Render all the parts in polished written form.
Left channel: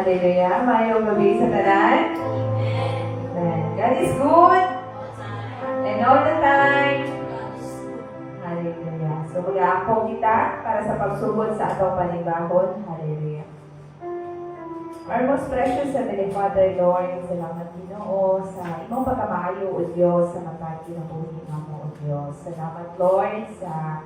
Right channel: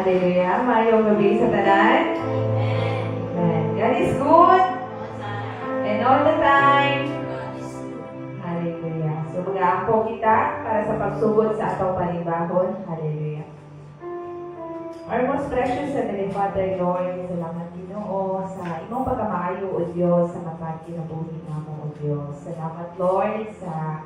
Hallelujah. Mayong gabi sa tanan. Amen. God is good. And all the time. Hallelujah. So mag-aampo kita para sa pagsugod sa atong panibahon. Hallelujah. Our most precious Heavenly Father, Lord, salamat Ginoo sa imong pagkamaayo o Diyos sa matag kinabuhi namo o Diyos. Salamat Lord sa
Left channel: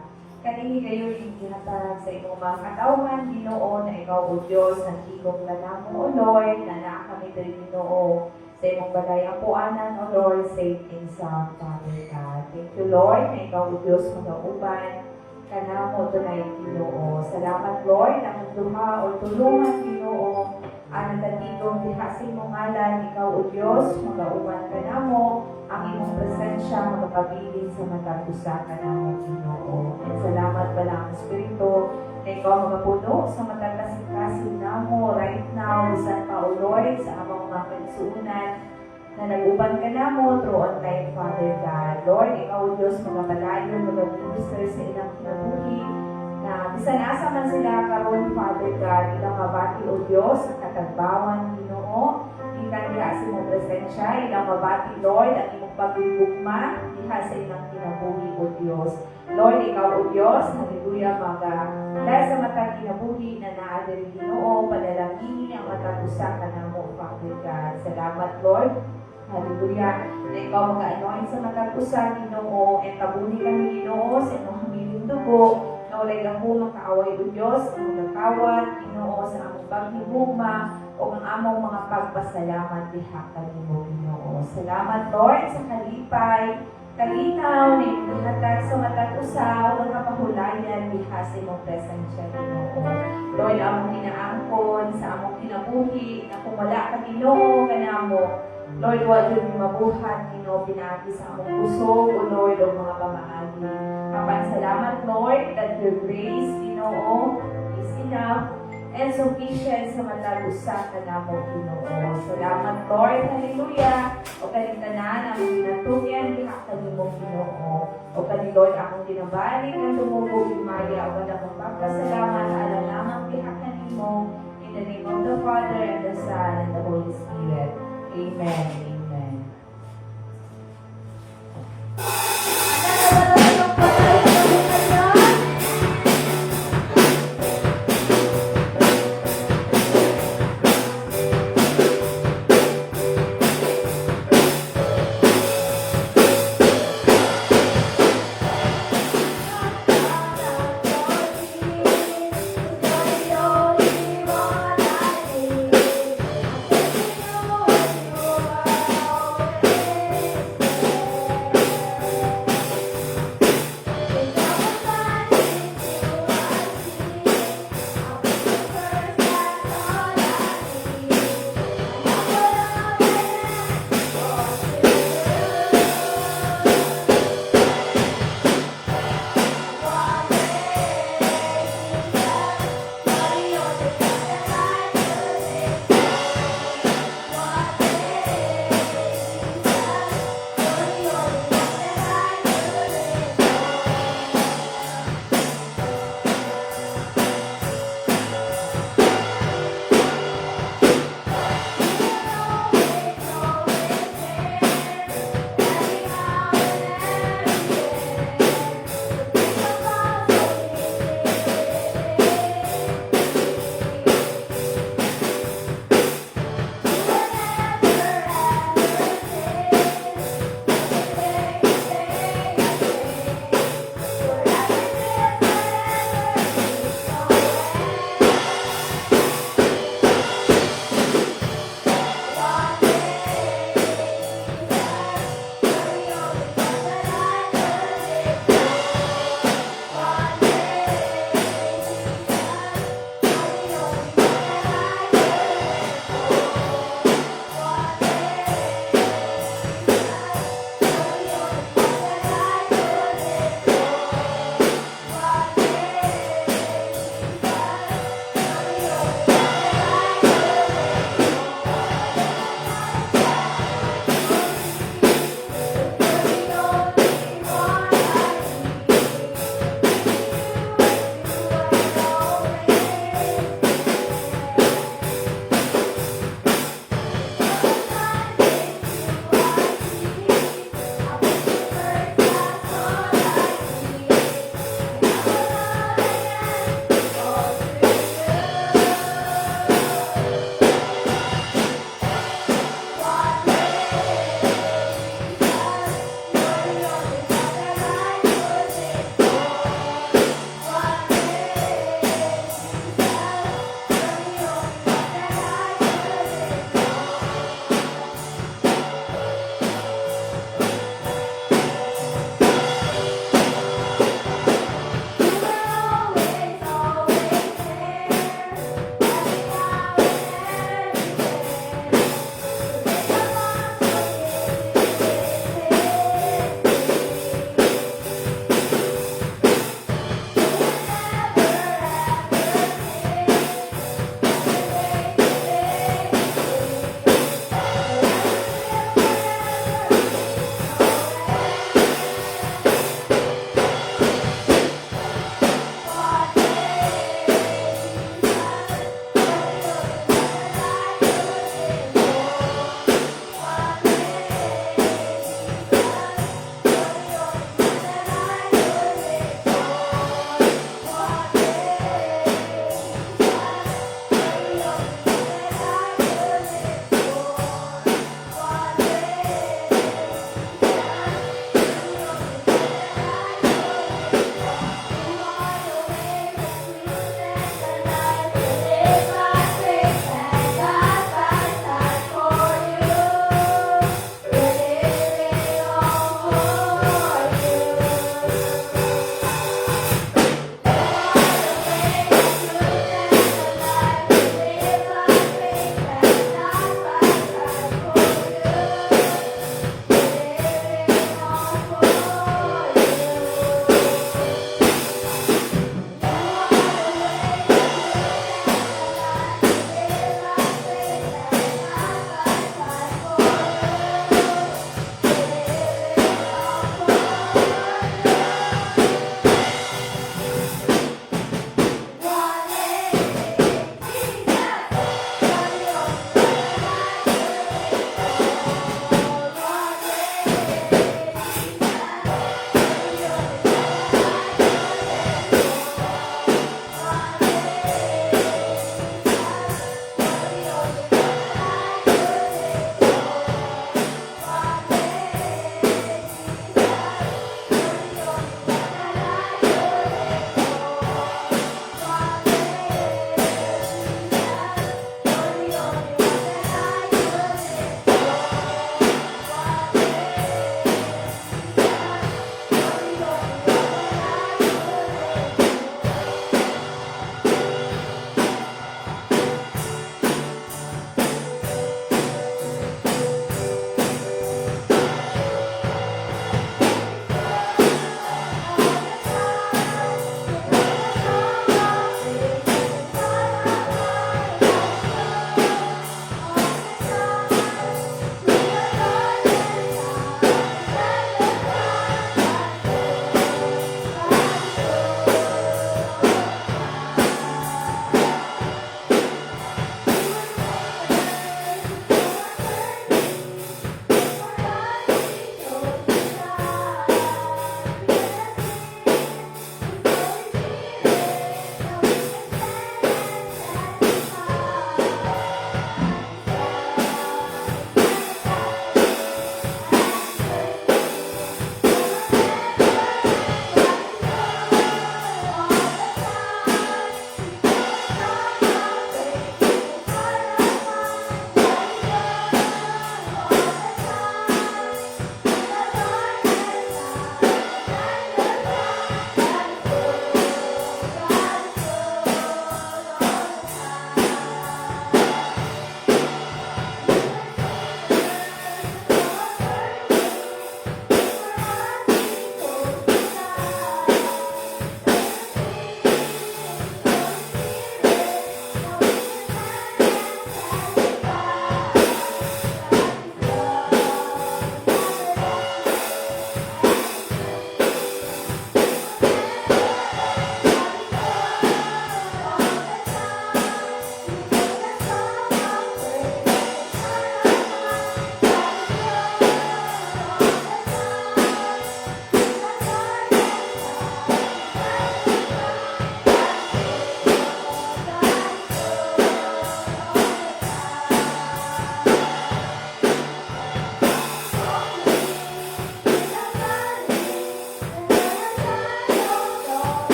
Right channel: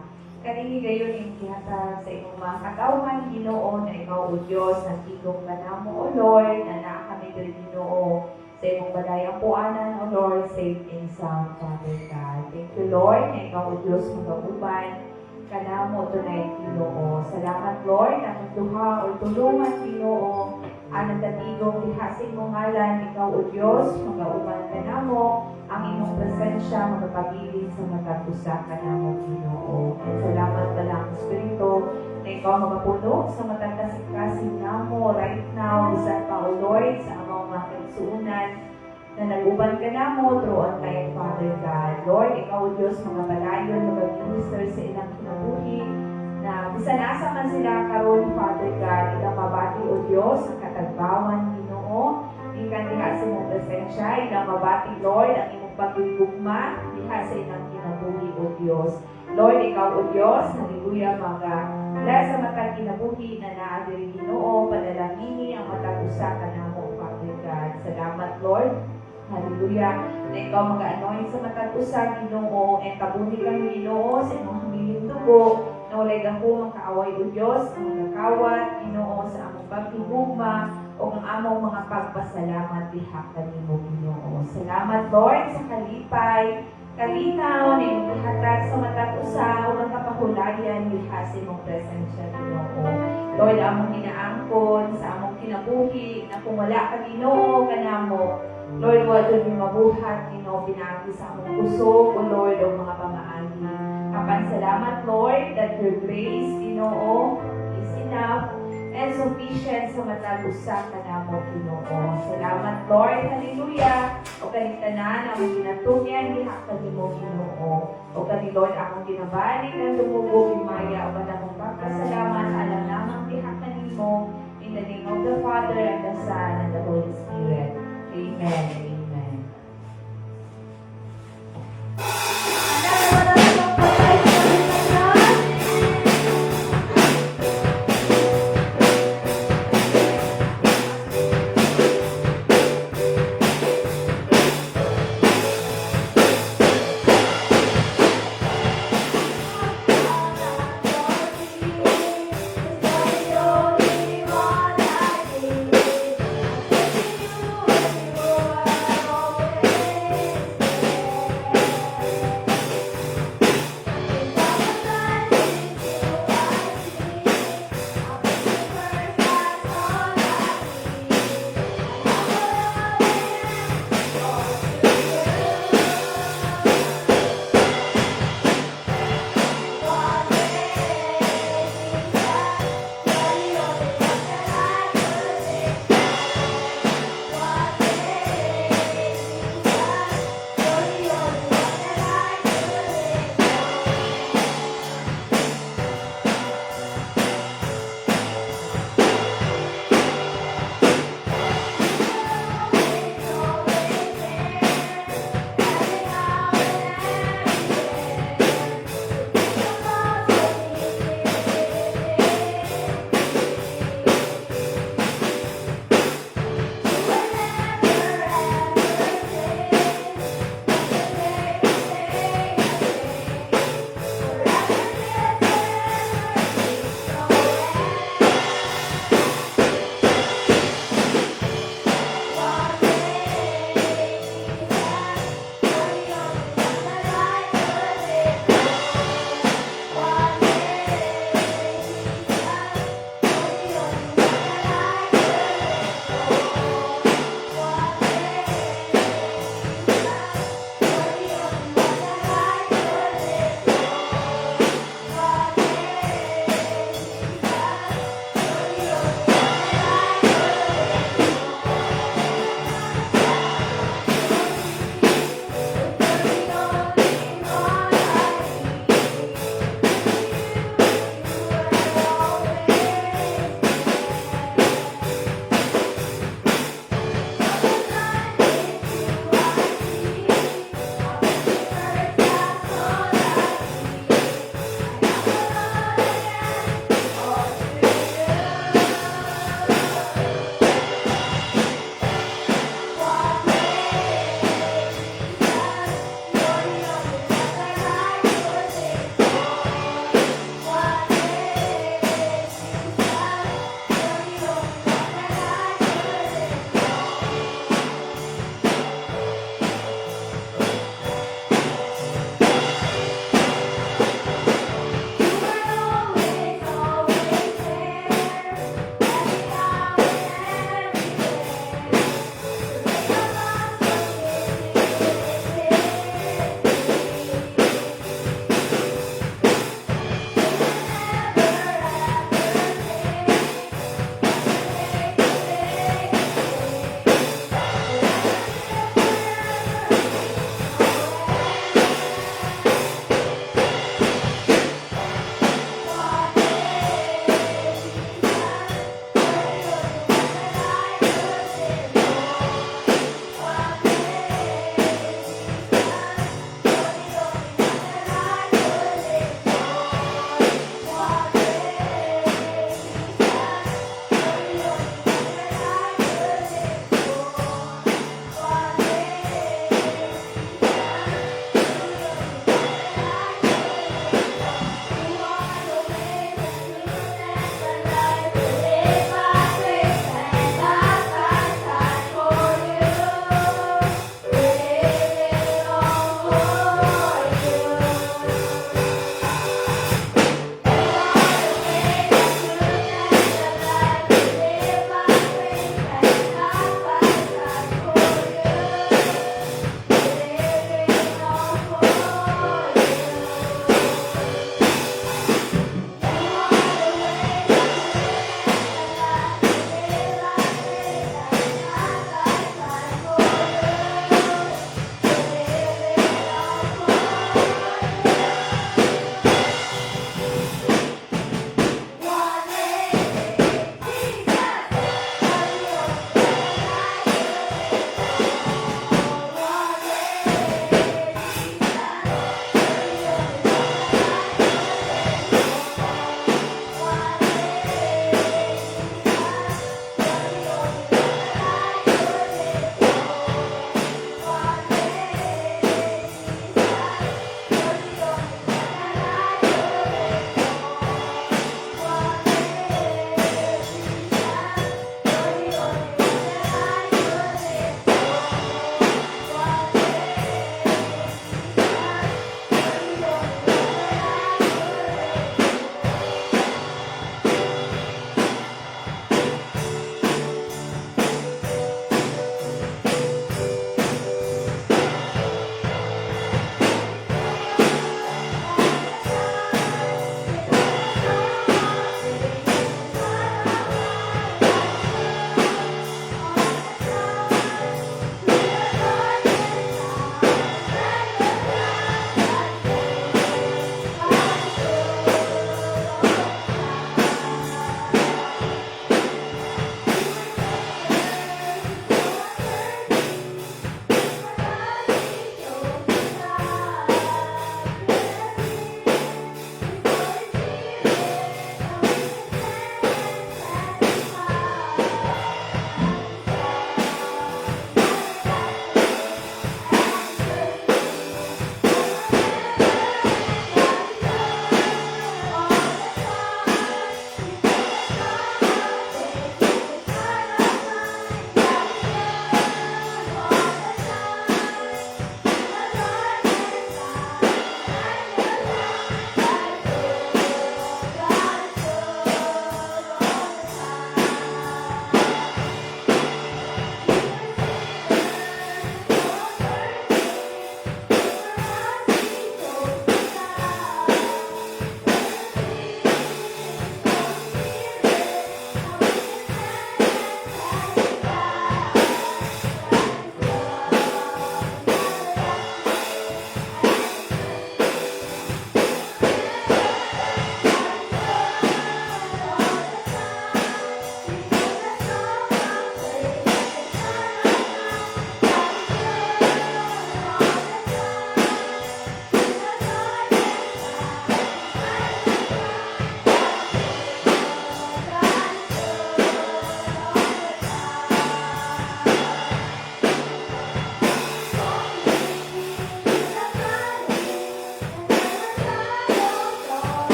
kanini gayon yung gihatag sa imong mga katawhan Ginoo na ikaw o Diyos nagtigong na namo o Lord na naa kami diri Ginoo sa imong balayang puanan o Lord safe and sound Father God. Thank you Lord na ikaw o Diyos magauban kanamo tonight Ginoo. Salamat Lord na magduha o tulungan Ginoo ang nagtatigong diha sa imong ngalan, ikaw o Diyos, magauman ka namo, ang imong presensya magpabilin sa matag usa ka namo Ginoo. At salamat pala ang Espiritu na ikaw magapuno sa matag kasing namo right now, bisan pa o Lord, sa among mga kaigsuunan na nag-uban ka namo through online Father God. Lord, ikaw o Diyos, magpadayon, mag-minister sa ilang kinabuhi, na bisan asa man sila karon Father God, ilang mabati o Diyos ang katagbawan Ginoo, ikan diha sa imong presensya, ilang mabati Lord ang imong pagdugma diha sa ilang kinabuhi o Diyos. Lord, ikaw o Diyos, hallelujah, dahil sa matag kinabuhi na naa diri Ginoo, padalangini ang matag usa kanamo Father God. Salamat Lord. Hallelujah. Na ikaw mag-anoint sa matag usa Ginoo, ang kabuhi kami Ginoo sa imong hamiling dugo. Na walay gako makaaway o Diyos, ang magkakawat, Ginoo, sa among paghigugma, o ang among mga pagpasalamat diha kanimo Ginoo. Salamat Lord sa kalipay, kalinaw, na ihatag sa matag usa, o ang kapahulayan diha sa imong presensya Ginoo. Lord, among hinaangkon sa among kinabuhi, na kung wala ka Ginoo kanamo, Lord, wa dyan yung mabuhat, Ginoo, pinagi sa among kusog, o Lord, o mga pamaagi. Apan salamat, Lord, that your grace, Ginoo, is enough and sufficient sa matag usa kanamo Ginoo. Salamat, Lord, hallelujah. O kanitanan ang ginatungyan diha kanimo Ginoo. O kani Lord, akong ginabalik ng dumugo bimaya o akong pagpasalamat ala namang diha kanimo. In the name of the Father and the Son and the Holy Spirit. Amen. Amen.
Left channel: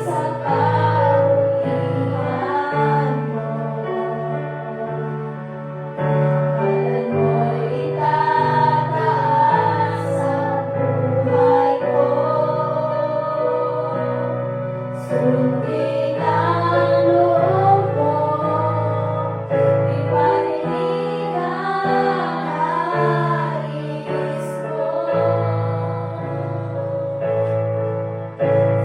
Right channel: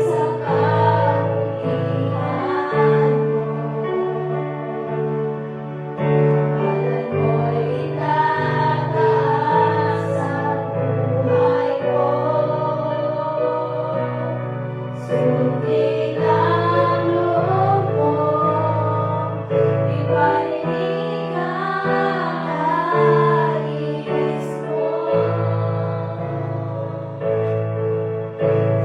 sa kapulihan mo. Pangalan mo'y itataas sa buhay ko. Sundin ang loob mo, ipahiling ang nais mo.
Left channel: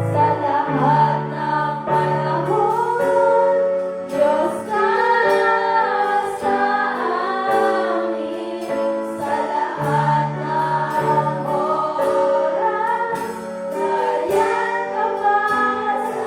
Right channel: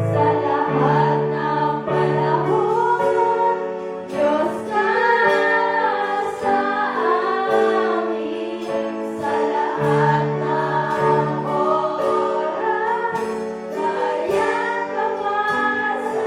Sa lahat ng panahon, Diyos ka sa amin. Sa lahat ng oras, nariyan ka pa sa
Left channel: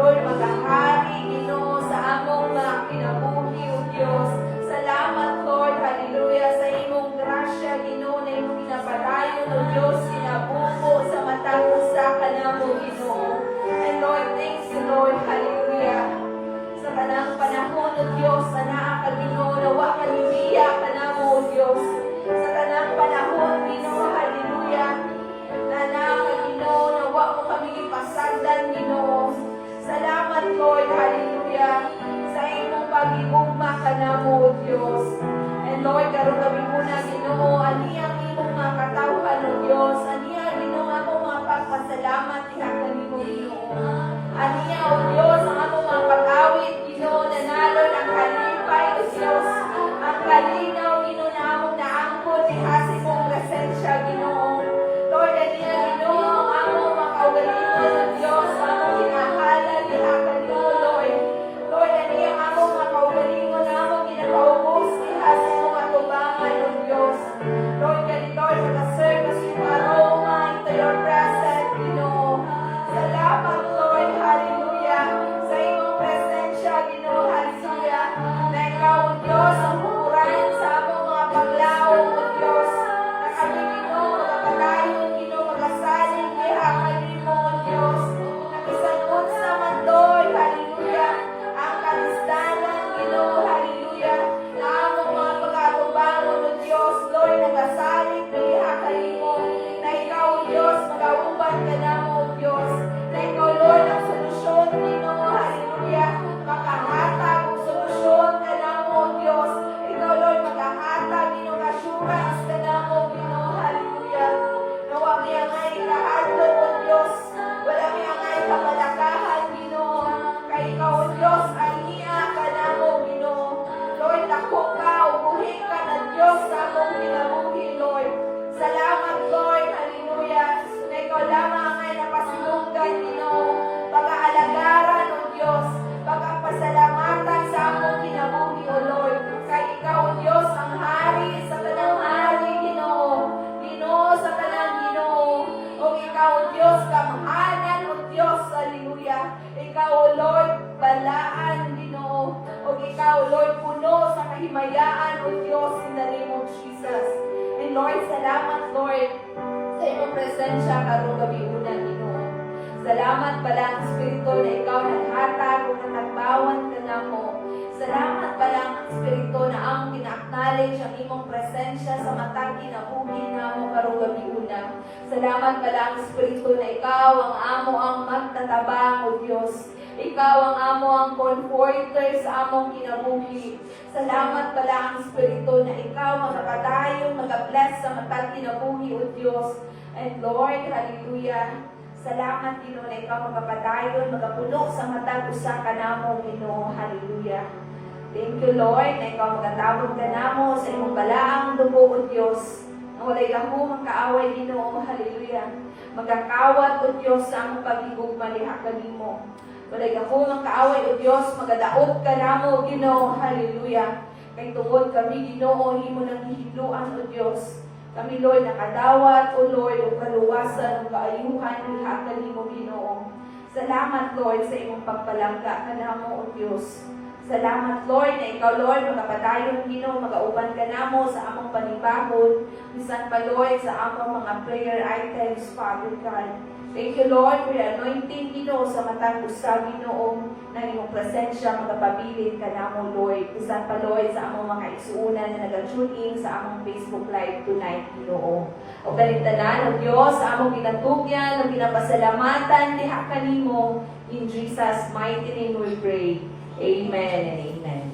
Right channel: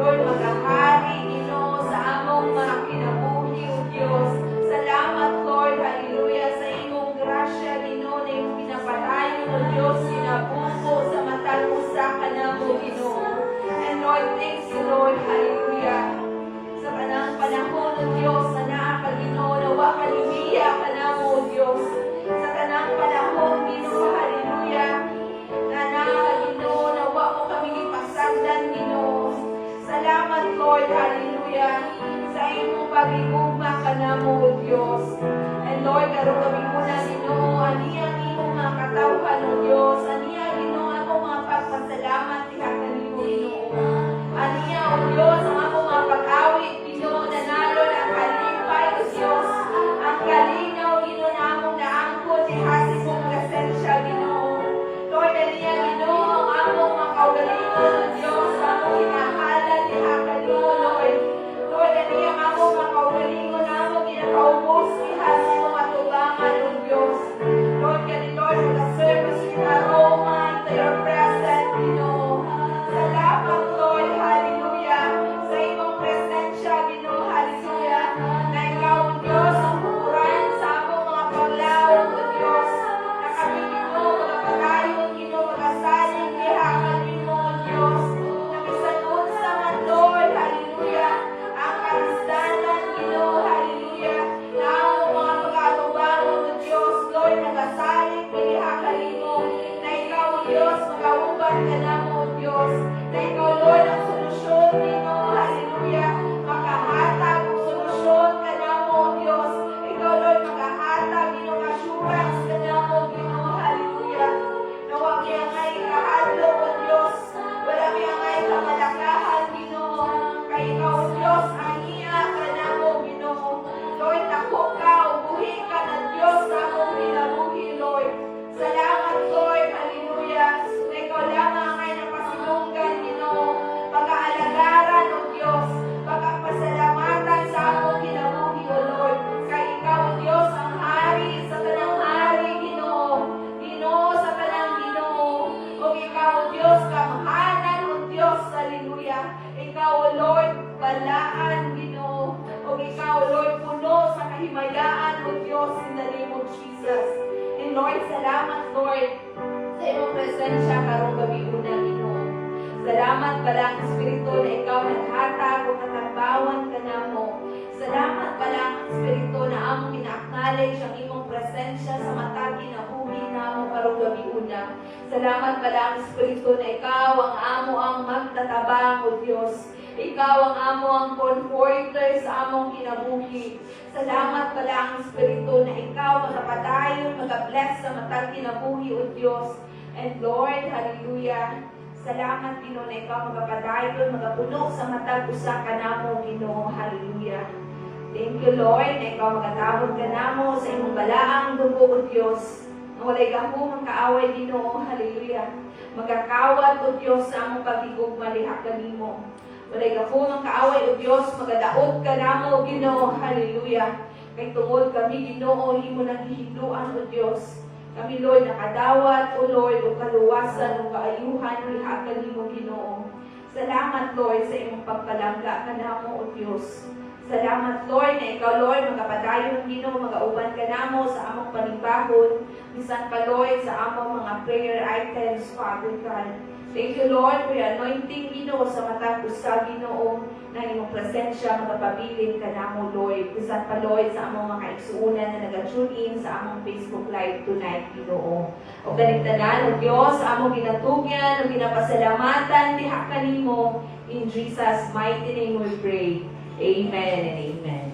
Lord, magahari, Ginoo, sa among mga kinabuhi, O Diyos. Salamat, Lord, hallelujah, sa imong grasya, Ginoo, na imong pinapadayon, O Diyos, sinabuko sa matag usa ka namo, Ginoo. And Lord, thank you, Lord, hallelujah. Sa kanang panahon, O Diyos, na naa ka, Ginoo, nawa ka libiya ka namo, O Diyos. Sa kanang panahon, Ginoo, hallelujah, na naa ka, Ginoo, nawa mo kami ipasagdan, Ginoo. Salamat, Lord, hallelujah, sa imong pag-igugma ka namo, O Diyos. And Lord, karon kami muna, Ginoo, aniyang imong mga katawhan, O Diyos. Aniyang, Ginoo, ako mga pagpasalamat, diha kanimo, Ginoo. Aniya, O Diyos, ang ako mga pag-awit, Ginoo, nanalo ng kalipay, O Diyos. Ang kalinaw, Ginoo, na among naangkot, diha sa imong presensya, Ginoo. Lord, aniya, Ginoo, ang among mga kaugalingon, O Diyos, ang among hinahalan, diha kanimo, Lord. Lord, aniya, ang among mga kaugalingon, na among ginakaubos, diha sa imong atubangan, O Diyos. Lord, Lord, mag-serve as yung aroma into your presence, Ginoo. Salamat, Lord, hallelujah, sa imong presensya, Ginoo, hallelujah, na ikaw, O Diyos, ang pupurahan sa among mga paglaom, O Diyos, na kami, Ginoo, magpatayon, Ginoo, magasaling, diha kanimo, O Diyos, na bisan unsa man, Lord, hallelujah, ang kalisdanan, Ginoo, hallelujah, na among mga pag-atubangon, O Diyos, Lord, nagasaling, diha kanimo, na ikaw, O Diyos, magauban ka namo, O Diyos, na ikaw, Lord, ang solusyon, Ginoo, hallelujah, makahatag ang solusyon ka namo, O Diyos, ikaw, Lord, makahatag, Ginoo, assurance ka namo, Ginoo, hallelujah, na wag iyangay kahadlok, O Diyos, wala iyangay kamalakahan, Ginoo, kay ikaw, O Diyos, ay iya ka namo, Ginoo, Lord, dako ka, ubuhi ka na Diyos sa among kinabuhi, Lord. Salamat, Lord, hallelujah, na ikaw lamang ay napasilunggan, Ginoo, pag-aalagaran, O Diyos, pagpasalamatan sa among kinabuhi, O Lord, kay ikaw, O Diyos, ang hari sa tanang hari, Ginoo, Ginoo sa tanang Ginoo, o ikaw, O Diyos, kamhanan, O Diyos, hallelujah, ikaw, O Lord, balaan, Ginoo, o ikaw, Lord, puno sa kahimayaan, O Diyos, in the name of Jesus. And Lord, salamat, Lord, sa iyong presensya karong gabi una, Ginoo. Salamat pala ang Espiritu na ikaw naghatag o katagbawan ka namo. Salamat pala ang Espiritu na among ina-acknowledge ang imong presensya sa matag kinabuhi namo karong gabi una. Salamat pala ang Espiritu na ikaw ang amo ang magtatabang, O Diyos. Ikaw ang amo ang comforter sa among kinabuhi. Salamat pala ang Espiritu na ikaw magapadayon, magabless sa matag kinabuhi, O Diyos. And Lord, hallelujah, salamat, Ginoo, na ikaw magapadayon, magapuno sa matag usa ka namo, Ginoo, hallelujah. Thank you, Lord, na ikaw magatabog ka namo sa imong balaang dugo, O Diyos. Walay gahumang kaaway, Ginoo, hallelujah. Magkakawat, O Diyos, sa among pag-igugma diha kanimo. Walay gahumang kaaway, O Diyos, magadaot ka namo, Ginoo, hallelujah. Kay tungod kami, Ginoo, himo nang hihigluan, O Diyos. Kami, Lord, nakadawat, O Lord, o kaluwasan, o kaayuhan, diha kanimo, Ginoo. Salamat, Lord, sa imong pagpalangga ka namo, O Diyos. Salamat, Lord, na ikaw, Lord, magapadayon, Ginoo, magauban ka namo sa among panibahon, bisan pa, Lord, sa among mga prayer items, Father God. Thank you, Lord, for your anointing, Ginoo, sa matang usa, Ginoo, na imong presensya, magapabilin ka namo, Lord. Bisan pa, Lord, sa among mga igsuunan na nag-tune in sa among Facebook Live tonight, Ginoo. O kaligtanan, O Diyos, sa among ginatugyan, o ginapasalamatan, diha kanimo, in Jesus' mighty name we pray. Amen and amen.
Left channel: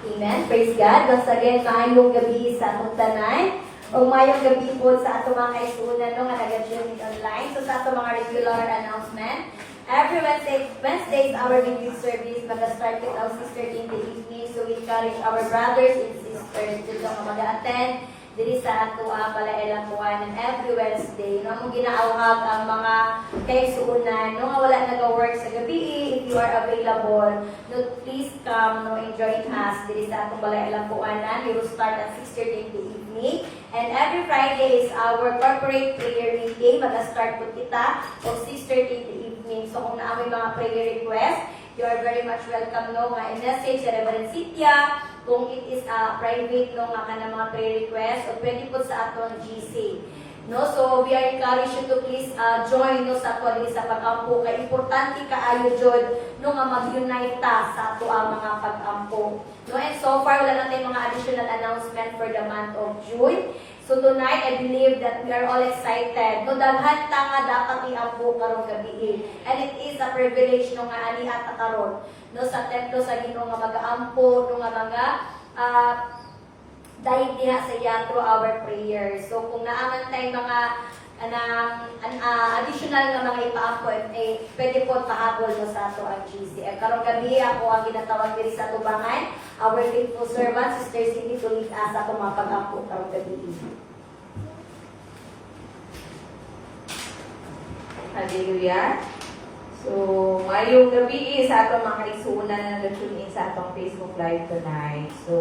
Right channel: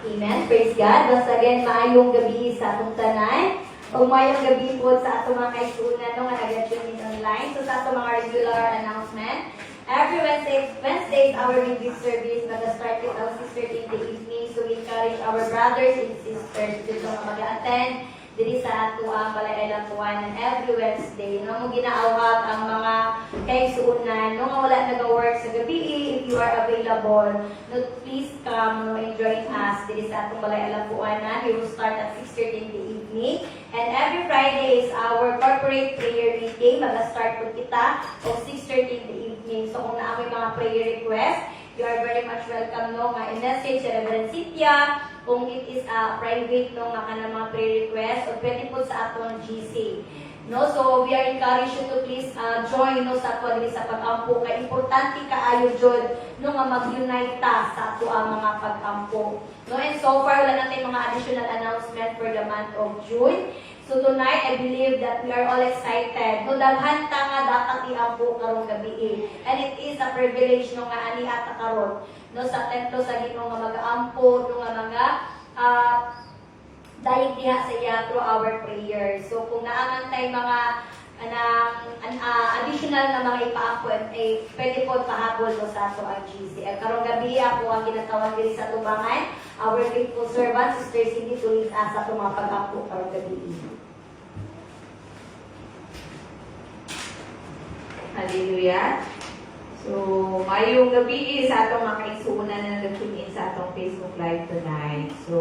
Amen. Praise God. Once again, maayong gabi sa atong tanan. O maayong gabi po sa atong mga kaisunan no, nga nag-tune in online. So sa atong mga regular announcement, every Wednesday is our midweek service. Mag-start with our sister in the evening. So we encourage our brothers and sisters dito nga mag-attend diri sa ato ang Balay Buwan every Wednesday. No, mong ginaawhag ang mga kaigsuunan no nga wala nag-work sa gabi, if you are available, no, please come no and join us diri sa atong Balay Buwanan. We will start at 6:30 in the evening. And every Friday is our corporate prayer meeting. Mag-start po kita of 6:30 in the evening. So kung naamoy mga prayer request, you are very much welcome no nga i-message sa Reverend Cynthia kung it is a private no nga kanang mga prayer request o pwede po sa aton GC. No, so we are encouraged you to please join no sa ato diri sa pag-ampo kay importante kaayo jud no nga mag-unite ta sa ato ang mga pag-ampo. No, and so far wala na tayong mga additional announcement for the month of June. So tonight, I believe that we are all excited. No, daghan ta nga dapat iampo karong gabi. And it is a privilege no nga ani ata karon no sa templo sa Ginoo nga mag-aampo no nga mga dahil diha sa iya through our prayers. So kung naaman tayo mga additional na mga ipaampo, pwede po pahabol no sa ato ang GCF. Karong gabi ako ang ginatawag diri sa tubangan, our faithful servant, Sister Cindy, to lead us sa mga pag-ampo karong gabi. Hallelujah. So, ngayong gabi sa atong mga kaisunan na nag-tune in sa atong Facebook Live tonight. So,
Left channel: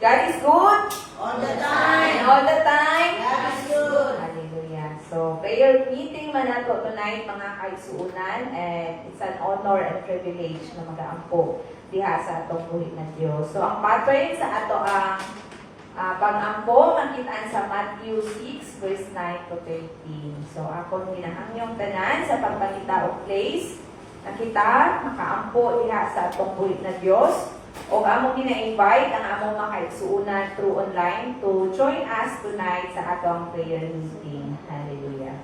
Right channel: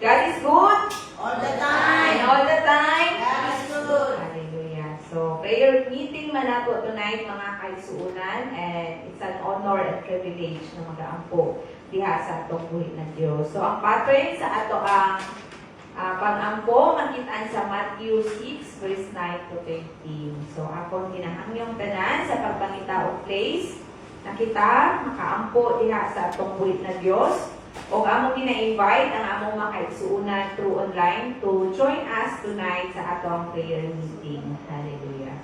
God is good. All the time. And all the time. God is good. Hallelujah. So, prayer meeting man nato tonight mga kaisunan, and it's an honor and privilege na mag-aampo diha sa atong buhit ng Diyos. So, ang pattern sa ato ang pag-ampo makitaan sa Matthew 6 verse 9 to 13. So, akong ginahangyong tanan sa pagpangita og place na kita makaampo diha sa atong buhit ng Diyos. O among gina-invite ang among mga kaigsuunan through online to join us tonight sa atong prayer meeting. Hallelujah.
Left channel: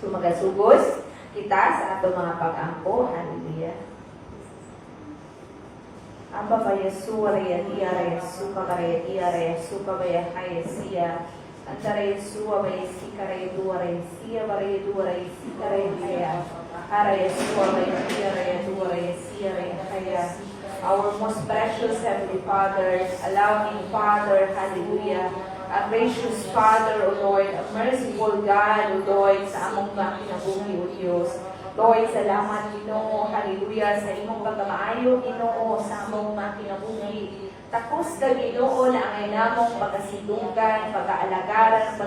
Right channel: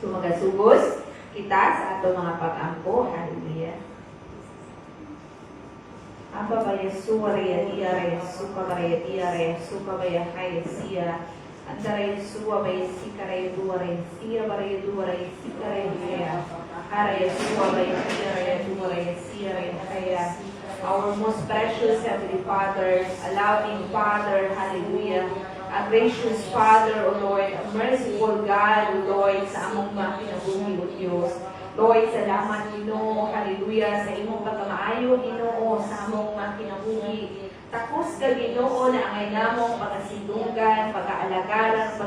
So magasugos kita sa atong mga pag-ampo. Hallelujah. Aba ba Yesu raya dia raya suka raya dia raya suka raya kaya siya. Antara Yesu ba Yesu raya dua raya siya raya dua raya siya raya kaya. Ara Yesu ba dia raya dua raya siya raya kaya. Our most precious Heavenly Father, a loving Father, hallelujah, a gracious Father, O Lord, a merciful God, O Lord, sa among mga kinabuhi, O Diyos. Lord, salamat Ginoo, hallelujah, sa imong pagkamaayo, Ginoo, sa among mga kinabuhi. Takos ka Ginoo na angay namong pagkasidunggan, pag-aalagaran,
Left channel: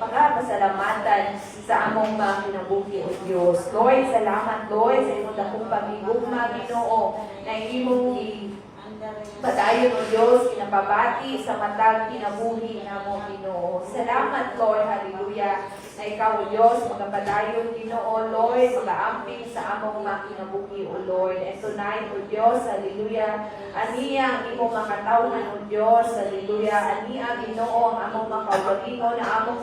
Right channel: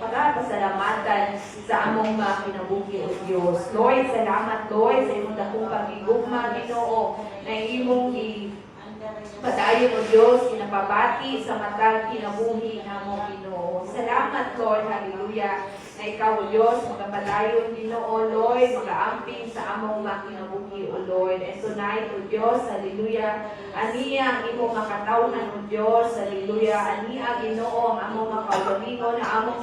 pagpasalamatan sa among mga kinabuhi, O Diyos. Lord, salamat Lord sa imong dakong pagigugma, Ginoo, na imong padayon, O Diyos, kinapabati sa matag kinabuhi namo, Ginoo. Salamat Lord, hallelujah, na ikaw, O Diyos, magapadayon, Ginoo, Lord, mag-aamping sa among mga kinabuhi, O Lord. And tonight, O Diyos, hallelujah, aniyang imong makatawhan, O Diyos, hallelujah, aniyang Ginoo ang among makaugalingon na among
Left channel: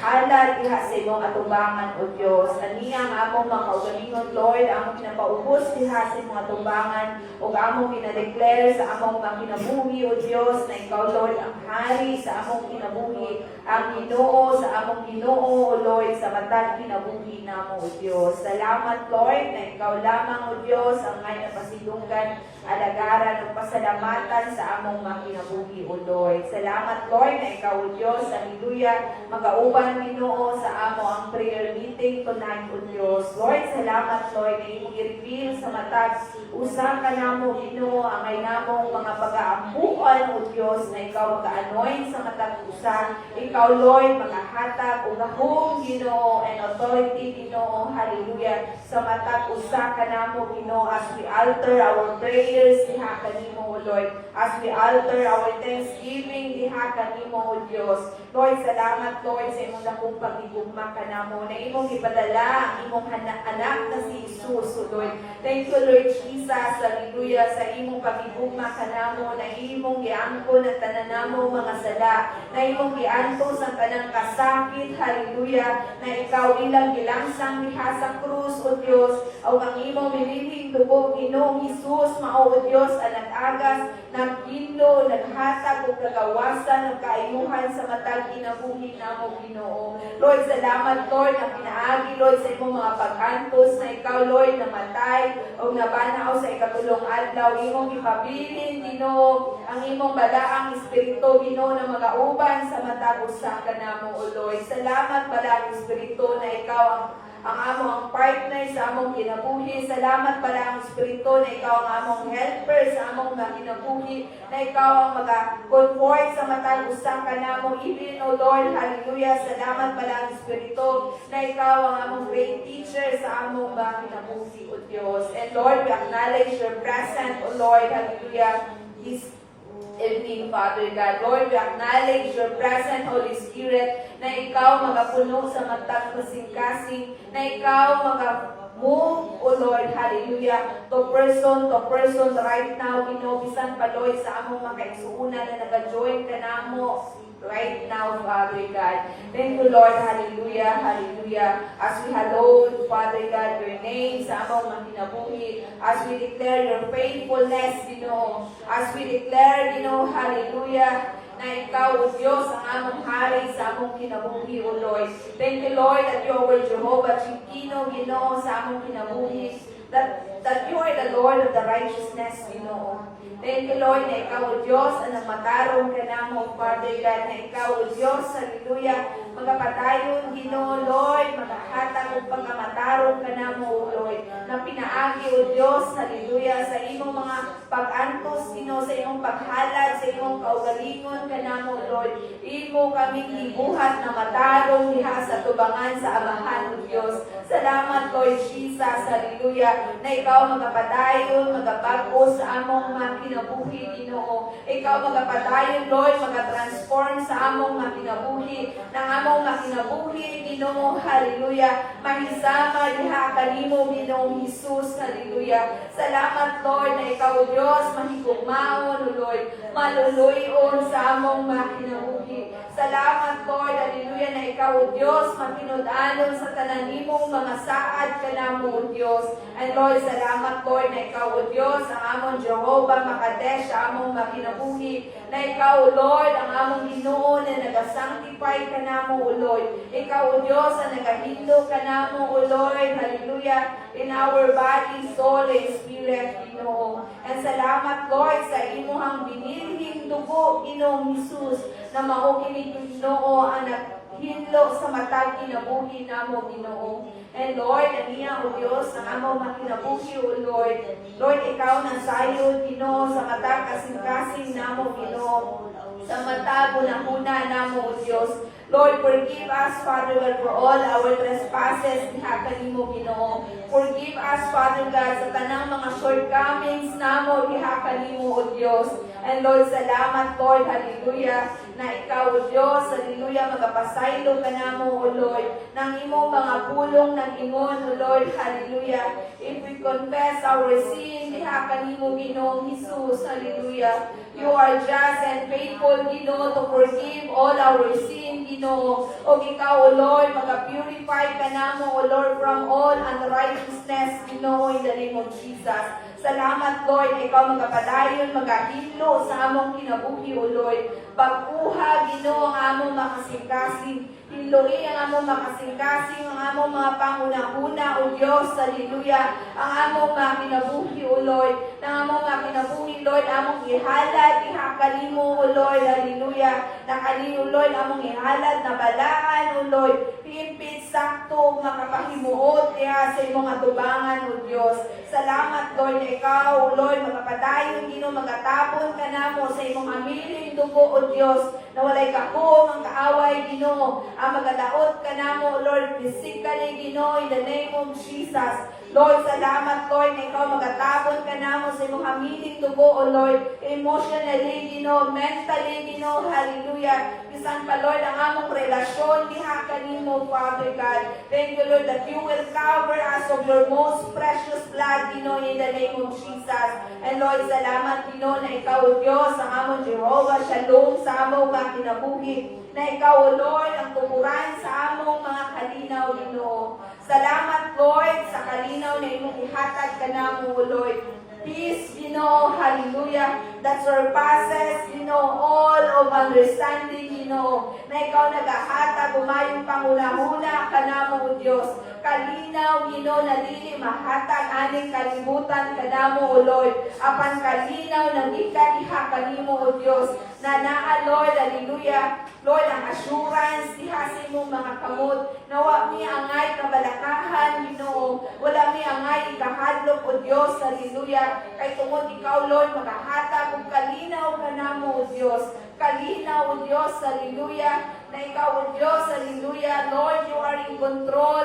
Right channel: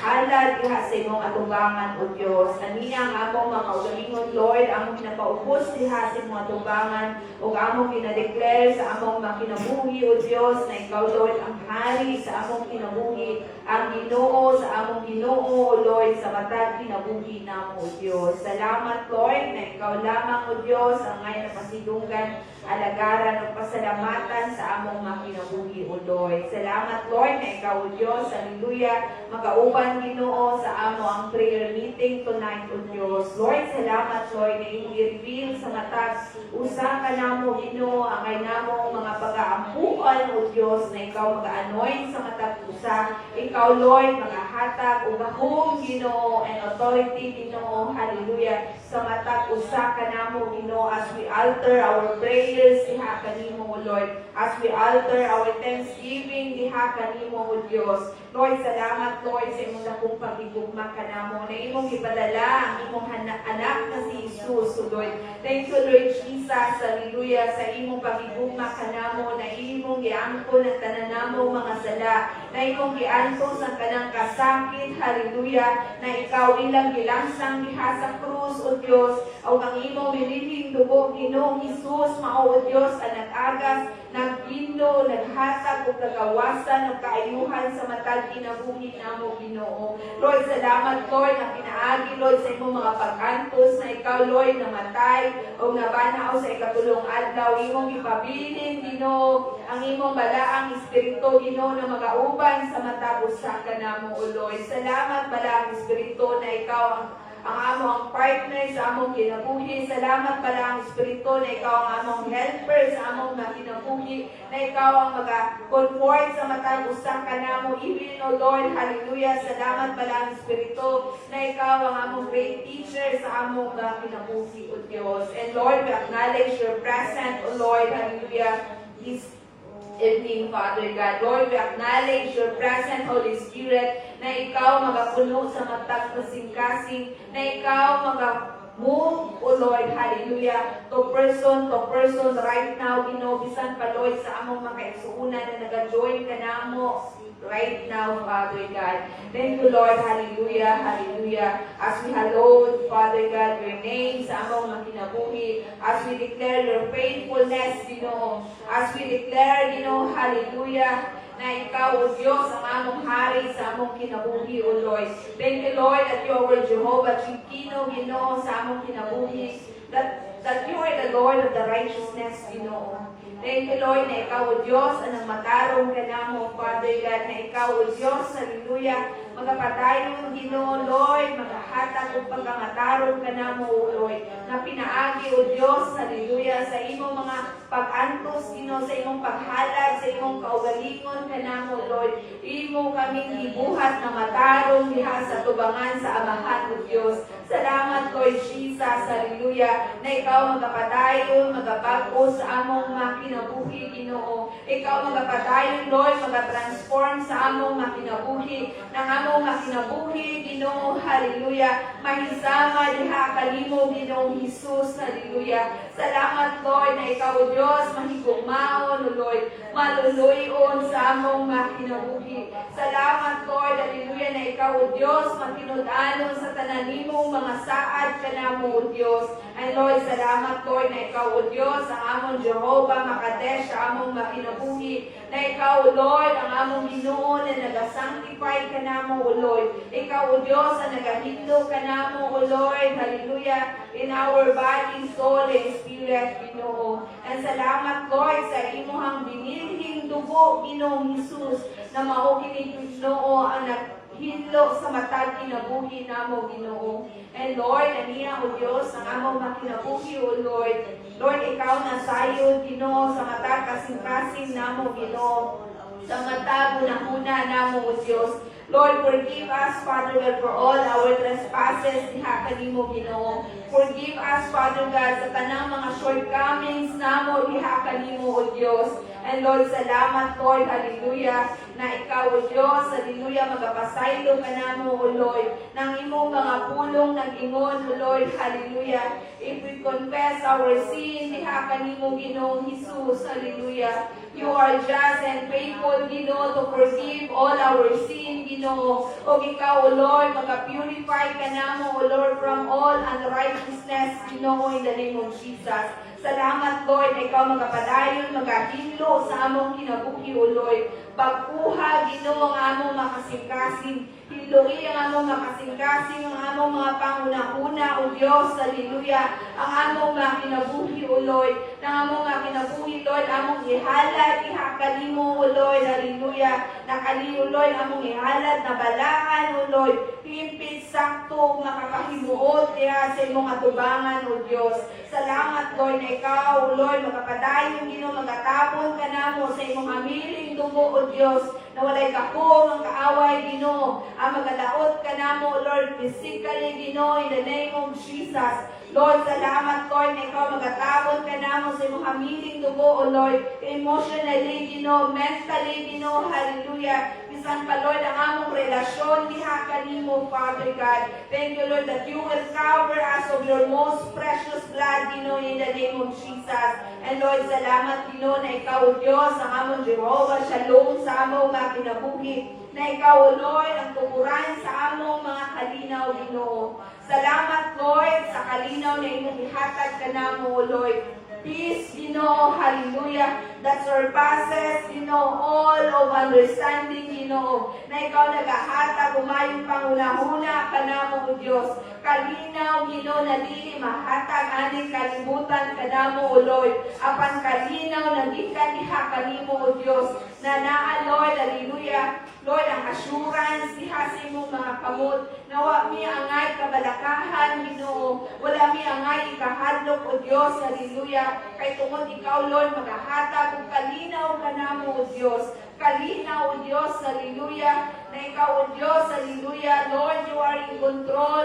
halad diha sa imong atubangan, O Diyos. Aniyang among mga kaugalingon, Lord, among kinapaubos diha sa imong atubangan, o among kinadeclare sa among mga kinabuhi, O Diyos, na ikaw, Lord, ang hari sa among kinabuhi, ang Ginoo sa among Ginoo, O Lord, sa matag kinabuhi namo, O Diyos. Salamat, Lord, na ikaw lamang, O Diyos, ang ngayon pasidunggan, alagaran ng pasalamatan sa among mga kinabuhi, O Lord. Salamat, Lord, na ikaw, O Diyos, hallelujah, magauban, Ginoo, sa amo ang prayer meeting tonight, O Diyos. Lord, salamat, Lord, na imong i-reveal sa matag usa ka namo, Ginoo, ang ay namong mga pag-aampuan, O Diyos, na ikaw mag-anoint sa matag usa. Ikaw, Lord, magahatag o gahom, Ginoo, and authority, Ginoo, hallelujah, sa matag usa ka namo, Ginoo, as we alter our prayers diha kanimo, O Lord, as we alter our thanksgiving diha kanimo, O Diyos. Lord, salamat, Lord, sa imong dakong pagigugma kanamo, na imong ipadala ang imong anak na si Jesus, O Lord. Thank you, Lord Jesus, hallelujah, sa imong pagigugma kanamo, na imong giangko ng tananamo mga sala, na imong gianto sa kanang kasakit, hallelujah, na ikaw ilang gilangsang diha sa krus, O Diyos, o ang imong milihing dugo, Ginoong Jesus, mao, O Diyos, ang nag-agas, nagbindo, naghatag o kagawasan o kaayuhan sa matag kinabuhi namo Ginoo. Lord, salamat Lord na pinaagi Lord sa imong mga pag-antos na ikaw Lord namatay o nabanaw sa ikatulong adlaw imong ipabilin Ginoo ang imong balaang espiritu Ginoo na magauban sa matag usa kanamo o Lord. Salamat balaang espiritu na ikaw ang among partner sa among kinabuhi. Salamat pala ang Espiritu na ikaw ang among helper sa among kinabuhi, na ikaw ang mag-comfort sa matag usa kanamo even o Lord. Hallelujah. Salamat pala ang Espiritu na ikaw ang among great teacher sa among kinabuhi o Diyos. And Lord, we acknowledge your presence o Lord. Hallelujah. This evening, Father God. Lord, we acknowledge your presence, Holy Spirit, na ikaw magapuno sa matag kasing-kasing, na ikaw move, O Lord, hallelujah, to person right now, bisan pa Lord sa among makaigsuuna na nag-join ka namo right now, Father God. Thank you, Lord, hallelujah, hallelujah. As we hallowed, Father God, your name sa among makinabuhi, as we declare your faithfulness, as we declare, hallelujah, na ikaw, O Diyos, ang among hari sa among kinabuhi, O Lord. Thank you, Lord, that you are Jehovah Chikino, Ginoo, sa among kinabuhi, that you are the Lord of the righteousness, Ginoo. Thank you, Lord, na ikaw, O Diyos, ang nagmatarong ka namo, Father God, na ikaw, O Diyos, hallelujah, magapatayon, Ginoo, Lord, magahatag o pagkamatarong ka namo, O Lord, na pinaagi, O Diyos, hallelujah, sa imong mga pag-antos, Ginoo, sa imong paghalag, sa imong kaugalingon ka namo, Lord. Imo kaming gibuhat na matarong diha sa tubangan sa Amahan, O Diyos. Salamat, Lord Jesus, hallelujah, na ikaw magapatayon, magabago sa among mga kinabuhi, Ginoo. Ikaw magapatayon, Lord, magatransform sa among mga kinabuhi, ng among mga kinabuhi, Ginoo, hallelujah. Mahisama diha kanimo, Ginoo Jesus, hallelujah. Salamat, Lord, na ikaw, O Diyos, mahigugmaon, O Lord, maluluyon sa among mga kinabuhi. Salamat, Lord, hallelujah, na ikaw, O Diyos, matinud-anon sa tananimong mga saad ka namo, O Diyos. And Lord, salamat, Lord, na ikaw, O Diyos, ang among Jehovah Makadesh, sa among mga kinabuhi, na ikaw, O Lord, ang among Ginoo na nag-sanctify ka namo, O Lord. Ikaw, O Diyos, ang nagahindog ka namo, O Lord, hallelujah, in our body, soul, and spirit, Ginoo. And salamat, Lord, sa imuhang binilhing dugo, Ginoong Jesus, na maukinig, Ginoo, ang naghilo sa matag kinabuhi namo, Ginoo. And Lord, aniya, O Diyos, ang among makinabuhi, O Lord. Lord, ikaw na sayo, Ginoo, sa matag kasing-kasing namo, Ginoo. Sa matag unang-una namo, O Diyos. Lord, forgive us, Father God, for all our trespasses, diha kanimo, Ginoo. Forgive us, Father God, sa tanang mga shortcomings namo, diha kanimo, O Diyos. And Lord, salamat, Lord, hallelujah, na ikaw, O Diyos, hallelujah, magapasaylo ka namo, O Lord, ng imong mga pulong nag-ingon, O Lord, hallelujah. If we confess our sin, diha kanimo, Ginoong Jesus, hallelujah. You are just and faithful, Ginoo, to forgive all our sin, Ginoo. O ikaw, O Lord, mag-purify ka namo, O Lord, from all unrighteousness, Ginoo, in the name of Jesus. Salamat, Lord, na ikaw magapadayon, magahilo sa among kinabuhi, O Lord. Pagkuha, Ginoo, ang among makasing-kasing. Hiloi ang among makasing-kasing, ang among mga panguna-una, O Diyos, hallelujah. Ang among mga kinabuhi, O Lord. Ang among mga kinabuhi, Lord, among ihalad, ihakalimo, O Lord, hallelujah. Nakaliyo, Lord, among ihalad na balaan, O Lord. Pimpit, sakto, makapahimuot, diha sa imong atubangan, O Diyos. Salamat, Lord, na ikaw, O Lord, magapadayon, Ginoo, magatapon ka namo sa imong amiling dugo, O Diyos, na walay kakong ang kaaway, Ginoo, ang magalaot ka namo, O Lord, physically, Ginoo, in the name of Jesus. Lord, salamat, Lord, na ikaw magatapon ka namo sa imong amiling dugo, O Lord, emotionally, Ginoo, mentally, Ginoo, hallelujah. Bisan pa, Lord, ang among relasyon, diha kanimo, Father God. Thank you, Lord, that you will cover us of your most precious blood, Ginoo, in the name of Jesus. And Lord, salamat, Ginoo, na ikaw, O Diyos, ang among Jehovah, shalom sa among mga kinabuhi, na ikaw, O Lord, ang tukuran sa among mga kalinaw, Ginoo. Salamat, Lord, sa kalinaw na imong ihatag ka namo, O Lord. peace, hallelujah, that surpasses, all of understanding, na ikaw nagahatag, umayong panghuna-huna ka na mo, Diyos. Kalinaw, na dili mahatag, aning kalibutan ka na mo, O Lord. Apan kalinaw, nagika diha kanimo, O Diyos, na naa, Lord, hallelujah, Lord, ang assurance, diha sa imong mga kamot, nawa mi angay kabalakahan, wala mi angay ikahadlok, O Diyos, hallelujah, kay tungod ikaw, Lord, magahatag, ug kalinaw ka na mo, O Diyos, kalinaw, O Diyos, hallelujah, na ikaw, O Diyos, hallelujah, Lord, you are in control,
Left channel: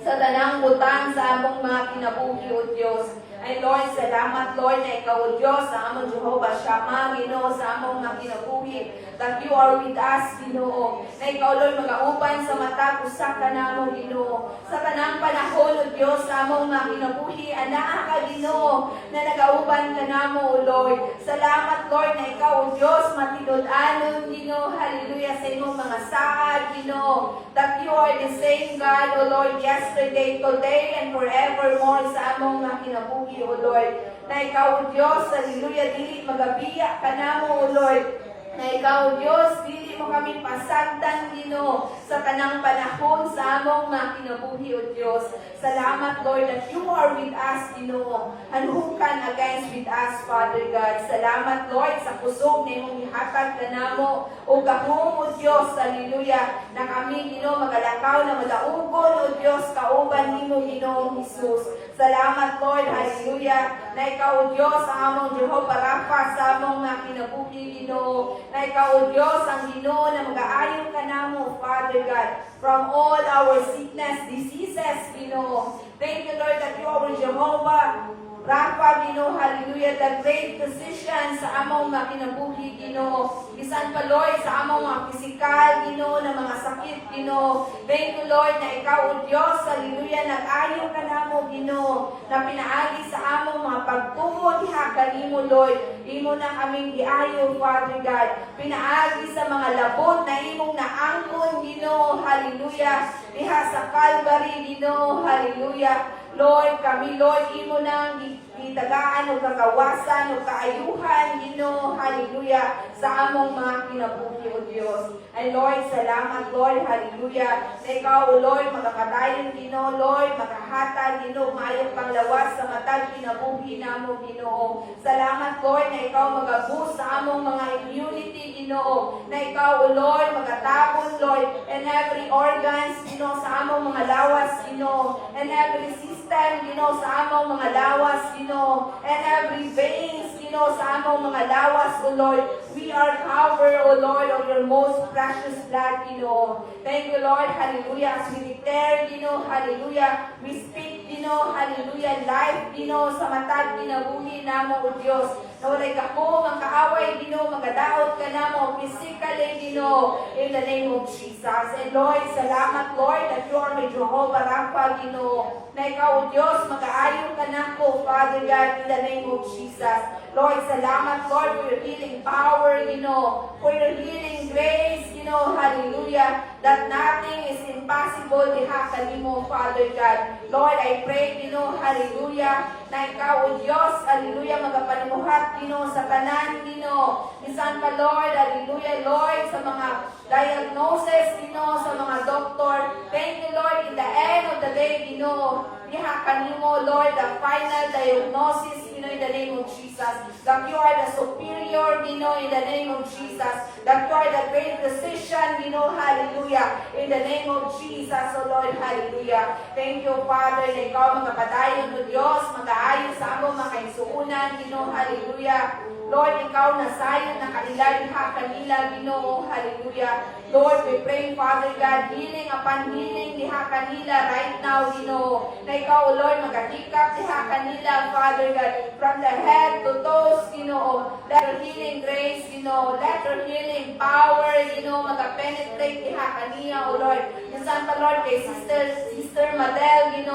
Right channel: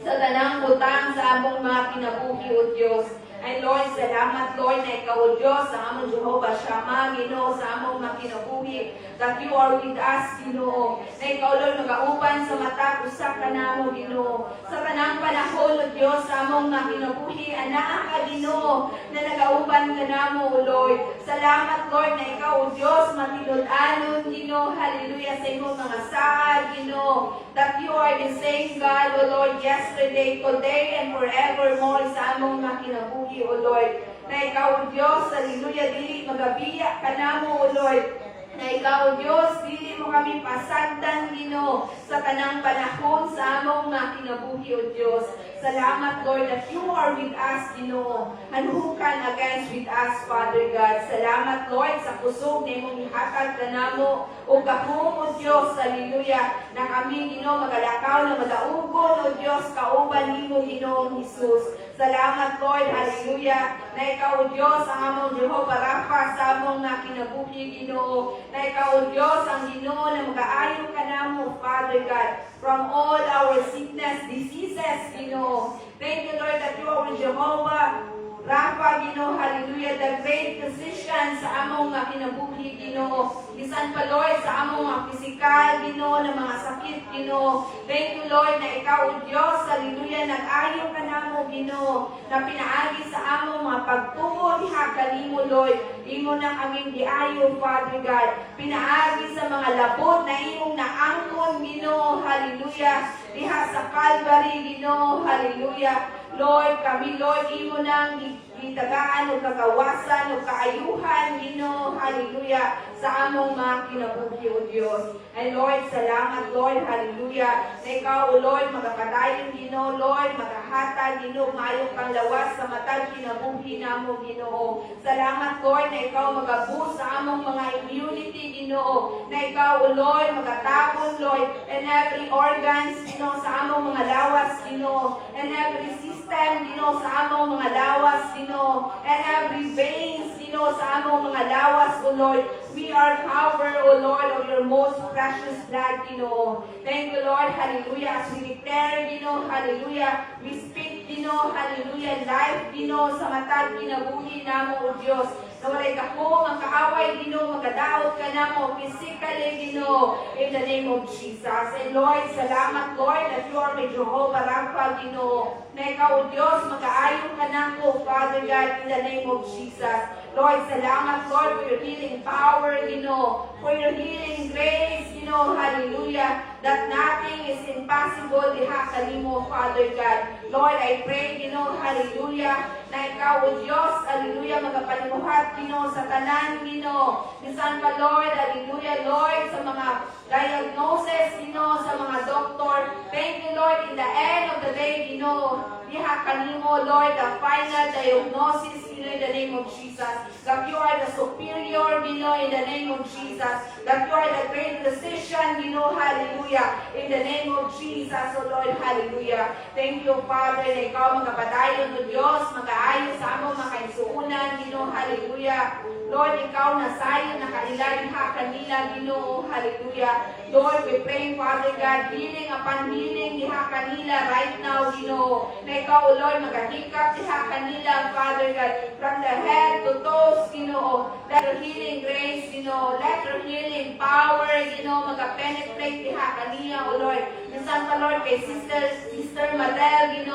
sa tanang butang sa among mga kinabuhi, O Diyos. Ay Lord, salamat Lord na ikaw, O Diyos, sa among Jehovah Shammah, sa among mga kinabuhi, that you are with us, Ginoo. Na ikaw, Lord, magauban sa mata, usa ka namo, Ginoo. Sa kanang panahon, O Diyos, sa among mga kinabuhi, anaa ka, Ginoo, na nagauban ka namo, O Lord. Salamat, Lord, na ikaw, O Diyos, matinud-anon, Ginoo, hallelujah, sa imong mga saad, Ginoo, that you are the same God, O Lord, yesterday, today, and forevermore sa among mga kinabuhi, O Lord. Na ikaw, O Diyos, hallelujah, dili magabiya ka namo, O Lord. Na ikaw, Diyos, dili mo kami pasagdan, Ginoo, sa kanang panahon sa among mga kinabuhi, O Diyos. Salamat, Lord, that you are with us, Ginoo, and who can against with us, Father God. Salamat, Lord, sa kusog na imong ihatag ka namo, o gahom, O Diyos, hallelujah, na kami, Ginoo, magalakaw na madaugon, O Diyos, kauban nimo, Ginoong Jesus. Salamat, Lord, hallelujah, na ikaw, O Diyos, ang among Jehovah Rapha sa among mga kinabuhi, Ginoo, na ikaw, O Diyos, ang Ginoo na mag-aayon ka namo, Father God, from all our sickness, diseases, Ginoo. Thank you, Lord, that you are Jehovah Rapha, Ginoo, hallelujah, the great physician sa among mga kinabuhi, Ginoo. Bisan pa, Lord, sa among mga physical, Ginoo, na mga sakit, Ginoo. Thank you, Lord, na ikaw, O Diyos, hallelujah, nag-ayo ka namo, Ginoo, na pinaagi sa among mga pagtuo, diha kanimo, Lord. Imo na kaming giayo, Father God. Pinaagi sa mga labot na imong naangkon, Ginoo, hallelujah, diha sa Calvary, Ginoo, hallelujah. Lord, kami, Lord, imo nang gitagaan o kagawasan o kaayuhan, Ginoo, hallelujah, sa among mga kinabuhi, O Diyos. And Lord, salamat, Lord, hallelujah, na ikaw, O Lord, magapadayon, Ginoo, Lord, magahatag, Ginoo, mayong panglawas sa matag kinabuhi namo, Ginoo. Salamat, Lord, na ikaw magabus sa among mga immunity, Ginoo, na ikaw, O Lord, magatabon, Lord, and every organs, Ginoo, sa among mga lawas, Ginoo, and every system, Ginoo, sa among mga lawas, Ginoo, and every veins, Ginoo, sa among mga lawas, O Lord. We are covered, O Lord, of your most precious blood, Ginoo. Thank you, Lord, hallelujah, as we declare, Ginoo, hallelujah, we speak, Ginoo, hallelujah, life, Ginoo, sa matag kinabuhi namo, O Diyos. Na walay kakong ang kaaway, Ginoo, magadaot ka namo, physically, Ginoo, in the name of Jesus. And Lord, salamat, Lord, that you are my Jehovah Rapha, Ginoo, na ikaw, O Diyos, mag-aayon ka nako, Father God, in the name of Jesus. Lord, salamat, Lord, for your healing power, Ginoo, for your healing grace, Ginoo, hallelujah, that nothing is impossible diha kanimo, Father God. Lord, I pray, Ginoo, hallelujah, na ikaw, O Diyos, hallelujah, magapanimuhat, Ginoo, sa tanan, Ginoo. Minsan ka, Lord, hallelujah, Lord, sa mga diagnosis, Ginoo, sa mga doktor. Thank you, Lord, in the end of the day, Ginoo, diha kanimo, Lord, the final diagnosis, Ginoo, in the name of Jesus. That you are the superior, Ginoo, in the name of Jesus. That you are the great physician, Ginoo, hallelujah, in the name of Jesus, O Lord, hallelujah. Thank you, Father, na ikaw magkapadayon, O Diyos, mag-aayos sa among mga kaisuunan, Ginoo, hallelujah. Lord, ikaw nasayon na kailan ha kanila, Ginoo, hallelujah. Lord, we pray, Father God, healing upon healing diha kanila right now, Ginoo. Na ikaw, O Lord, magahikap diha kanila, Father God, from the head to toes, Ginoo. Let your healing grace, Ginoo. Let your healing power, Lord, maka-penetrate diha kaniya, O Lord. Minsan pa, Lord, kay Sister Madel,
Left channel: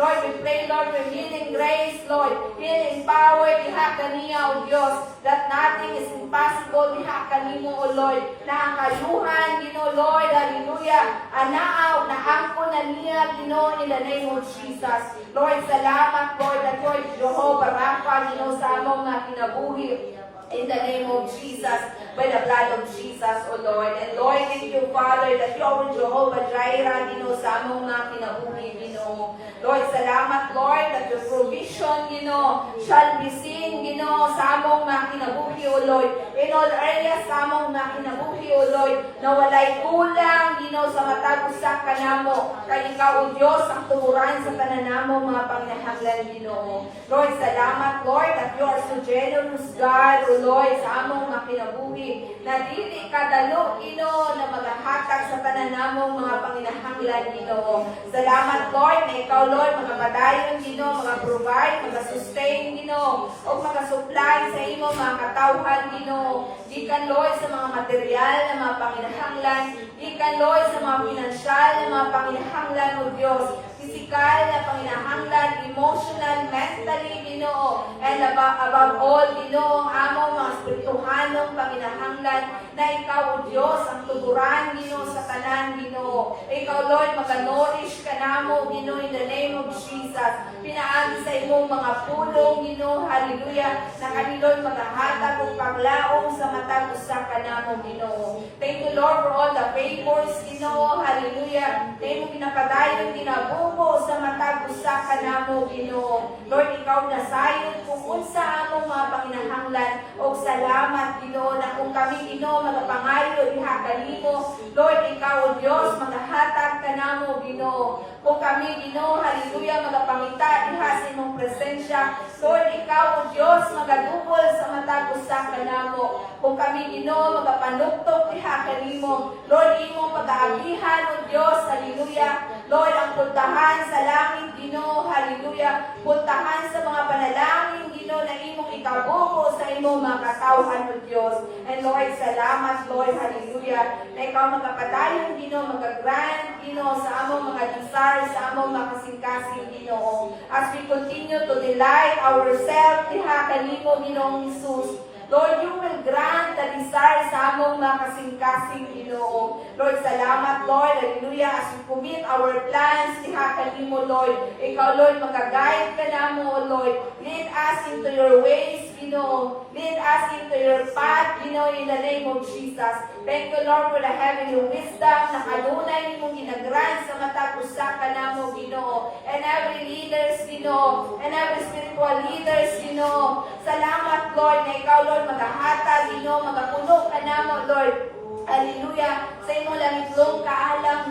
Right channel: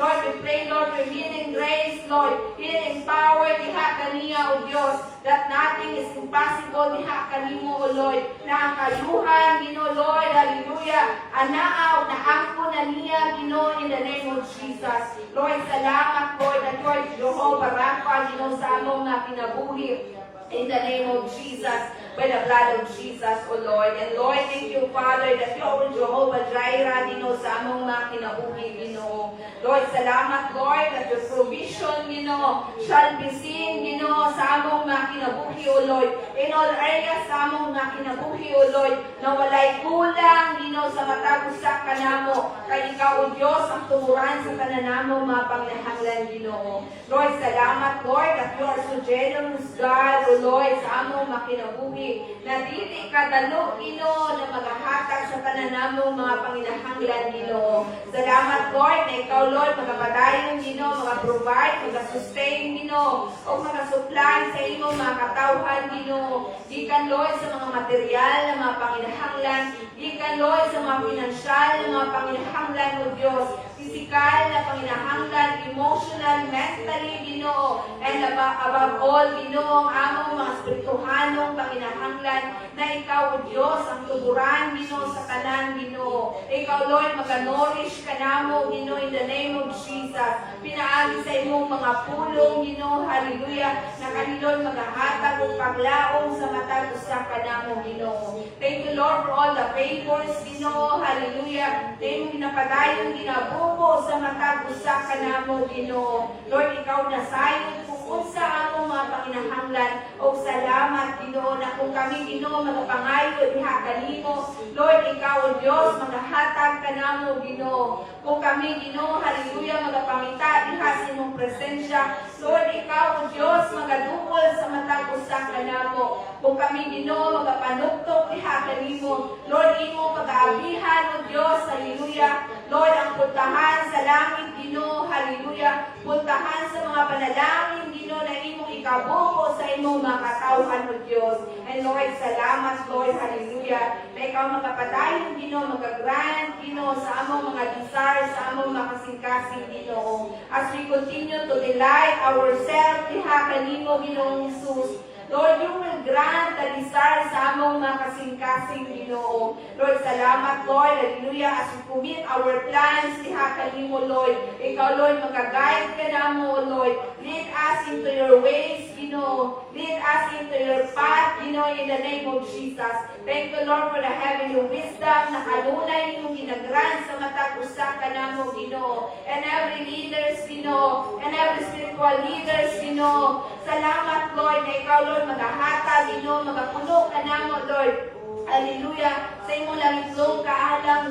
Lord, we pray, Lord, for healing grace, Lord, healing power diha kaniya, O Diyos, that nothing is impossible diha kanimo, O Lord. Na ang kayuhan, Lord, hallelujah, anaaw, naangko na niya, in the name of Jesus. Lord, salamat, Lord, that Lord, Jehovah Rapha, sa among nga kinabuhi. In the name of Jesus, by the blood of Jesus, O Lord. And Lord, thank you, Father, that you are Jehovah Jireh, sa among mga kinabuhi, Lord, salamat, Lord, that your provision, shall be seen, sa among mga kinabuhi, O Lord. In all areas sa among mga kinabuhi, O Lord, na walay kulang, sa matag-usa ka namo. Kay ikaw, O Diyos, ang tuguran sa pananamo, mga panginahanglan, Lord, salamat, Lord, that you are so generous, God, O Lord, sa among makinabuhi, na dili kadalo, na magahatag sa pananamong mga panginahanglan, Salamat, Lord, na ikaw, Lord, magapadayon, magaprovide, magasustain, o magasupply sa imong mga katawhan, Gikan, Lord, sa mga material na mga panginahanglan, gikan, Lord, sa mga pinansyal na mga panginahanglan, O Diyos, physical na panginahanglan, emotional, mentally, and above all, ang among mga spirituhanong panginahanglan, na ikaw, O Diyos, ang tuguran, sa kanan, Ikaw, Lord, maganorish ka namo, in the name of Jesus. Pinaagi sa imong mga pulong, hallelujah, na kanilon magahatag o paglaong sa matag usa ka namo, Thank you, Lord, for all the favors, hallelujah, na imong pinapadayon, ginabubo sa matag usa ka namo, Lord, ikaw na sayon kung unsa among mga panginahanglan, o salamat, na kung kami, magapangayo diha kanimo, Lord, ikaw, O Diyos, magahatag ka namo, kung kami, hallelujah, magapamita diha sa imong presensya, Lord, ikaw, O Diyos, magadubol sa matag usa ka namo, kung kami, magapanuktok diha kanimo, Lord, imo pag-aabihan, O Diyos, hallelujah, Lord, ang puntahan sa langit, hallelujah, puntahan sa mga panalangin, na imong ikabuko sa imong mga katawhan, O Diyos. And Lord, salamat, Lord, hallelujah, na ikaw magkapadayon, magagrant, sa among mga desires, sa among mga kasing-kasing, as we continue to delight ourselves, diha kanimo, Ginoong Jesus. Lord, you will grant the desire sa among mga kasing-kasing, Lord, salamat, Lord, hallelujah, as we commit our plans, diha kanimo, Lord. Ikaw, Lord, mag-guide ka namo, Lord. Lead us into your ways, Lead us into your path, in the name of Jesus. Thank you, Lord, for the heavenly wisdom na kanunay nimong ginagrant sa matag usa ka namo, and every leaders, and every spiritual leaders, Salamat, Lord, na ikaw, Lord, magahatag, magapuno ka namo, Lord. Hallelujah. Sa imo lamigdong kaalam,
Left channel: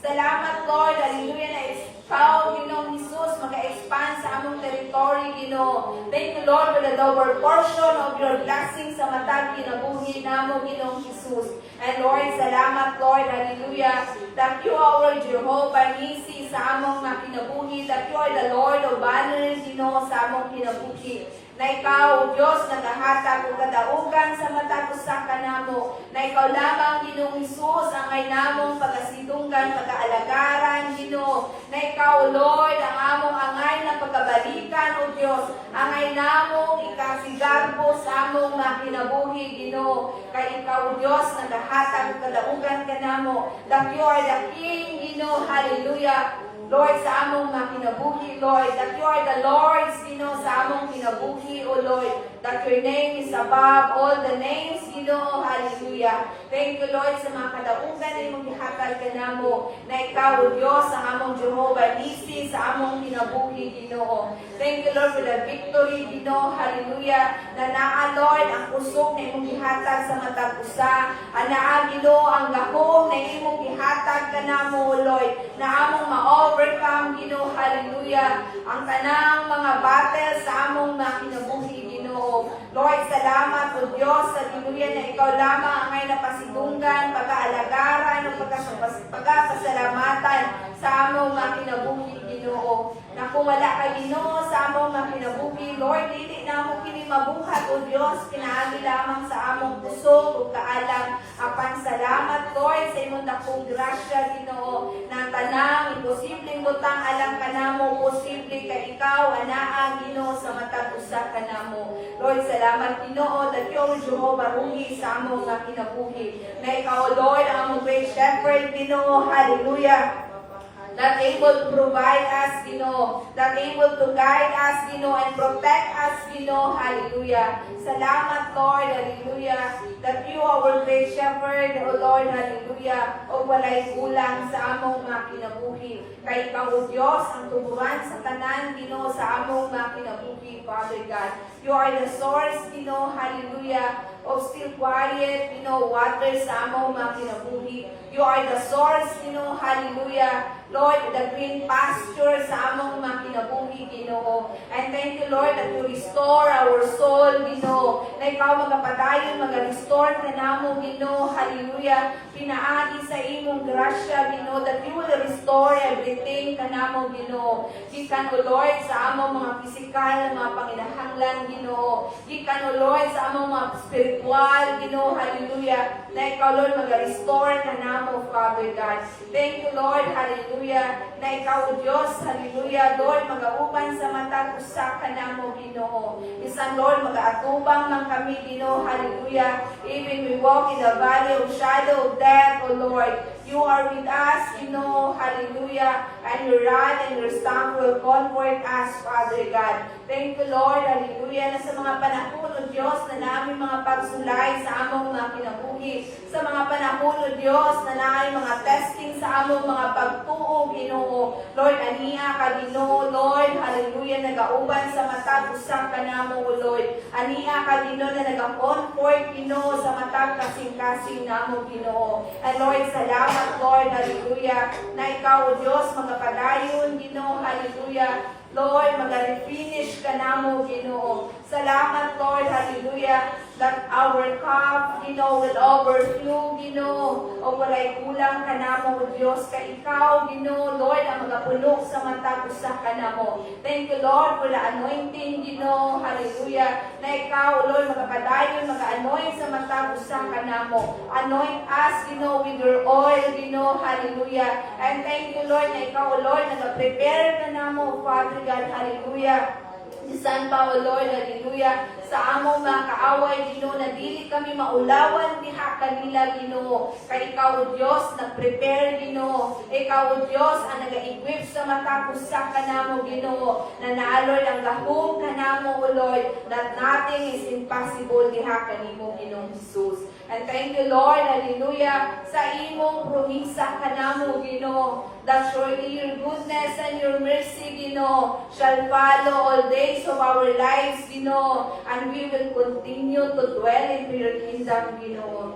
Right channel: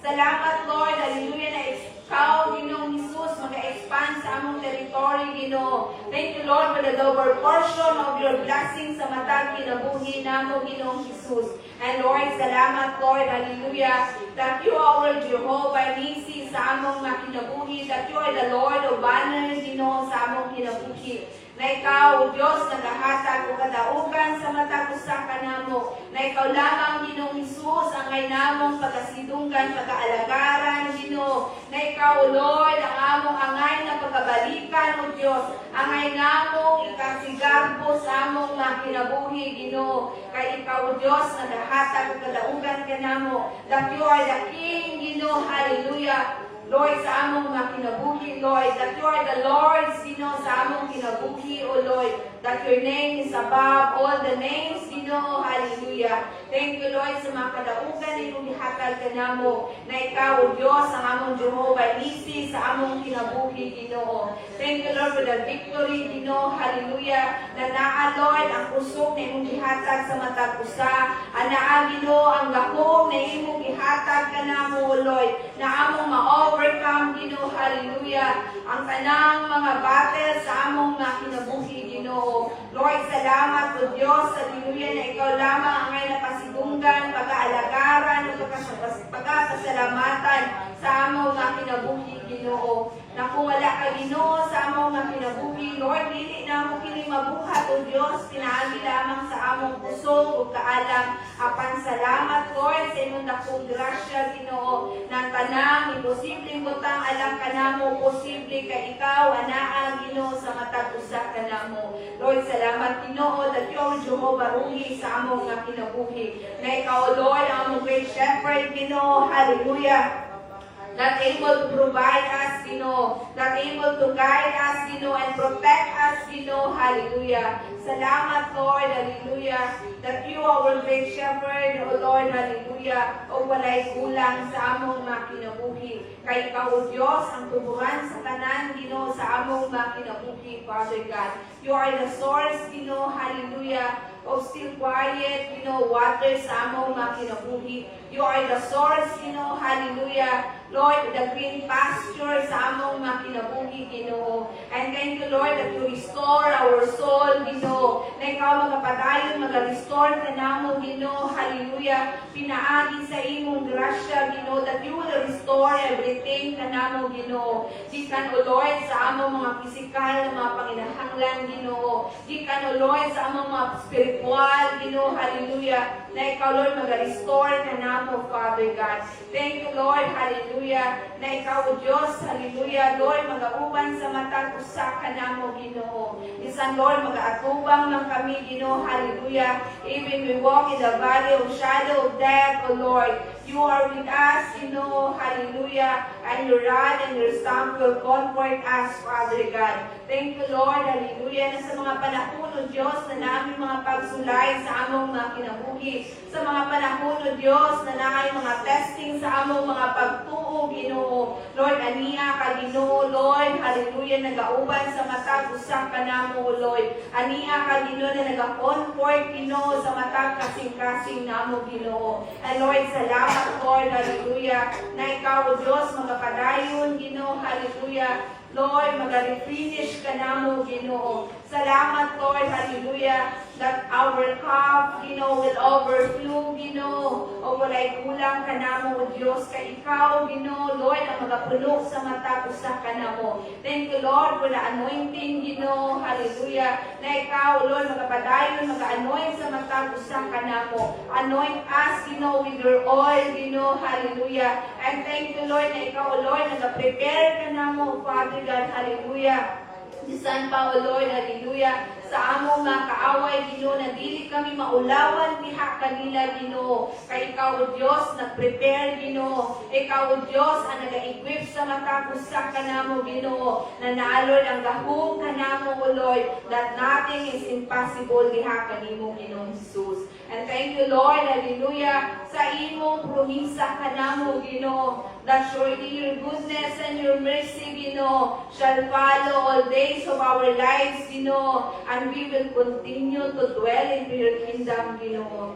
Salamat, Lord, hallelujah, na ikaw, Ginoong Jesus, mag-expand sa among territory, Thank you, Lord, for the double portion of your blessings sa matag kinabuhi namo, Ginoong Jesus. And Lord, salamat, Lord, hallelujah, that you are Jehovah Nisi sa among kinabuhi, that you are the Lord of banners, sa among kinabuhi. Na ikaw, O Diyos, nagahatag o kadaugan sa matag usa ka namo, na ikaw lamang, Ginoong Jesus, ang ay namong pagasidunggan, pag-aalagaran, na ikaw, Lord, ang among angay na pagkabalikan, O Diyos, ang ay namong ikasigarbo sa among kinabuhi, kay ikaw, O Diyos, nagahatag o kadaugan ka namo, that you are the King, hallelujah, Lord, sa among kinabuhi, Lord, that you are the Lord, sa among kinabuhi, O Lord, that your name is above all the names, hallelujah. Thank you, Lord, sa mga kadaugan na imong gihatag ka namo, na ikaw, O Diyos, ang among Jehovah Nisi sa among kinabuhi, Thank you, Lord, for the victory, hallelujah, na naa, Lord, ang kusog na imong gihatag sa matag usa, anaa, ang gahom na imong gihatag ka namo, O Lord, na among ma-overcome, hallelujah, ang tanang mga battle sa among kinabuhi, Lord, salamat, O Diyos, hallelujah, na ikaw lamang ang ay napasidunggan, pag-aalagaran, o pagkapasalamatan sa among kinabuhi, na kung wala ka, sa among kinabuhi, Lord, dili na mo kini mabuhat, O Diyos, kinaagi lamang sa among pusong o kaalam, apan akong grasya, Ginoo, na tanang imposibleng butang alam ka namo, posible kay ikaw anaa, Ginoo, sa matag usa ka namo. Lord, salamat, Ginoo, that you are Jehovah Ruhi sa among nga kinabuhi. Na ikaw, Lord, ang among great shepherd, Ginoo, hallelujah. That able to provide us, Ginoo, that able to guide us, Ginoo, and protect us, Ginoo, hallelujah. Salamat, Lord, hallelujah, that you are our great shepherd, O Lord, hallelujah, o walay kulang sa among mga kinabuhi. Kay ikaw, O Diyos, ang tubuhan sa tanan, Ginoo, sa among mga kinabuhi, Father God. You are the source, Ginoo, hallelujah, of still quiet, water sa among mga kinabuhi. You are the source, hallelujah, Lord, the green pasture sa among mga kinabuhi, Ginoo. And thank you, Lord, that you restore our soul, Ginoo. Na ikaw magapadayon, mag-restore ka namo, Ginoo. Hallelujah. Pinaagi sa imong grasya, Ginoo, that you will restore everything ka namo, Ginoo. Gikan, O Lord, sa among mga physical na mga panginahanglan, Ginoo. Gikan, O Lord, sa among mga spiritual, Ginoo. Hallelujah. Na ikaw, Lord, mag-restore ka namo, Father God. Thank you, Lord. Hallelujah. Na ikaw, Diyos, hallelujah, Lord, mag-auban sa matang usa ka namo, Ginoo. Bisan, Lord, mag-aatubang man kami, Ginoo, hallelujah. Even we walk in the valley of shadow of death, O Lord, you are with us, Ginoo, hallelujah. And your rod and your staff will comfort us, Father God. Thank you, Lord, hallelujah, na sa mga panahon, O Diyos, na namin mga pagsulay sa among mga kinabuhi. Sa mga panahon, O Diyos, na namin mga testing sa among mga pagtuo, Ginoo. Lord, ania ka, Ginoo, Lord, hallelujah, nagauban sa matag usang ka namo, O Lord. Ania ka, Ginoo, na nag-comfort, Ginoo, sa matag kasing-kasing namo, Ginoo. And Lord, salamat, Lord, hallelujah, na ikaw, O Diyos, magapadayon, Ginoo, hallelujah. Lord, mag-refinish ka namo, Ginoo. Salamat, Lord, hallelujah, that our cup, Ginoo, will overflow, Ginoo. O walay kulang ka namo, O Diyos, kay ikaw, Ginoo, Lord, ang magapuno sa matag usa ka namo. Thank you, Lord, for the anointing, Ginoo, hallelujah, na ikaw, Lord, magapadayon, mag-anoint sa matag usa ka namo. Anoint us, Ginoo, with your oil, Ginoo, hallelujah. And thank you, Lord, na ikaw, Lord, nag-prepare ka namo, Father God, hallelujah. Bisan pa, O Lord, hallelujah, sa among mga kaaway, Ginoo, na dili kami maulawan diha kanila, Ginoo. Kay ikaw, O Diyos, nag-prepare, Ginoo. Ikaw, O Diyos, ang nag-equip sa matapos sa kanamo, Ginoo, na naalod ang gahong kanamo, O Lord, that nothing is impossible diha kanimo, Ginoong Jesus. And thank you, Lord, hallelujah, sa imong promisa kanamo, Ginoo, that surely your goodness and your mercy, Ginoo, shall follow all days of our lives, Ginoo, and we will continue to dwell into your kingdom, Ginoo.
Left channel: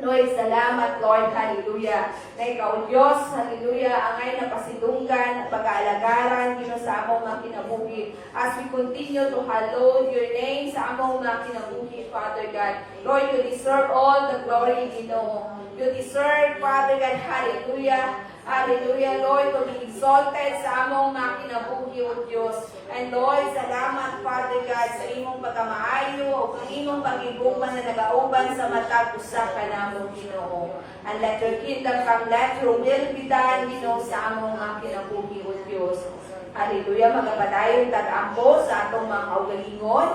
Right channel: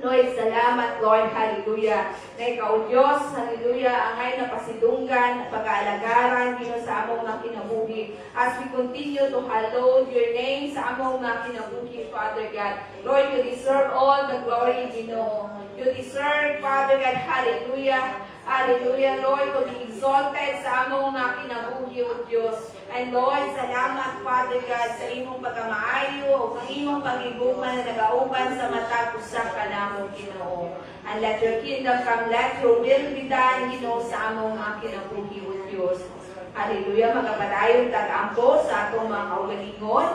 Lord, salamat, Lord, hallelujah, na ikaw, Diyos, hallelujah, angay na pasidunggan, pag-aalagaran, Ginoo, sa among mga kinabuhi, as we continue to hallow your name sa among mga kinabuhi, Father God. Lord, you deserve all the glory, Ginoo. You deserve, Father God, hallelujah, hallelujah, Lord, to be exalted sa among mga kinabuhi, O Diyos. And Lord, salamat, Father God, sa imong pagkamaayo o sa imong pag-igugma na nag-auban sa matag usa ka namo, Ginoo. And let your kingdom come, let your will be done, Ginoo, sa among mga kinabuhi, O Diyos. Hallelujah, magapadayon tag-ampo sa atong mga kaugalingon,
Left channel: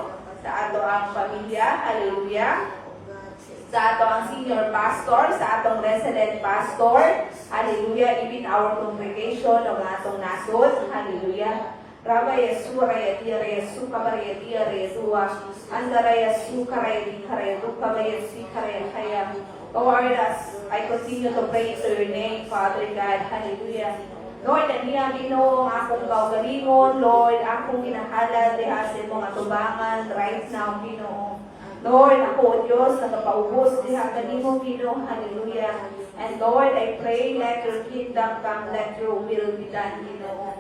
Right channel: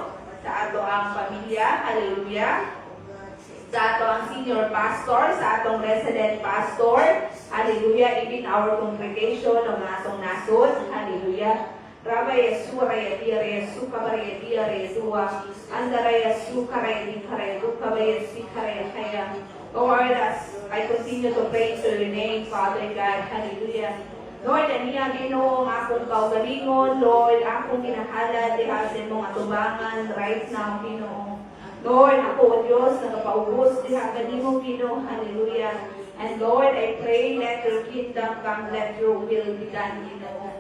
sa ato ang pamilya, hallelujah, sa ato ang senior pastor, sa atong resident pastor, hallelujah, even our congregation ng atong nasod, hallelujah. Raba Yesu, Raya Dia, Yesu, Kabaraya Dia, Yesua, Andara Yesu, Karaya Di, Karaya Du, Kabaya Si, Karaya Kaya. Lord, as I continue to praise your name, Father God, hallelujah. Lord, aniya, Ginoo, ang akong kaugalingon, Lord, akong ginahala, diha sa mga tubangan, right now, Ginoo. Lord, ako, O Diyos, nagapaubos, diha kanimo, Ginoo, hallelujah. And Lord, I pray, let your kingdom come, let your will be done, Ginoo.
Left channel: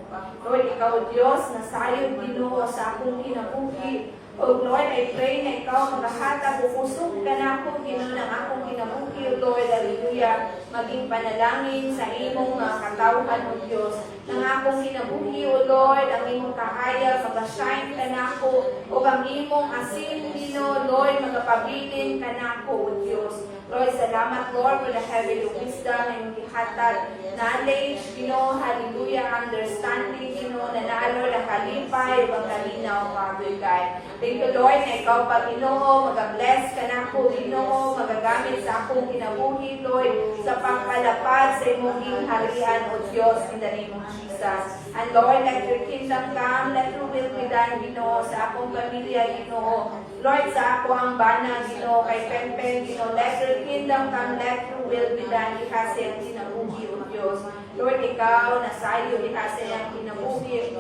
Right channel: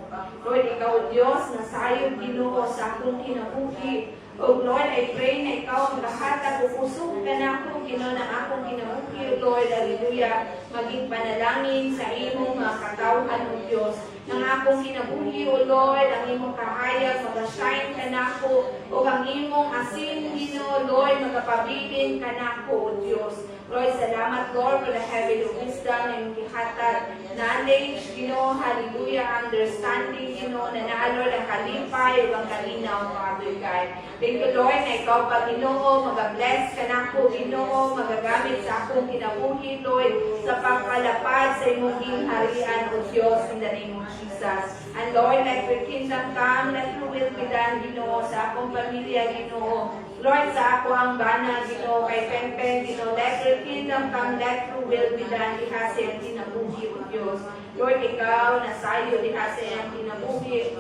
Lord, ikaw, Diyos, nasayod, Ginoo, sa akong kinabuhi. O Lord, I pray na ikaw maghahatag o pusok ka na ako, Ginoo, ng akong kinabuhi, O Lord, hallelujah. Maging panalangin sa imong mga katawhan, O Diyos. ng akong kinabuhi, O Lord, ang imong kahayag, mag-shine ka na ako, o ang imong asin, Ginoo, Lord, magapabilin ka na ako, O Diyos. Lord, salamat, Lord, for the heavenly wisdom na iyong gihatag, knowledge, Ginoo, hallelujah, understanding, Ginoo, na naa, Lord, ang kalipay, o ang kalinaw, Father God. Thank you, Lord, na ikaw pa, Ginoo, mag-bless ka na ako, Ginoo, magagamit sa akong kinabuhi, Lord, sa pagpalapad sa imong gingharian, O Diyos, in the name of Jesus. And Lord, let your kingdom come, let your will be done, Ginoo, sa akong pamilya, Ginoo. Lord, sa ako ang bana, Ginoo, kay Pempen, Ginoo, let your kingdom come, let your will be done, diha sa iyang kinabuhi, O Diyos. Lord, ikaw, nasayo, diha sa iyang kinabuhi,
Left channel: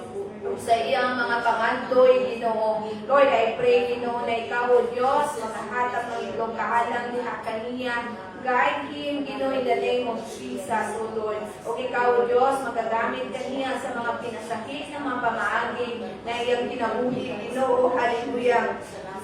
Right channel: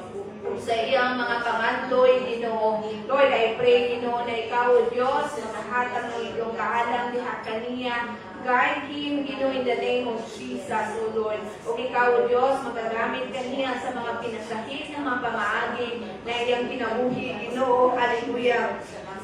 sa iyang mga pangandoy, Ginoo. Lord, I pray, Ginoo, na ikaw, O Diyos, makahatag ng itlong kaalam, diha kaniya, guide him, Ginoo, in the name of Jesus, O Lord. O ikaw, O Diyos, magagamit kaniya sa mga pinasakit ng mga pamaagi na iyang kinabuhi, Ginoo, hallelujah.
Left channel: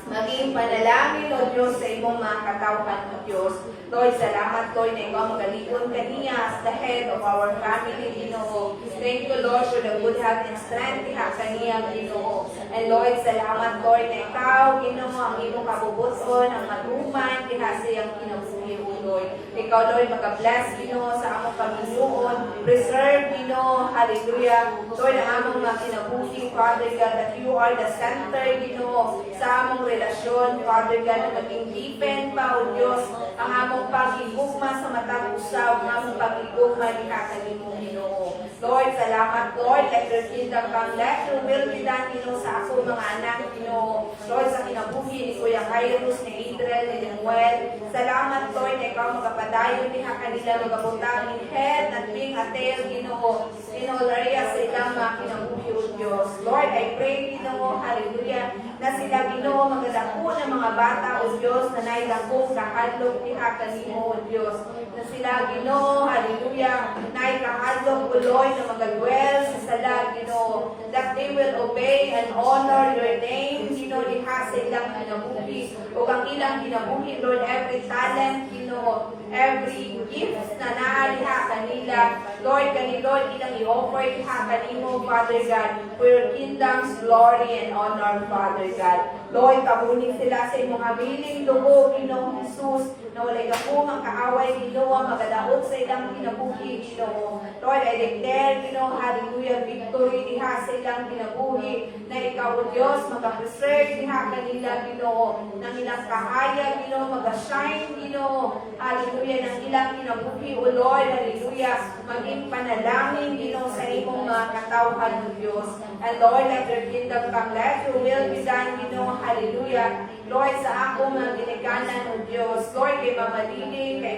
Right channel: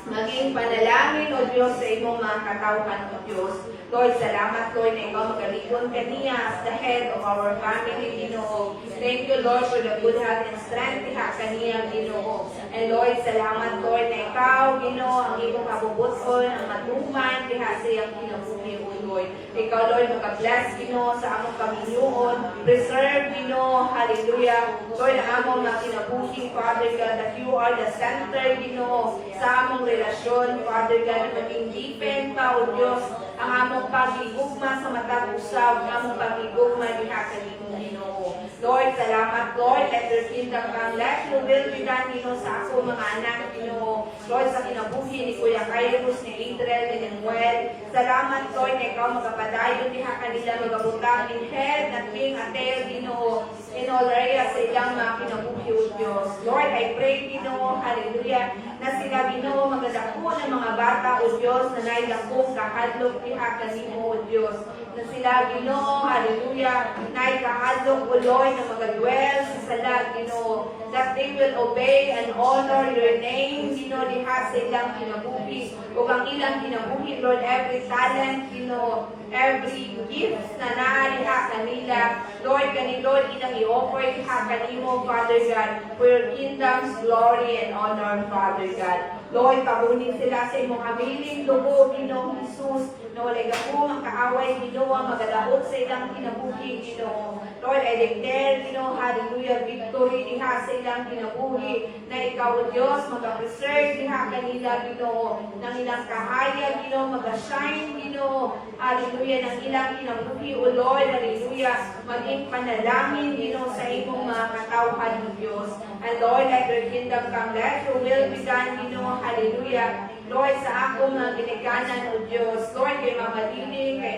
Maging panalangin, O Diyos, sa imong mga katawhan, O Diyos. Lord, salamat, Lord, na ikaw magalikon kaniya as the head of our family, Ginoo. Thank you, Lord, for the good health and strength diha kaniya, Ginoo. And Lord, salamat, Lord, na ikaw, Ginoo, ang imong kabubuton, ang matuman diha sa iyang kinabuhi, O Lord. Ikaw, Lord, mag-bless, Ginoo, sa among Panginoon. Preserve, Ginoo, hallelujah. Lord, ang among mga kinabuhi, Father God, that you are the center, Ginoo, sa among relasyon, Father God, na maging deepen pa, O Diyos, ang among pag-igugma sa matag usaw, ang among pag-igugma diha sa imong Ginoo. Lord, salamat, Lord, let your kingdom come, let your will be done, Ginoo, sa ako mga anak, Ginoo. Lord, sa kinabuhi ni Kuya Kairos, ni Adriel, ni Lemuel, salamat, Lord, na ikaw magapadayon diha kanila, magabutang in head, at being a tail, Ginoo, in all areas sa ilang mga kinabuhi, O Diyos. Lord, I pray, Ginoo, hallelujah, na sila, Ginoo, magadako ng mga bata, O Diyos, na nailakong kahadlok diha kanimo, O Diyos. Na sila, Ginoo, hallelujah, naikahadlok, O Lord, na magadwell sa salat, Ginoo, that they will obey and honor your name, Ginoo, diha sa ilang kinabuhi, o ang ilang kinabuhi, Lord, every talent, Ginoo, every gift na naaliha kanila, Lord, Lord, ilang i-offer diha kanimo, Father God, for your kingdom's glory and honor, Father God. Lord, kabunin sila sa imong habiling dugo, Ginoong Jesus, na walay dako ang kaaway, Ginoo, magadaot sa ilang kinabuhi, Ginoo. Lord, I declare, Ginoo, hallelujah, victory diha sa ilang kinabuhi, na ikaw, O Diyos, mag-preserve diha kanila, Ginoo, ng ilang kahayag, Ginoo, mag-shine, Ginoo, hallelujah, ng ilang kinabuhi, O Lord, hallelujah, maging panalangin, Ginoo, sa imong mga katawhan, O Diyos. And Lord, let your kingdom come, let your will be done, Ginoo, hallelujah. Lord, sa ako mga ginikanan, O Diyos, Lord, kay Mama Dili, kay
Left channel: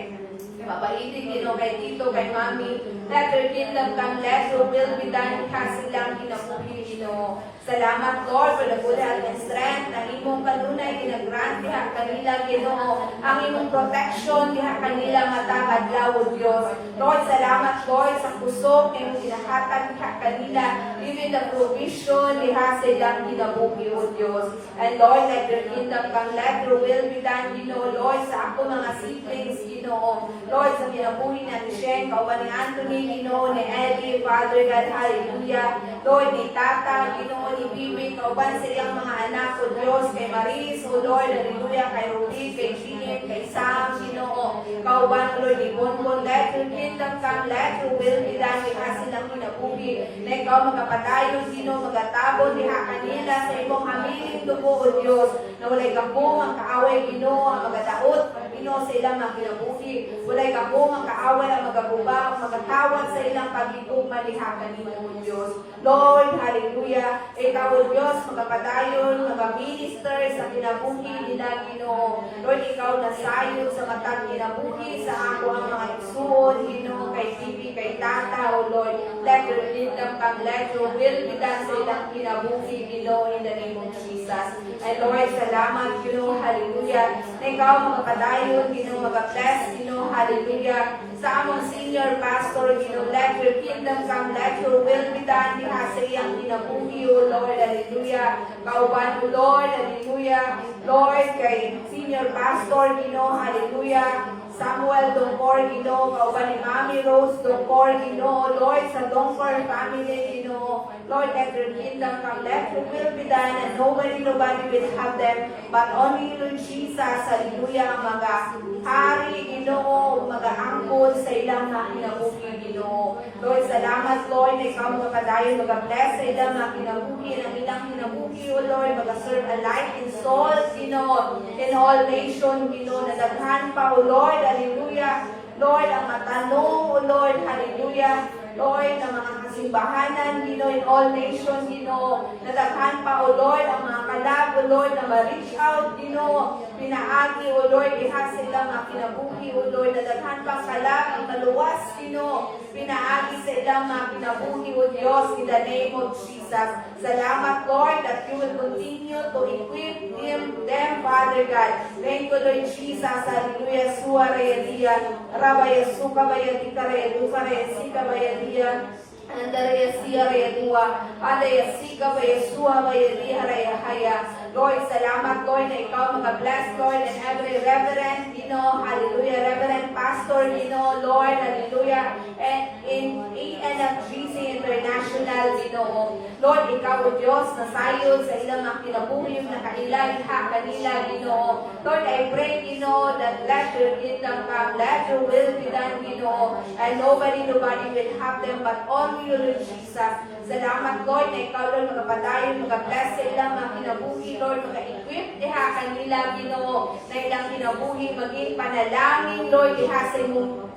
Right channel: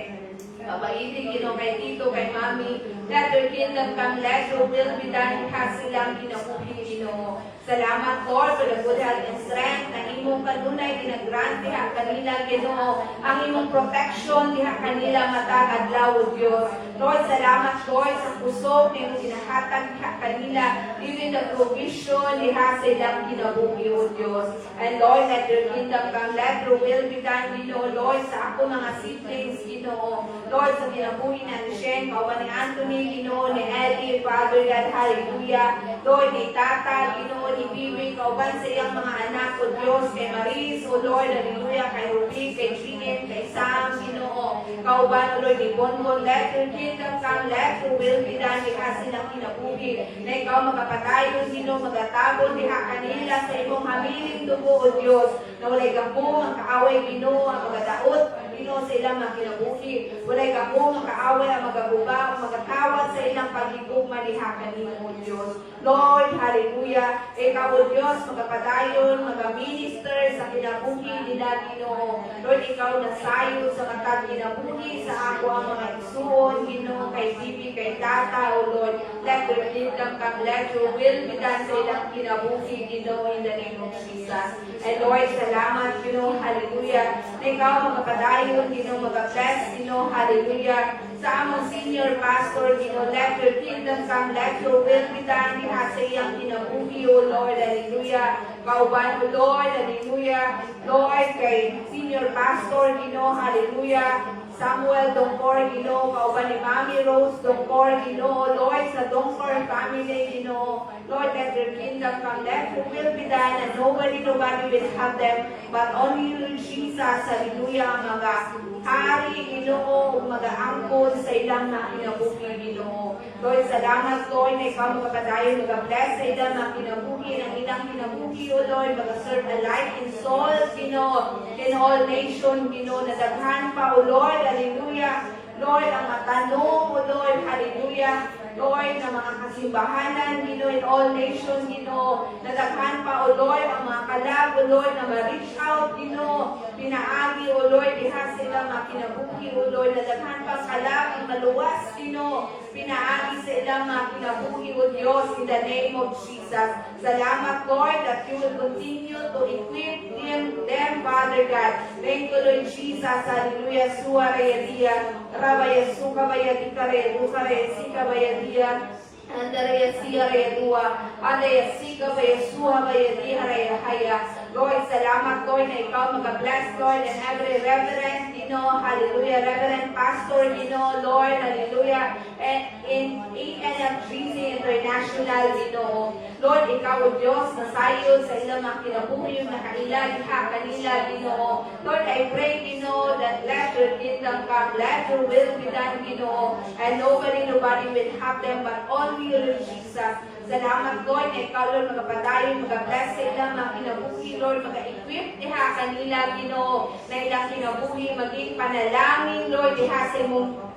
Papa Idi, Ginoo, kay Tito, kay Mami, let your kingdom come, let your will be done, diha silang kinabuhi, Ginoo. Salamat, Lord, for the good health and strength na imong kanunay ginagrant diha kanila, Ginoo. Ang imong protection diha kanila matag adlaw, O Diyos. Lord, salamat, Lord, sa kusog na imong ginahatag diha kanila, even the provision diha sa ilang kinabuhi, O Diyos. And Lord, let your kingdom come, let your will be done, Ginoo. Lord, sa ako mga siblings, Ginoo. Lord, sa kinabuhi na ni Shen, kauban ni Anthony, Ginoo, ni Eddie, Father God, hallelujah. Lord, ni Tata, Ginoo, ni Bibi, kauban sa iyang mga anak, O Diyos, kay Maris, O Lord, hallelujah, kay Ruby, kay Jean, kay Sam, Ginoo, kauban, O Lord, ni Bonbon, let your kingdom come, let your will be done, diha silang kinabuhi, na ikaw magapatayon, Ginoo, magatabon, diha kanila sa imong hamiling dugo, O Diyos, na walay gapong ang kaaway, Ginoo, ang magadaot, Ginoo, sa ilang mga kinabuhi, walay gapong ang kaaway, ang magaguba, ang magatawad sa ilang pagigugma, diha kanimo, O Diyos. Lord, hallelujah, ikaw, O Diyos, magapadayon, magaminister sa kinabuhi nila, Ginoo. Lord, ikaw nasayo sa matag kinabuhi sa ako ang mga isuon, Ginoo, kay Bibi, kay Tata, O Lord. Let your kingdom come, let your will be done sa ilang kinabuhi, Ginoo, in the name of Jesus. And Lord, salamat, Ginoo, hallelujah, na ikaw magapadayon, Ginoo, mag-bless, Ginoo, hallelujah, sa among senior pastor, Ginoo, let your kingdom come, let your will be done diha sa iyang kinabuhi, O Lord, hallelujah. Kauban, O Lord, hallelujah. Lord, kay senior pastor, Ginoo, hallelujah, Samuel Dongkor, Ginoo, kauban ni Mami Rose Dongkor, Ginoo, Lord, sa Dongkor family, Ginoo, Lord, let your kingdom come, let your will be done, and nobody will have them, but only you, Lord Jesus, hallelujah, ang mga hari, Ginoo, mga angkol sa ilang mga kinabuhi, Ginoo. Lord, salamat, Lord, na ikaw mga kadayon, mga-bless sa ilang mga kinabuhi, ang ilang kinabuhi, O Lord, mag-serve alike in souls, Ginoo, in all nations, Ginoo, na daghan pa, O Lord, hallelujah. Lord, ang matanong, O Lord, hallelujah. Lord, ng mga kasimbahanan, Ginoo, in all nations, Ginoo, nadaghan pa, O Lord, ang mga kalab, O Lord, na ma-reach out, Ginoo, pinaagi, O Lord, diha sila mga kinabuhi, O Lord, nadaghan pang kalab, ang maluwas, Ginoo, pinaagi sa ilang mga kinabuhi, O Diyos, in the name of Jesus. Salamat, Lord, that you will continue to equip them, Father God. Thank you, Lord Jesus, hallelujah, suarayadiya, rabaya sukabayadi karaya, dukaraya sikabayadi, Andaraya siya dua, andaya sika baya suha baya diharaya haya. Lord, salamat, Lord, na ikaw mag-bless, Lord, and every reverend, hallelujah, reverend pastor, Lord, hallelujah, and in ENFGC International, Lord, ikaw, O Diyos, nasayod sa ilang mga kinabuhi, yung nakailan, kanila, Lord, I pray, that let your kingdom come, let your will be done, and nobody will have them, but only you, Lord Jesus. Salamat, Lord, na ikaw, Lord, magpadayon, mag-bless sa ilang mga kinabuhi, Lord, mag-equip diha kanila, Ginoo, na ilang kinabuhi, maging panalangin, Lord, diha sa imo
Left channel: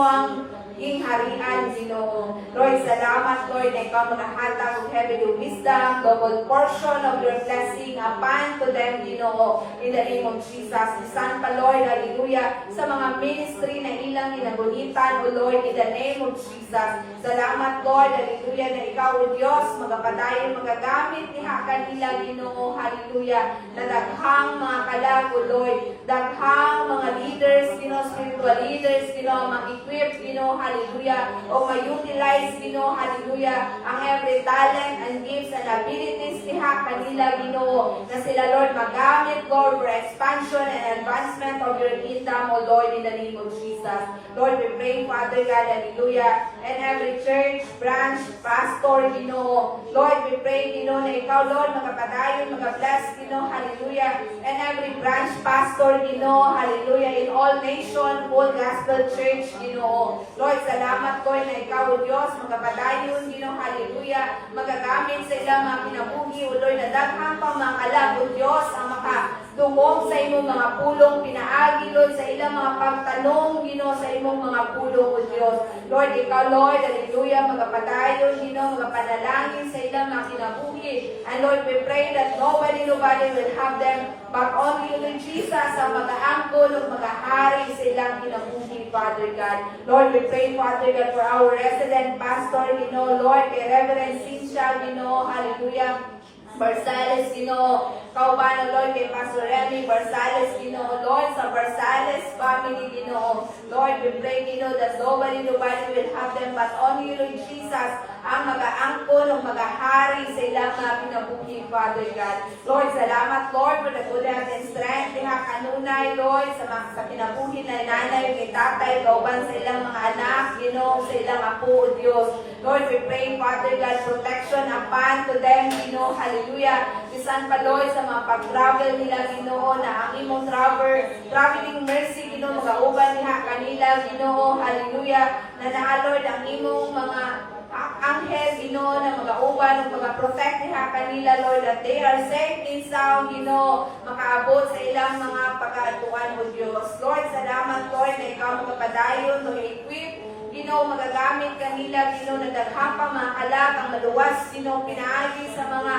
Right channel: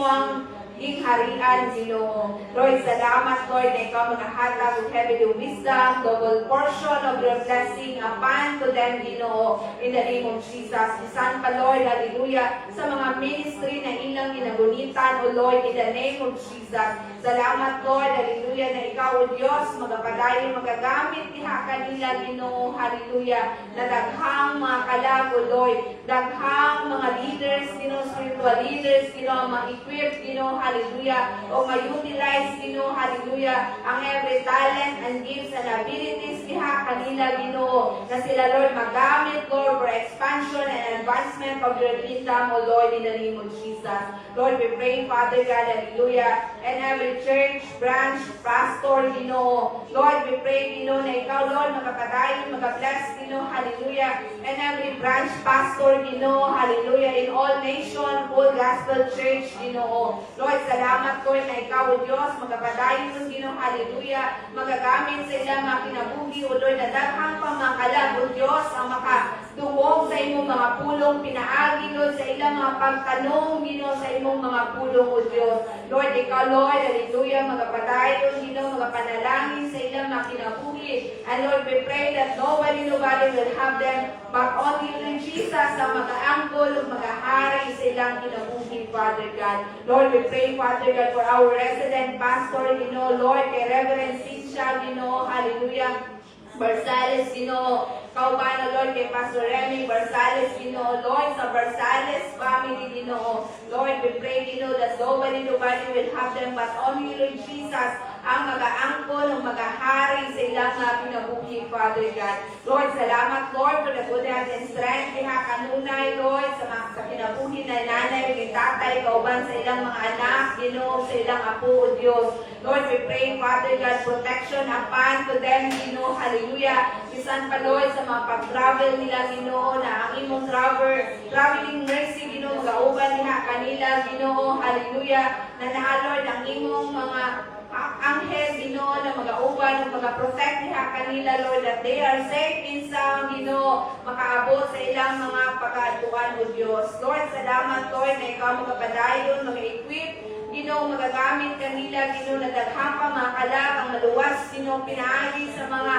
ang harian, Ginoo. Lord, salamat, Lord, na ikaw makahatag of heavenly wisdom, double portion of your blessing upon to them, Ginoo, in the name of Jesus. Isan pa, Lord, hallelujah, sa mga ministry na ilang ginagunitan, O Lord, in the name of Jesus. Salamat, Lord, hallelujah, na ikaw, O Diyos, magapadayon, magagamit diha kanila, Ginoo, hallelujah, na daghang mga kalag, O Lord, daghang mga leaders, Ginoo, spiritual leaders, Ginoo, mag-equip, Ginoo, hallelujah, o ma-utilize, Ginoo, hallelujah, ang every talent and gifts and abilities diha kanila, Ginoo, na sila, Lord, magamit, Lord, for expansion and advancement of your kingdom, O Lord, in the name of Jesus. Lord, we pray, Father God, hallelujah, and every church, branch, pastor, Ginoo, Lord, we pray, Ginoo, na ikaw, Lord, magapadayon, magabless, Ginoo, hallelujah, and every branch, pastor, Ginoo, hallelujah, in all nation, full gospel church, Ginoo. Lord, salamat, Lord, na ikaw, O Diyos, magapadayon, Ginoo, hallelujah, magagamit sa ilang mga kinabuhi, O Lord, na daghang pang mga kalag, O Diyos, ang makadungog sa imong mga pulong, pinaagi, Lord, sa ilang mga pagtanong, Ginoo, sa imong mga pulong, O Diyos. Lord, ikaw, Lord, hallelujah, magapadayon, Ginoo, magapanalangin sa ilang mga kinabuhi. And Lord, we pray that nobody will have them, but only you, Lord Jesus, ang mag-aangkol o mag-ahari sa ilang kinabuhi, Father God. Lord, we pray, Father God, for our resident pastor, Lord, kay Reverend Cynthia, hallelujah, Barsales, kauban, O Lord, kay Pastor Remy Barsales, Lord, sa Barsales family, Lord, we pray, that nobody will have them, but only you, Lord Jesus, ang mag-aangkol o mag-ahari sa ilang mga kinabuhi, Father God. Lord, salamat, Lord, for the good health and strength, diha kanunay, Lord, sa kinabuhi na nanay, kay tatay, kauban sa ilang mga anak, sa ilang apo, O Diyos. Lord, we pray, Father God, protection upon to them, hallelujah. Bisan pa, Lord, sa mga pag-travel nila, na ang imong traveling mercy, mag-auban niya kanila, hallelujah, na Lord, ang imong mga anghel, na mag-auban o mag-protect niya kanila, Lord, that they are safe and sound, makaabot sa ilang mga pag-aatuan, O Diyos. Lord, salamat, Lord, na ikaw magpapadayon, mag-equip, magagamit kanila, na daghang pa mga kalag, ang maluwas, pinaagi sa mga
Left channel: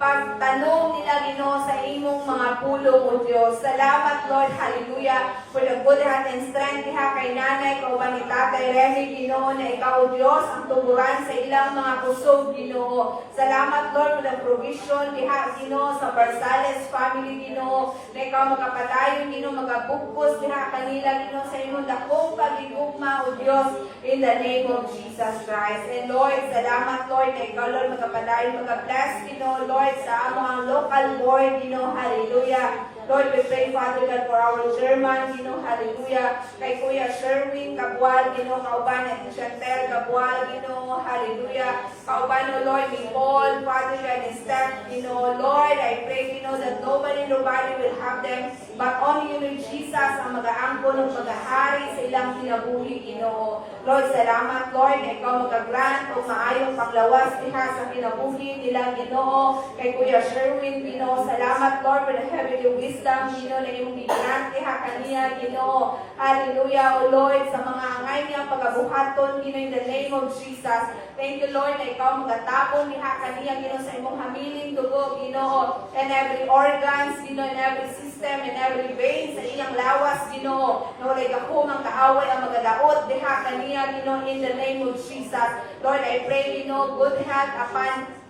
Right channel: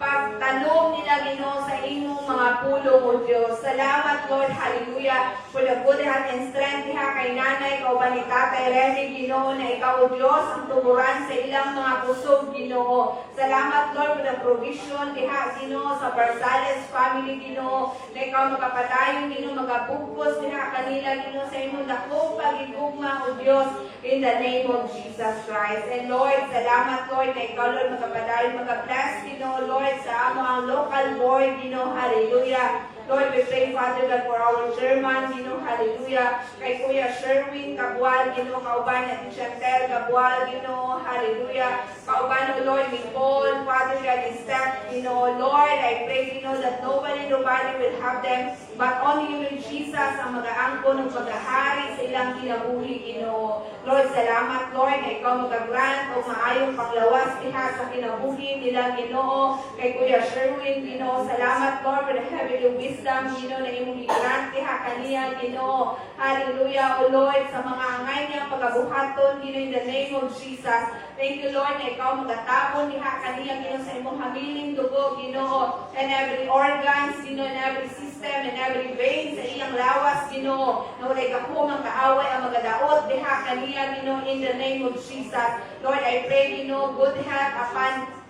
pagtanong nila, sa imong mga pulong, O Diyos. Salamat, Lord, hallelujah, for the good health and strength diha kay nanay, kauban ni Tatay Remy, na ikaw, O Diyos, ang tuburan sa ilang mga kusog, Salamat, Lord, for the provision diha, sa Barsales family, na ikaw magapadayon, magabugkos diha kanila, sa imong dakong pagigugma, O Diyos, in the name of Jesus Christ. And Lord, salamat, Lord, na ikaw, Lord, magapadayon, magabless, Lord, sa mga local board, hallelujah. Lord, we pray, Father God, for our German, Ginoo, hallelujah. Kay Kuya Sherwin Kabual, Ginoo, kauban at Chantel Kabual, Ginoo, hallelujah. Kauban, O Lord, ni Paul, Father God, ni Steph, Ginoo, Lord, I pray, Ginoo, that nobody will have them, but only you, Lord Jesus, ang mag-aangkon ng paghahari sa ilang kinabuhi, Ginoo. Lord, salamat, Lord, na ikaw mag-grant o maayong panglawas diha sa kinabuhi nila, Ginoo. Kay Kuya Sherwin, Ginoo, salamat, Lord, for the heavenly wisdom, Ginoo, na iyong grant diha kaniya, Ginoo. Hallelujah, O Lord, sa mga angay niyang pagabuhaton, Ginoo, in the name of Jesus. Thank you, Lord, na ikaw magatapon diha kaniya, Ginoo, sa imong hamiling dugo, Ginoo, and every organs, Ginoo, and every system, and every vein sa iyang lawas, Ginoo, na walay gahumang kaaway ang magadaot diha kaniya, Ginoo, in the name of Jesus. Lord, I pray, Ginoo, good health upon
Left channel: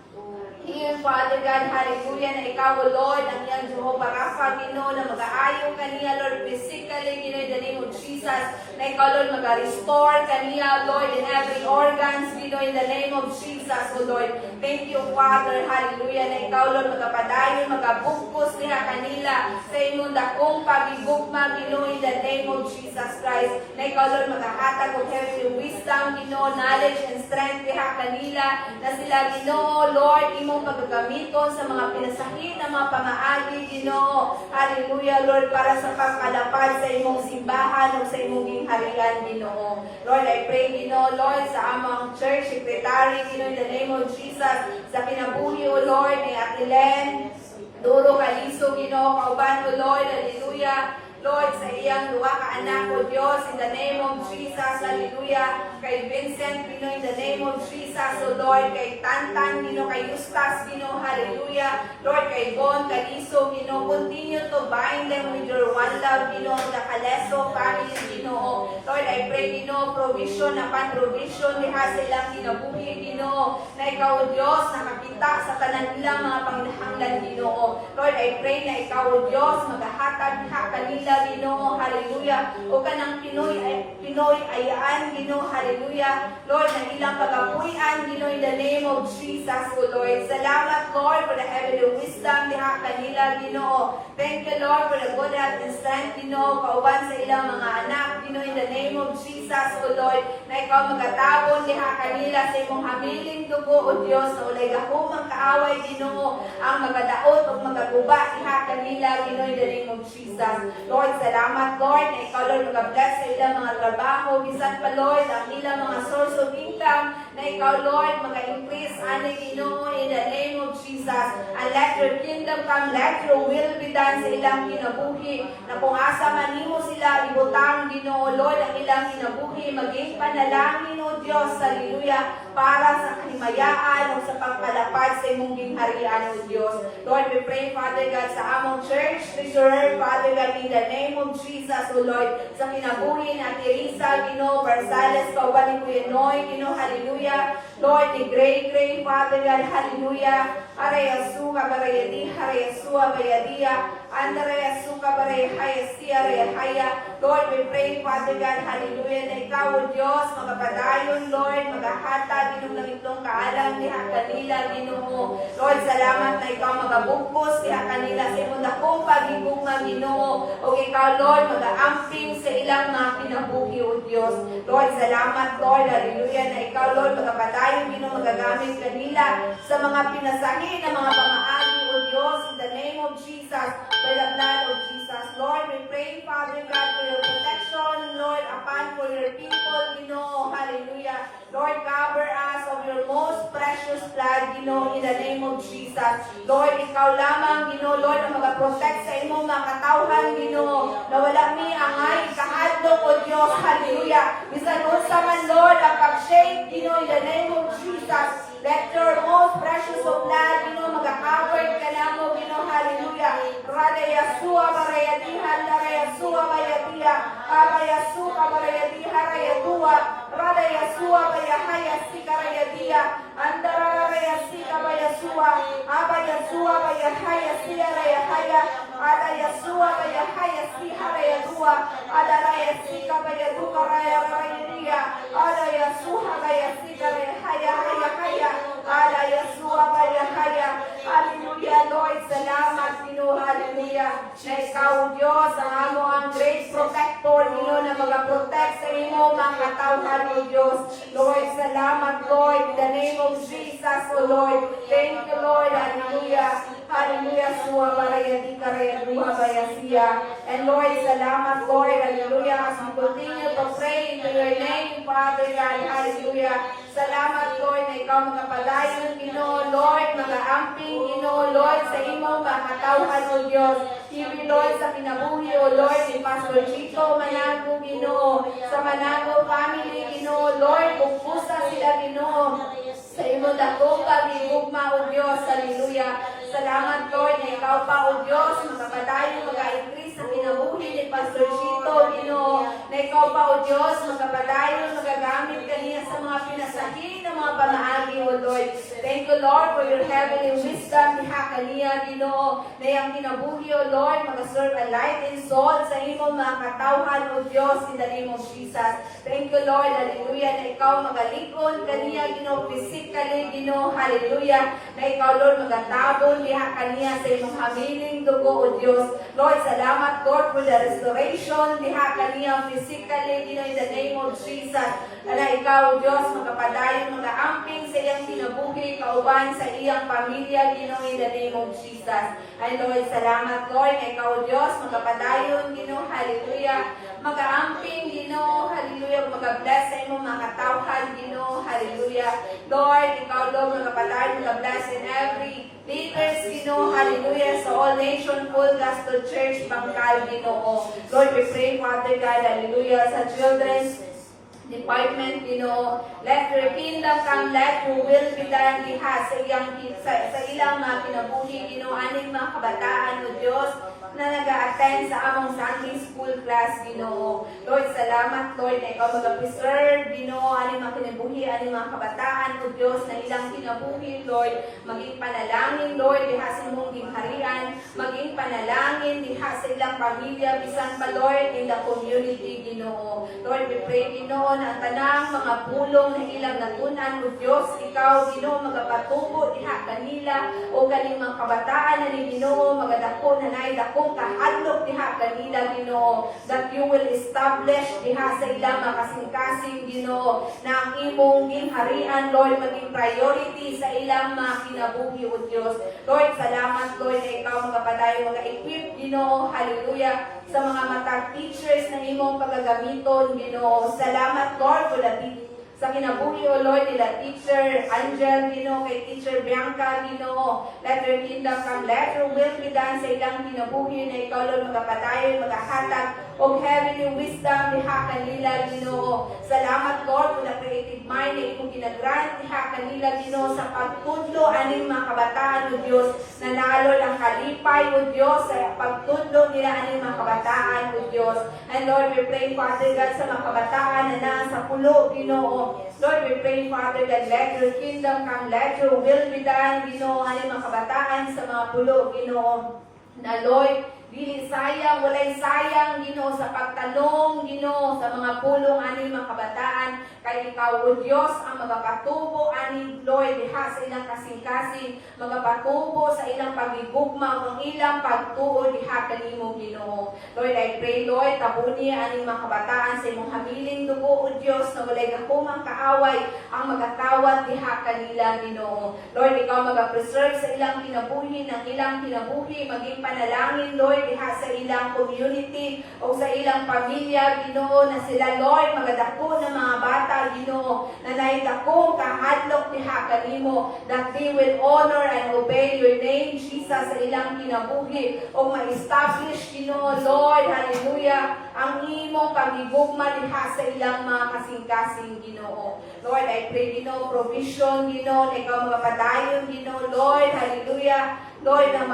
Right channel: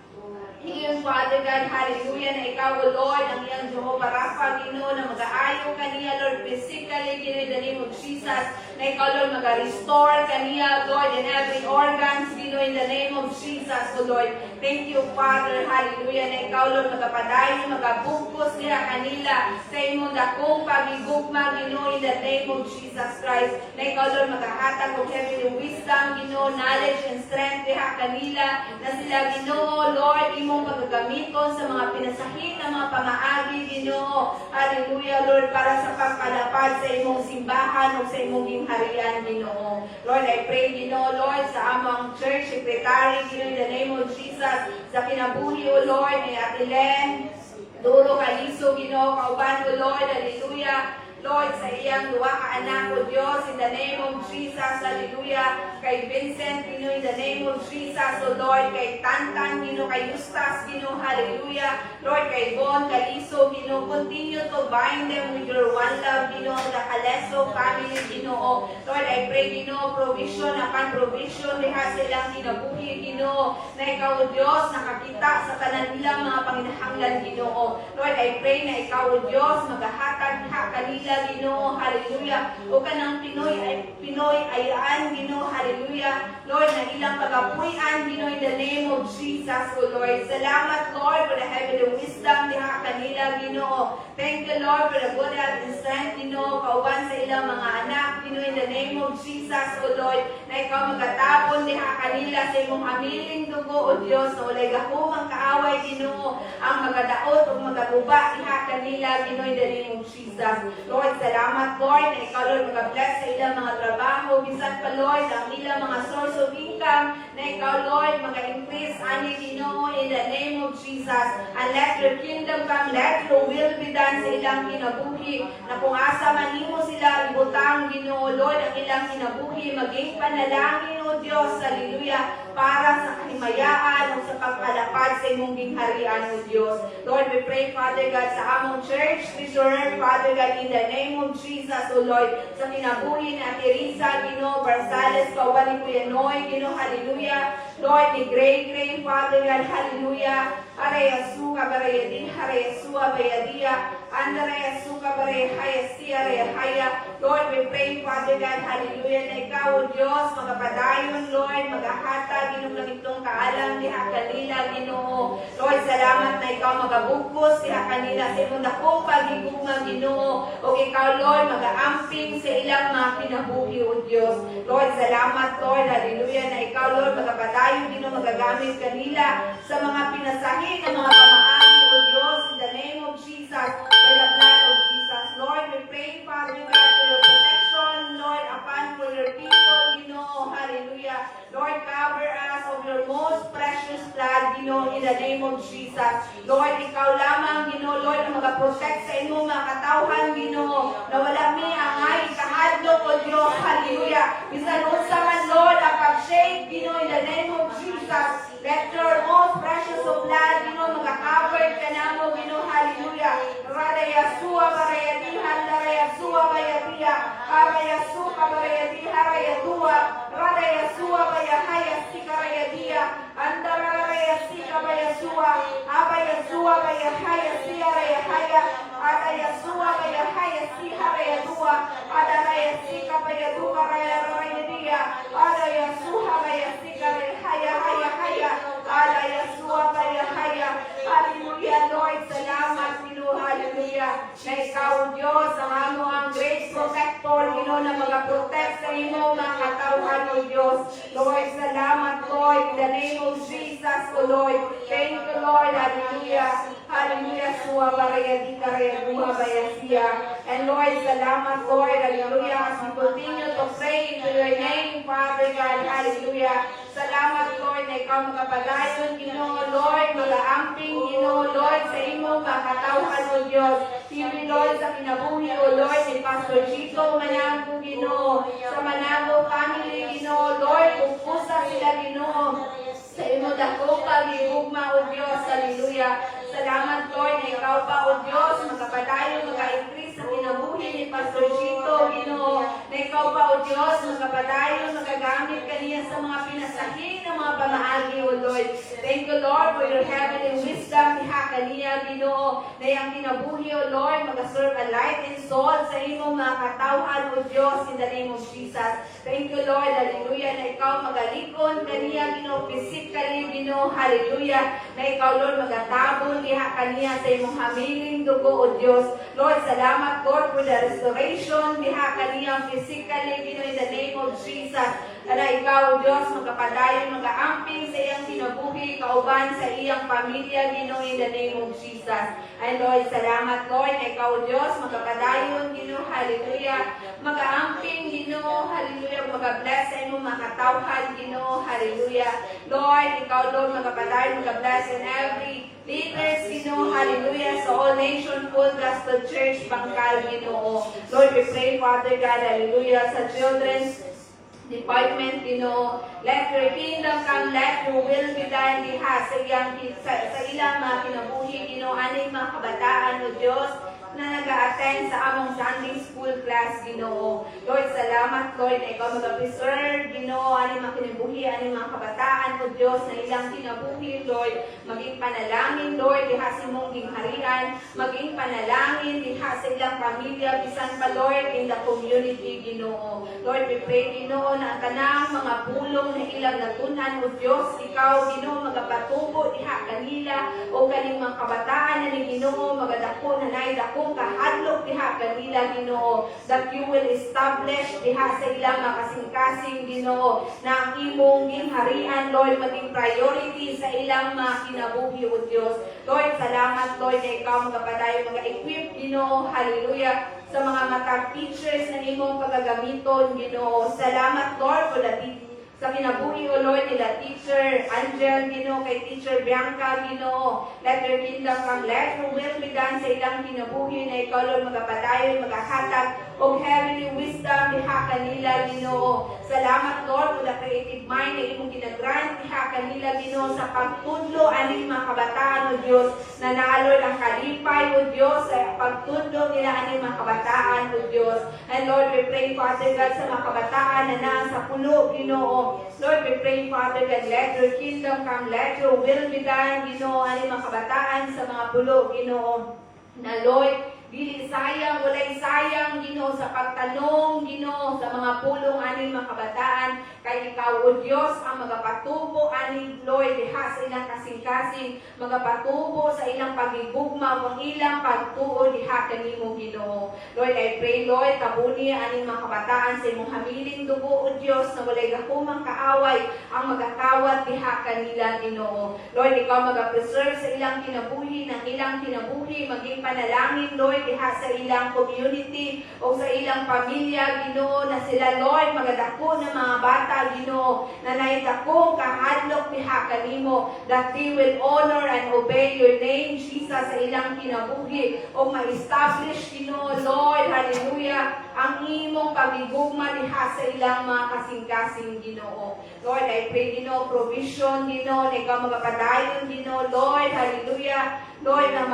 iyong Father God, hallelujah, na ikaw, O Lord, ang iyang Jehovah Rapha, Ginoo, na mag-aayo kaniya, Lord, physically, Ginoo, in the name of Jesus, na ikaw, Lord, mag-restore kaniya, Lord, in every organs, Ginoo, in the name of Jesus, O Lord. Thank you, Father, hallelujah, na ikaw, Lord, magapadayon, magabugpos niya kanila sa inyong dakong pagigugma, Ginoo, in the name of Jesus Christ, na ikaw, Lord, magahatag o heavenly wisdom, Ginoo, knowledge and strength diha kanila, na sila, Ginoo, Lord, imong pagagamiton sa mga pinasahit na mga pamaagi, Ginoo. Hallelujah, Lord, para sa pagkalapad sa imong simbahan o sa imong gingharian, Ginoo. Lord, I pray, Ginoo, Lord, sa among church secretary, Ginoo, in the name of Jesus, sa kinabuhi, O Lord, ni Ate Len, Duro Kaliso, Ginoo, kauban, O Lord, hallelujah. Lord, sa iyang duwa ka anak, O Diyos, in the name of Jesus, hallelujah. Kay Vincent, Ginoo, in the name of Jesus, O Lord, kay Tantan, Ginoo, kay Eustace, Ginoo, hallelujah. Lord, kay Bon, Kaliso, Ginoo, continue to bind them with your one love, Ginoo, the Kaleso family, Ginoo. Lord, I pray, Ginoo, provision upon provision, diha sa ilang kinabuhi, Ginoo, na ikaw, O Diyos, nakakita sa tanan nilang mga panginahanglan, Ginoo. Lord, I pray na ikaw, O Diyos, maghahatag diha kanila, Ginoo, hallelujah. O kanang Pinoy ayaan, Ginoo, hallelujah. Lord, na ilang pagapuyan, Ginoo, in the name of Jesus, O Lord. Salamat, Lord, for the heavenly wisdom diha kanila, Ginoo. Thank you, Lord, for the good health and strength, Ginoo, kauban sa ilang mga anak, Ginoo, in the name of Jesus, O Lord, na ikaw magatabon diha kanila sa imong hamiling dugo, O Diyos, na walay gahumang kaaway, Ginoo, ang magadaot o magaguba diha kanila, Ginoo, in the name of Jesus. Lord, salamat, Lord, na ikaw, Lord, mag-bless sa ilang mga trabaho, bisan pa, Lord, ang ilang mga source of income, na ikaw, Lord, mag-increase, ani, Ginoo, in the name of Jesus. And let your kingdom come, let your will be done sa ilang kinabuhi, na kung asa man nimo sila ibutang, Ginoo, Lord, ang ilang kinabuhi, maging panalangin, O Diyos, hallelujah, para sa kahimayaan o sa pagpalapad sa imong gingharian, O Diyos. Lord, we pray, Father God, sa among church, treasurer, Father God, in the name of Jesus, O Lord, sa kinabuhi na Teresa, Ginoo, Barsales, kauban ni Kuya Noy, Ginoo, hallelujah. Lord, ni Gray, Father God, hallelujah. Arayasu kabarayadi, Harayasu abayadia, Andarayasu kabarayahaya, Siyarayahaya. Lord, we pray, Father God, hallelujah, na ikaw, O Diyos, magapadayon, Lord, magahata, Ginoo, ng itong kaalam, diha kanila, Ginoo. Lord, salamat na ikaw magabugpos, diha kanila, sa imong dakong pagigugma, Ginoo. O ikaw, Lord, mag-aamping sa ilang mga kinabuhi, O Diyos. Lord, salamat, Lord, hallelujah, na ikaw, Lord, magapadayon, Ginoo, magagamit kanila sa mga pinasahin ng mga pamaagi, O Diyos, in the name of Jesus, by the blood of Jesus. Lord, we pray, Father God, for your protection, Lord, upon for your people, Ginoo, hallelujah. Lord, cover us of your most precious blood, Ginoo, in the name of Jesus. Lord, ikaw lamang, Ginoo, Lord, ang mag-protect sa imong mga katawhan, Ginoo, na wala mi angay kahadlok, O Diyos, hallelujah. Bisan unsa man, Lord, ang pag-shake, Ginoo, in the name of Jesus. Let your most precious of blood, Ginoo, mag-cover ka namo, Ginoo, hallelujah. Rada Yasua barayadiha, Rada Yasua bayadiha, Aba Yasuka barayadiha, Rayadua, Rada Yasua bayahaya, Sika rayadiha, Andara Yasika bayasua, Aba Yasua bayahaya, Sia rayahaya, Ada Yasua bayahaya, Siha rayadua, Ada Yasika bayaduka rayadiha, Ada Yasuha bayasika rayahaya, haya, Ada Yasua bayahaya. Hallelujah, Lord, salamat, Ginoo. Ginoo, hallelujah, na ikaw, Diyos, ang amo ang great protector, Ginoo, na mag-protect sa imo mga katawhan, O Diyos. Lord, salamat, Lord, in the name of Jesus, O Lord. Thank you, Lord, hallelujah. Hallelujah, suwa baraya di karaya duha bayasiya. And Lord, salamat, Lord, hallelujah, as we continue to pray into your name, Father God, hallelujah. Salamat, Lord, na ikaw magapadayon, Ginoo, Lord, mag-aamping, Ginoo, Lord, sa imo makatawhan, O Diyos. Even, Lord, sa kinabuhi, O Lord, ni Pastor Chico Manango, Ginoo, sa Manango family, Ginoo, Lord, pupusa sila, Ginoo, sa imo dako pag-iugma, O Diyos, hallelujah. Salamat, Lord, na ikaw pa, O Diyos, magkapadayon, mag-increase sa kinabuhi ni Pastor Chito, Ginoo, na ikaw pa, O Diyos, magkapadayon, magagamit kaniya sa mga pinasahin ng mga pamaagi, O Lord. Thank you, Lord, for your heavenly wisdom, diha kaniya, Ginoo, na iyang kinabuhi, O Lord, mag-serve a light and soul sa imo mga katawhan, O Diyos, in the name of Jesus. Thank you, Lord, hallelujah, na ikaw magalikon kaniya, Ginoo, physically, Ginoo, hallelujah, na ikaw, Lord, magatabon diha kaniya sa imong hamiling dugo, O Diyos. Lord, salamat, Lord, for the restoration diha kaniya physically, Ginoo, in the name of Jesus. Na ikaw, O Diyos, magkapadayon, mag-aamping sa iyang kinabuhi, kauban sa iyang pamilya, Ginoo, in the name of Jesus. And Lord, salamat, Lord, na ikaw, O Diyos, magkapadayon, Ginoo, hallelujah, mag-aamping, Ginoo, hallelujah, mag-bless sa imong mga katawhan, Ginoo, hallelujah. Lord, ikaw, Lord, magkapadayon, mag-bless in every leaders, Ginoo, hallelujah, sa All Nation Full Gospel Church, Bangkal, Ginoo. Lord, we pray, Father God, hallelujah, sa children's department, Ginoo. Let your kingdom come, let your will be done diha sa ilang mga kinabuhi, Ginoo, aning mga kabataan, O Diyos, na nag-a-attend sa among Sunday school class, Ginoo. Lord, salamat, Lord, na ikaw mag-preserve, Ginoo, aning mga kinabuhi, aning mga kabataan, O Diyos, na ilang kinabuhi, Lord, maging panalangin, Lord, diha sa imong gingharian, maging panalangin diha sa ilang pamilya, bisan pa, Lord, in the community, Ginoo. Lord, we pray, Ginoo, na ang tanang mga pulong na ilang natunan, O Diyos, ikaw, Ginoo, magapatubo diha kanila, o kaning mga kabataan na ni Ginoo, magadako na naidako kung kahadlok diha kanila, Ginoo, that you will establish diha sa ilang makasing-kasing, Ginoo, na ang imong gingharian, Lord, maging priority sa ilang mga kinabuhi, O Diyos. Lord, salamat, Lord, na ikaw magapadayon, mga-equip, Ginoo, hallelujah, sa mga matag teachers na imong pagagamiton, Ginoo. Salamat, Lord, for the sa kinabuhi, O Lord, nila Teacher Angel, Ginoo, kay Teacher Bianca, Ginoo. Let your kingdom come, let your will be done sa ilang kinabuhi na ikaw, Lord, magapadayon, magahatag, o heavenly wisdom diha kanila, Ginoo. Salamat, Lord, for the creative mind na imong ginagrant diha kanila, Ginoo, sa pagtudlo aning mga kabataan, O Diyos, na naalol ang kalipay, O Diyos, sa pagtudlo nila aning mga kabataan, O Diyos. And Lord, we pray, Father God, sa mga kabataan na nasa pulo, Ginoo. Lord, we pray, Father God, let your kingdom come, let your will be done, Ginoo, aning mga kabataan sa mga pulo, Ginoo. Na Lord, dili sayang, walay sayang, Ginoo, sa pagtanong, Ginoo, sa mga pulong aning mga kabataan, kay ikaw, O Diyos, ang magapatubo aning, Lord, diha sa ilang kasing-kasing, magapatubo sa ilang pagigugma, ang ilang pagtuo diha kanimo, Ginoo. Lord, I pray, Lord, tabuni aning mga kabataan sa imong hamiling dugo, O Diyos, na walay gakumang kaaway ang magakawat diha kanila, Ginoo. Lord, ikaw magapreserve sa ilang kinabuhi, ng ilang kinabuhi, maging panalangin, Lord, diha sa ilang community o sa ilang pamilya, Ginoo, na sila, Lord, magadako na mga bata, Ginoo, na naidakong kahadlok diha kanimo, that they will honor and obey your name, Jesus, sa ilang kinabuhi o ma-establish, Ginoo, Lord, hallelujah, ang imong pagigugma diha sa ilang mga kasing-kasing, Ginoo. Lord, I pray, Ginoo, provision, Ginoo, na ikaw magapadayon, Ginoo, Lord, hallelujah, Lord, na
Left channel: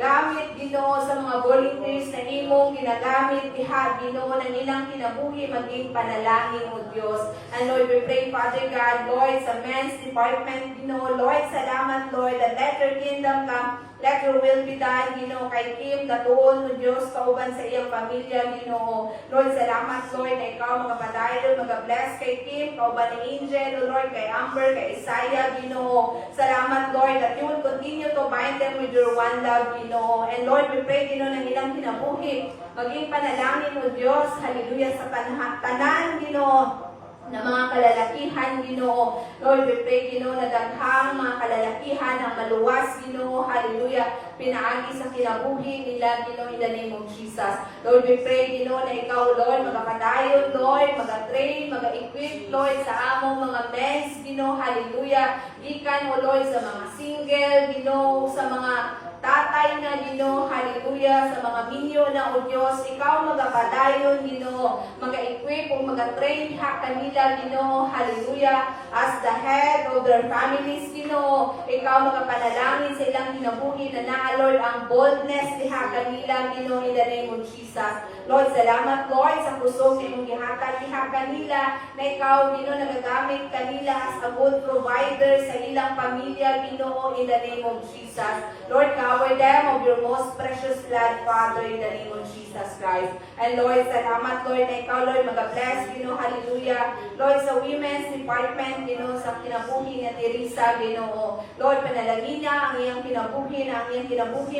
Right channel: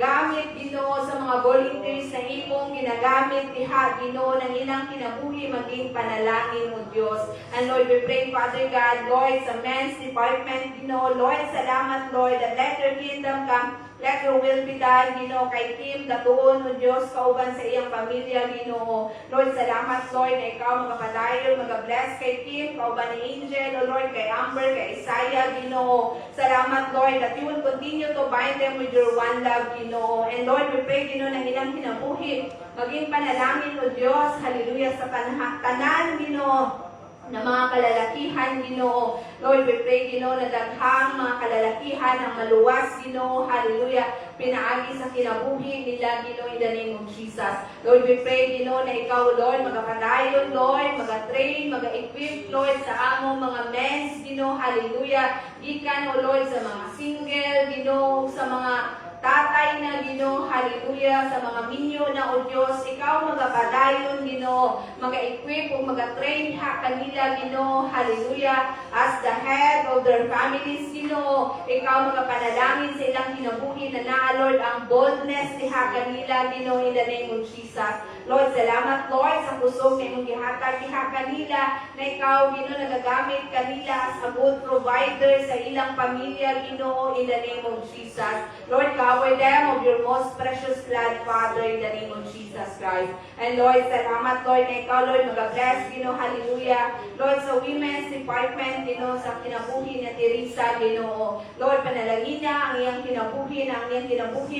gamit, Ginoo, sa mga volunteers na imong ginagamit diha, Ginoo, ng ilang kinabuhi maging panalangin, O Diyos. And Lord, we pray, Father God, Lord, sa men's department, Ginoo, Lord, salamat, Lord, that let your kingdom come, Let your will be done, Ginoo, kay Kim, datuon mo Diyos, kauban sa iyang pamilya, Ginoo. Lord, salamat, Lord, na ikaw magapadayon, magabless kay Kim, kauban ni Angel, O Lord, kay Amber, kay Isaiah, Ginoo. Salamat, Lord, that you will continue to bind them with your one love, Ginoo. And Lord, we pray, Ginoo, ng ilang kinabuhi, maging panalangin, O Diyos, hallelujah, sa tanan, Ginoo, na mga kalalakihan, Ginoo. Lord, we pray, Ginoo, na daghang mga kalalakihan ang maluwas, Ginoo, hallelujah, pinaagi sa kinabuhi nila, Ginoo, in the name of Jesus. Lord, we pray, Ginoo, na ikaw, Lord, magapadayon, Lord, magatrain, mag-equip, Lord, sa among mga mens, Ginoo, hallelujah, ikan, O Lord, sa mga single, Ginoo, sa mga tatay na, Ginoo, hallelujah, sa mga minyo na, O Diyos, ikaw magapadayon, Ginoo, mag-equip o mag-train ha kanila, Ginoo, hallelujah, as the head of their families, Ginoo, ikaw magapanalangin sa ilang kinabuhi na naa, Lord, ang boldness diha kanila, Ginoo, in the name of Jesus. Lord, salamat, Lord, sa pusong na imong gihatag diha kanila, na ikaw, Ginoo, nagagamit kanila as a good provider sa ilang pamilya, Ginoo, in the name of Jesus. Lord, cover them of your most precious blood, Father, in the name of Jesus Christ. And Lord, salamat, Lord, na ikaw, Lord, mag-bless, Ginoo, hallelujah. Lord, sa women's department, Ginoo, sa kinabuhi ni Teresa, Ginoo. Lord, panalangin niya ang iyang kinabuhi,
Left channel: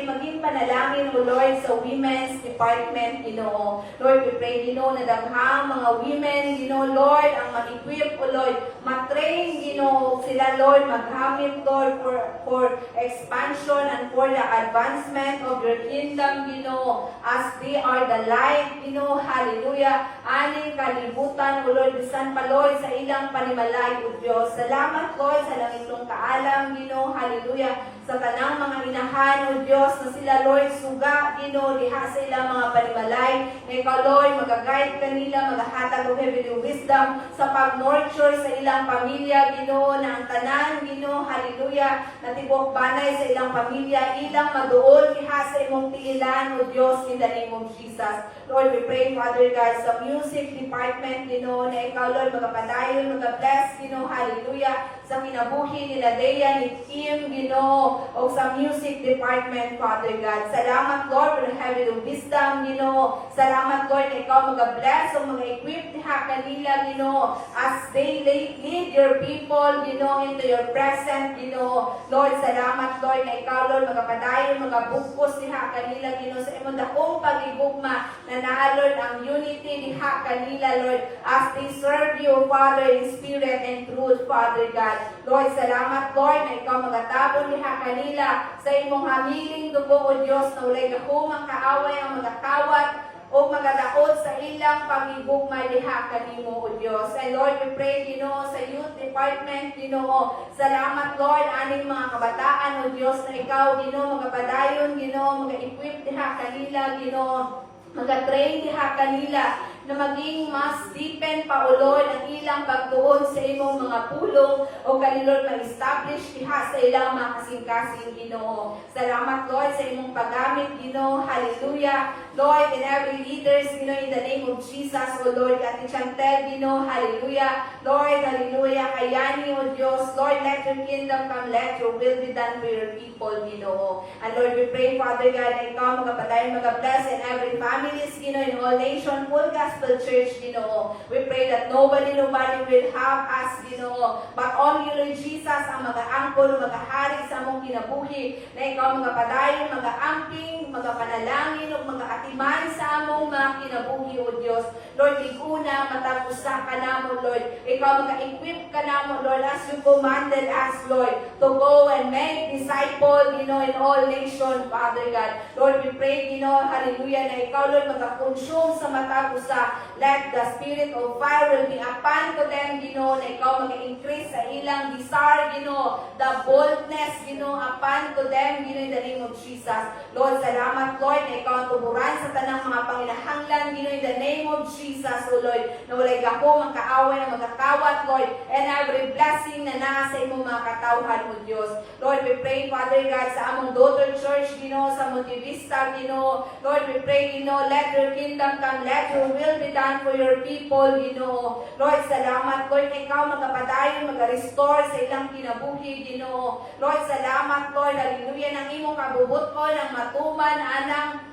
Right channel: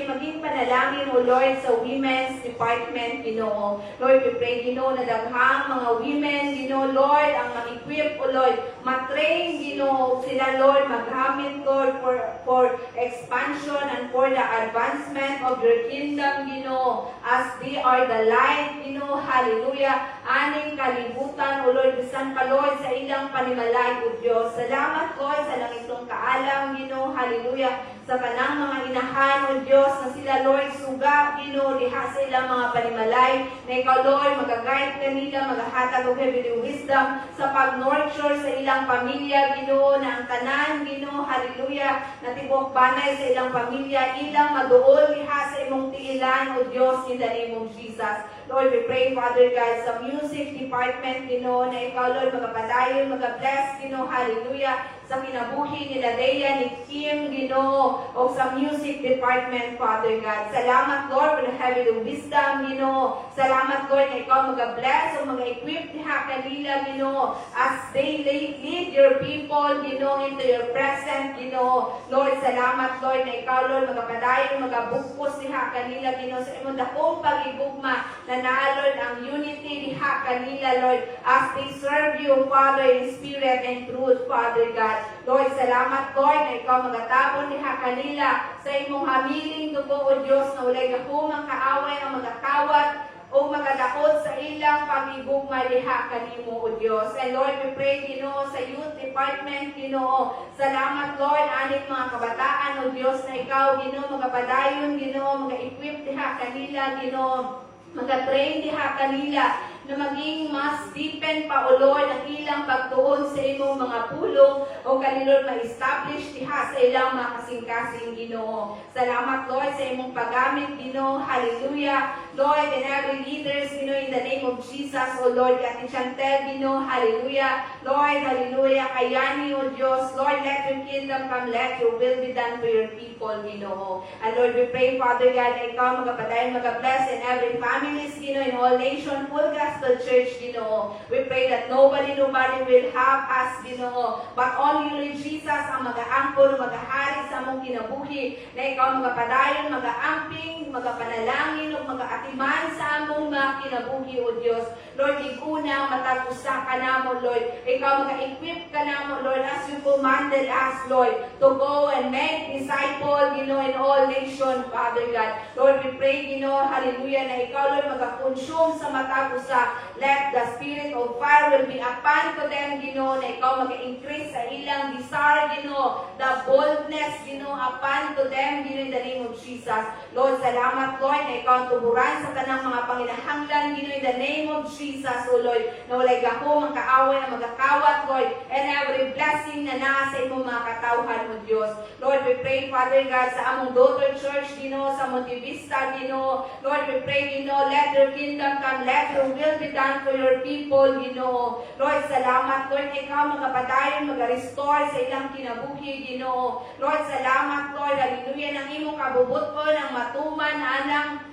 maging panalangin, O Lord, sa women's department, Ginoo. Lord, we pray, Ginoo, na daghang mga women, Ginoo, Lord, ang mag-equip, O Lord, matrain, Ginoo, sila, Lord, maghamit, Lord, for expansion and for the advancement of your kingdom, Ginoo, as they are the light, Ginoo, hallelujah, aning kalibutan, O Lord, bisan pa, Lord, sa ilang panimalay, O Diyos. Salamat, Lord, sa langitong kaalam, Ginoo, hallelujah, sa tanang mga inahan, O Diyos, na sila, Lord, suga, Ginoo, diha sa ilang mga panimalay, na ikaw, Lord, mag-guide kanila, maghahatag o heavenly wisdom sa pag-nurture sa ilang pamilya, Ginoo, na ang tanan, Ginoo, hallelujah, na tibok banay sa ilang pamilya, ilang maduol diha sa imong tiilan, O Diyos, in the name of Jesus. Lord, we pray, Father God, sa music department, Ginoo, na ikaw, Lord, magapadayon, mag-bless, Ginoo, hallelujah, sa kinabuhi nila Dea, ni Kim, Ginoo, o sa music department, Father God. Salamat, Lord, for the heavenly wisdom, Ginoo. Salamat, Lord, na ikaw mag-bless o mag-equip diha kanila, Ginoo, as they lead your people, Ginoo, into your presence, Ginoo. Lord, salamat, Lord, na ikaw, Lord, magapadayon, magabukos diha kanila, Ginoo, sa imong dakong pag-igugma na naa, Lord, ang unity diha kanila, Lord, as they serve you, Father, in spirit and truth, Father God. Lord, salamat, Lord, na ikaw magatabon diha kanila sa imong hamiling dugo, O Diyos, na walay gahumang kaaway ang magakawat o magadaot sa ilang pagigugma diha kanimo, O Diyos. And Lord, we pray, Ginoo, sa youth department, Ginoo. Salamat, Lord, aning mga kabataan, O Diyos, na ikaw, Ginoo, magapadayon, Ginoo, mag-equip diha kanila, Ginoo, mag-train diha kanila, na maging mas deepen pa, O Lord, ang ilang pagtuon sa imong mga pulong o kanilor ma-establish diha sa ilang mga kasing-kasing, Ginoo. Salamat, Lord, sa imong paggamit, Ginoo. Hallelujah. Lord, and every leaders, Ginoo, in the name of Jesus, O Lord, Ate Chantel, Ginoo, hallelujah. Lord, hallelujah, kayani, O Diyos. Lord, let your kingdom come, let your will be done for your people, Ginoo. And Lord, we pray, Father God, na ikaw magapadayon, magabless in every families, Ginoo, in all nation, full Gospel Church, Ginoo. We pray that nobody will have us, Ginoo, but only Lord Jesus ang mag-aangkol, mag-ahari sa among kinabuhi, na ikaw magapadayon, mag-aamping, magapanalangin, o mag-aatiman sa among mga kinabuhi, O Diyos. Lord, iguna, matag-usa ka namo, Lord. Ikaw mag-equip ka namo, Lord, as you commanded us, Lord, to go and make disciple, Ginoo, in all nations, Father God. Lord, we pray, Ginoo, hallelujah, na ikaw, Lord, mag-consume sa matag-usa. Let the spirit of fire will be upon to them, Ginoo, na ikaw mag-increase sa ilang desire, Ginoo, the boldness, Ginoo, upon to them, Ginoo, in the name of Jesus. Lord, salamat, Lord, na ikaw tuburan sa tanang mga panginahanglan, Ginoo, in the name of Jesus, O Lord, na walay gahong ang kaaway na magakawat, Lord, and every blessing na nasa imong mga katawhan mo, Diyos. Lord, we pray, Father God, sa among daughter church, Ginoo, sa Monte Vista, Ginoo. Lord, we pray, Ginoo, let your kingdom come, let your will be done for your people, people, Ginoo. Lord, salamat, Lord, ikaw magapadayon, mag-restore sa ilang kinabuhi, Ginoo. Lord, salamat, Lord, hallelujah, ng imong kabubuton, ng matuman, anang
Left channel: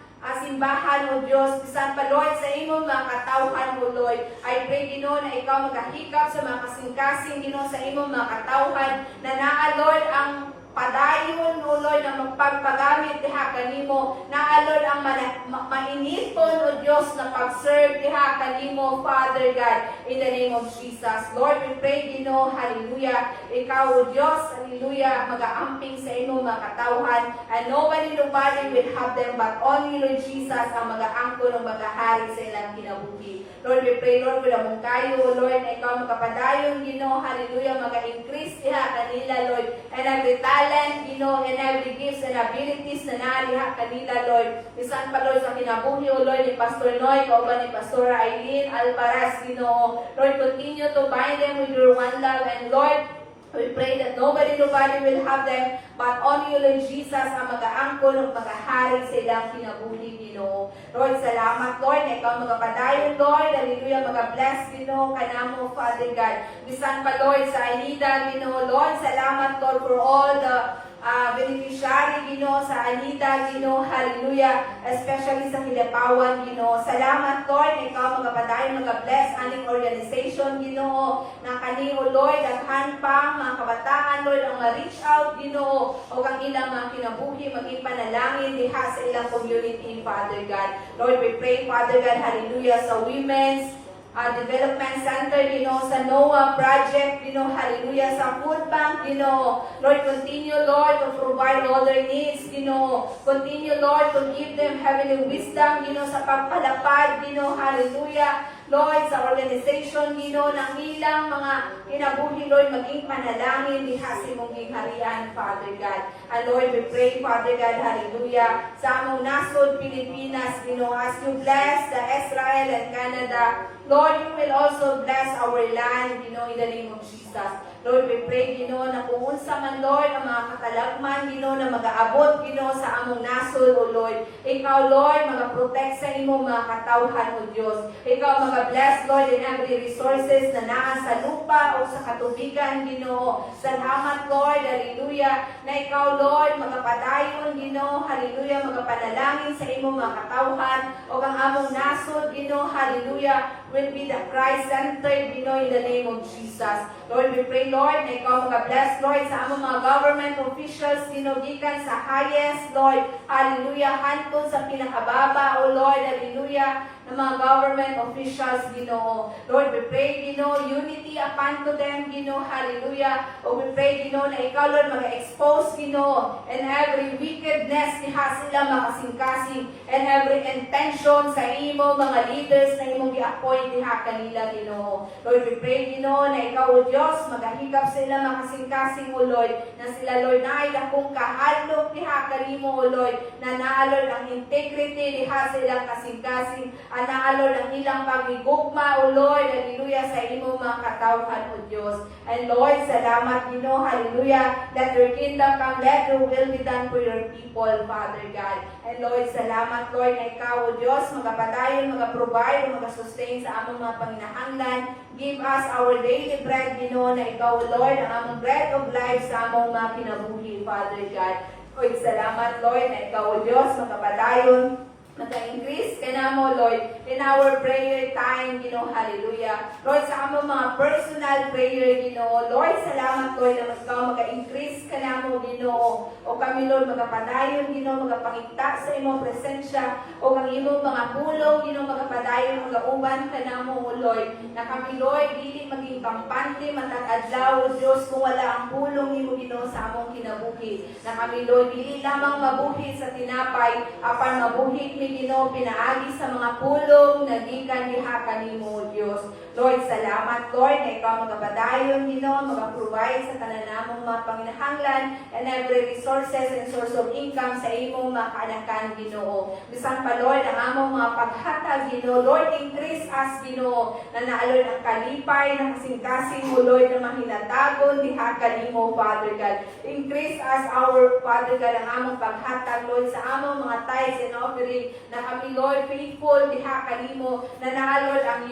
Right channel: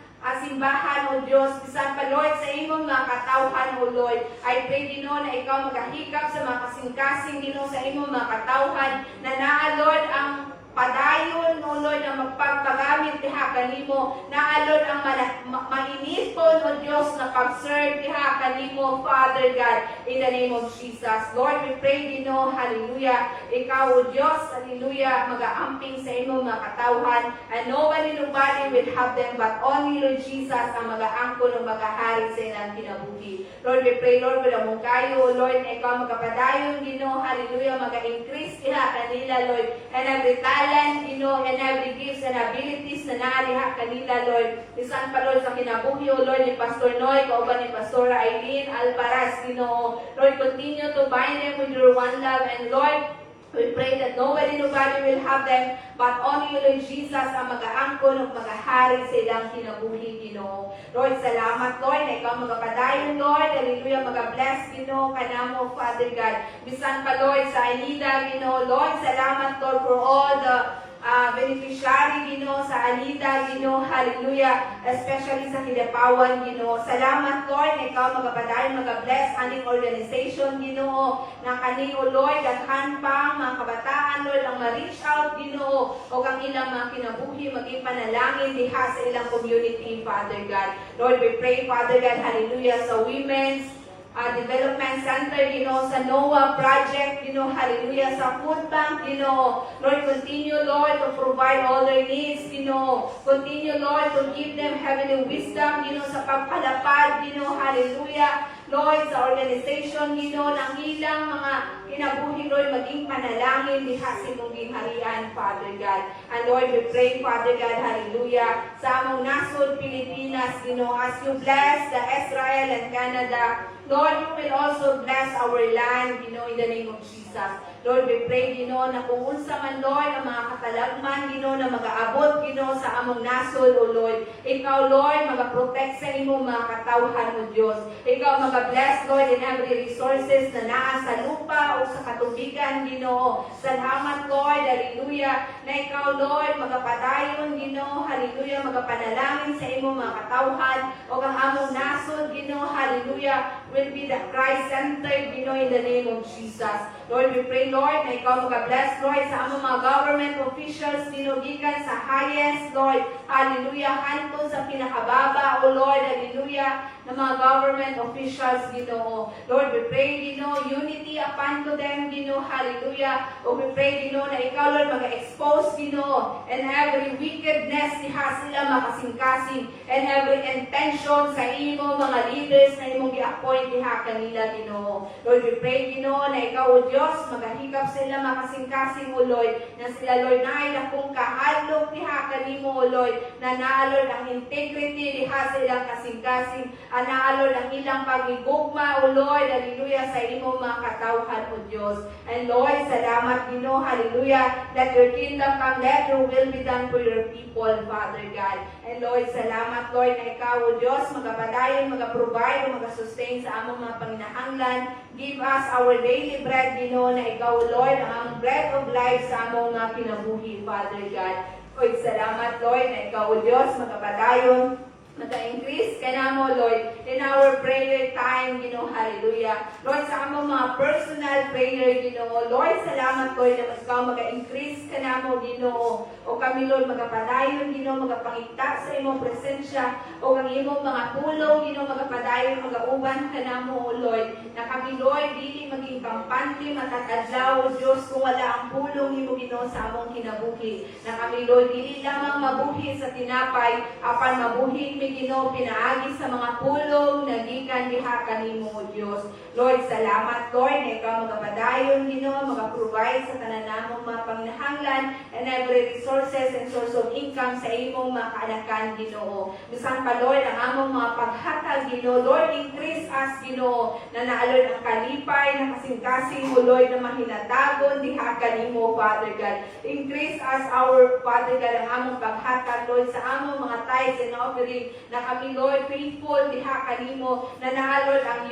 simbahan, O Diyos, bisan pa, Lord, sa imong mga katawhan, O Lord. I pray, Ginoo, na ikaw magahikap sa mga kasing-kasing, Ginoo, sa imong mga katawhan, na naa, Lord, ang padayon, O Lord, na magpagpagamit diha kanimo, na Lord, ang mainiton, O Diyos, na pag-serve diha kanimo, Father God, in the name of Jesus. Lord, we pray, Ginoo, hallelujah, ikaw, O Diyos, hallelujah, mag-aamping sa imong mga katawhan, and nobody will have them, but only, Lord Jesus, ang mag-aangkon o mag-ahari sa ilang kinabuhi. Lord, we pray, Lord, wala mong kayo, Lord, na ikaw magkapadayon, Ginoo, hallelujah, mag-increase diha kanila, Lord, and every talent, Ginoo, and every gifts and abilities na naaliha kanila, Lord. Bisan pa, Lord, sa kinabuhi, O Lord, ni Pastor Noy, kauban ni Pastor Aileen Albaraz, Ginoo. Lord, continue to bind them with your one love, and Lord, we pray that nobody will have them, but only you, Lord Jesus, ang mag-aangkon o mag-ahari sa ilang kinabuhi, Ginoo. Lord, salamat, Lord, na ikaw magapadayon, Lord. Hallelujah, mag-bless, Ginoo, kanamo, Father God. Bisan pa, Lord, sa Aida, Ginoo. Lord, salamat, Lord, for all the beneficiary, Ginoo, sa Anita, Ginoo, hallelujah, especially sa Hilapawan, Ginoo. Salamat, Lord, na ikaw magapadayon, mag-bless aning organization, Ginoo, na kanino, Lord, at hanpang mga kabataan, Lord, ang ma-reach out, Ginoo, o kang ilang mga kinabuhi, maging panalangin diha sa ilang community, Father God. Lord, we pray, Father God, hallelujah, sa women's Development Center, sa NOAA project, hallelujah, sa food bank, Lord, continue, Lord, to provide all their needs, continue, Lord, to give them heavenly wisdom, sa pagpalapad, hallelujah, Lord, sa organization, ng ilang mga kinabuhi, Lord, maging panalangin, diha sa mong gingharian, Father God. And Lord, we pray, Father God, hallelujah, sa among nasod, Pilipinas, as you bless the Israel and Canada, Lord, you will also bless our land, in the name of Jesus. Lord, we pray, na kung unsa man, Lord, ang mga katalagman, na mag-aabot, sa among nasod, O Lord. Ikaw, Lord, mag-protect sa imong mga katawhan, O Diyos. Ikaw, mag-bless, Lord, in every resources na naa sa lupa o sa katubigan, Ginoo. Salamat, Lord, hallelujah, na ikaw, Lord, magapadayon, Ginoo, hallelujah, magapanalangin sa imong mga katawhan, o ang among nasod, Ginoo, hallelujah, will be the Christ-centered, in the name of Jesus. Lord, we pray, Lord, na ikaw mag-bless, Lord, sa among mga government officials, gikan sa highest, Lord, hallelujah, hantun sa pinakababa, O Lord, hallelujah, ng mga government officials, Ginoo. Lord, we pray, unity upon to them, hallelujah, o we pray, na ikaw, Lord, mag-expose, and every wickedness, diha sila makasing-kasing, and every intention sa imo, mga leaders na imong gi-appoint, diha kanila, Ginoo. Lord, we pray, na ikaw, O Diyos, magahikap sila makasing-kasing, O Lord, na sila, Lord, na ay dakong kahalok, diha kanimo, O Lord, na naalor ang integrity, diha sa ilang kasing-kasing, naalor ang ilang pagigugma, O Lord, hallelujah, sa imong mga katawhan, O Diyos. And Lord, salamat, Ginoo, hallelujah, that your kingdom come, let your will be done for your people, Father God. And Lord, salamat, Lord, na ikaw, O Diyos, magapadayon, magaprovide, magasustain sa among mga panginahanglan. Give us our daily bread, Ginoo, na ikaw, Lord, ang among bread of life sa among mga kinabuhi, Father God. Lord, salamat, Lord, na ikaw, O Diyos, magapadayon, nag-increase ka na mo, Lord, in our prayer time, hallelujah. Lord, sa among mga personal prayer, Lord, salamat, Lord, na ikaw mag-increase ka na mo, o kami, Lord, magapadayon, magapangita sa imong presensya, o ang imong mga pulong, magapadayon, magauban ka na mo, Lord, na kami, Lord, dili maging kampante, matatadlaw, O Diyos, kung wala ang pulong mo, sa among kinabuhi, na kami, Lord, dili lamang mabuhi sa tinapay, apan mabuhi mi, pinaagi sa mga pulong na gikan diha kanimo, Dios. Lord, salamat, Lord, na ikaw magapadayon, magaprovide sa kananamong mga panginahanglan and every resources and source of income sa imong mga kaanakan, Ginoo. Bisan pa, Lord, ang among mga paghatag, Ginoo. Lord, increase us, Ginoo, na naalod ang kalipay, na kasing-kasing mo, Lord, na mahinatagon diha kanimo, Father God. Increase us, our Father God, ang among paghatag, Lord, sa among mga tithes and offering na kami, Lord, faithful diha kanimo, na nga, Lord, ang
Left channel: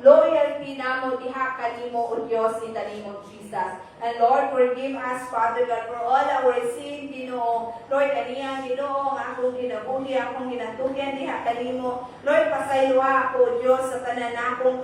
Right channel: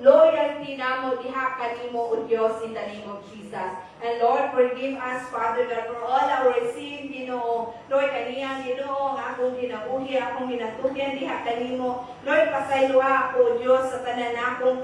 loyalty namo diha kanimo, O Diyos, in the name of Jesus. And Lord, forgive us, Father God, for all our sin, Ginoo. Lord, kaniyang Ginoo, nga akong ginabuhi, akong ginatugyan diha kanimo. Lord, pasayloa ako, O Diyos, sa tanan akong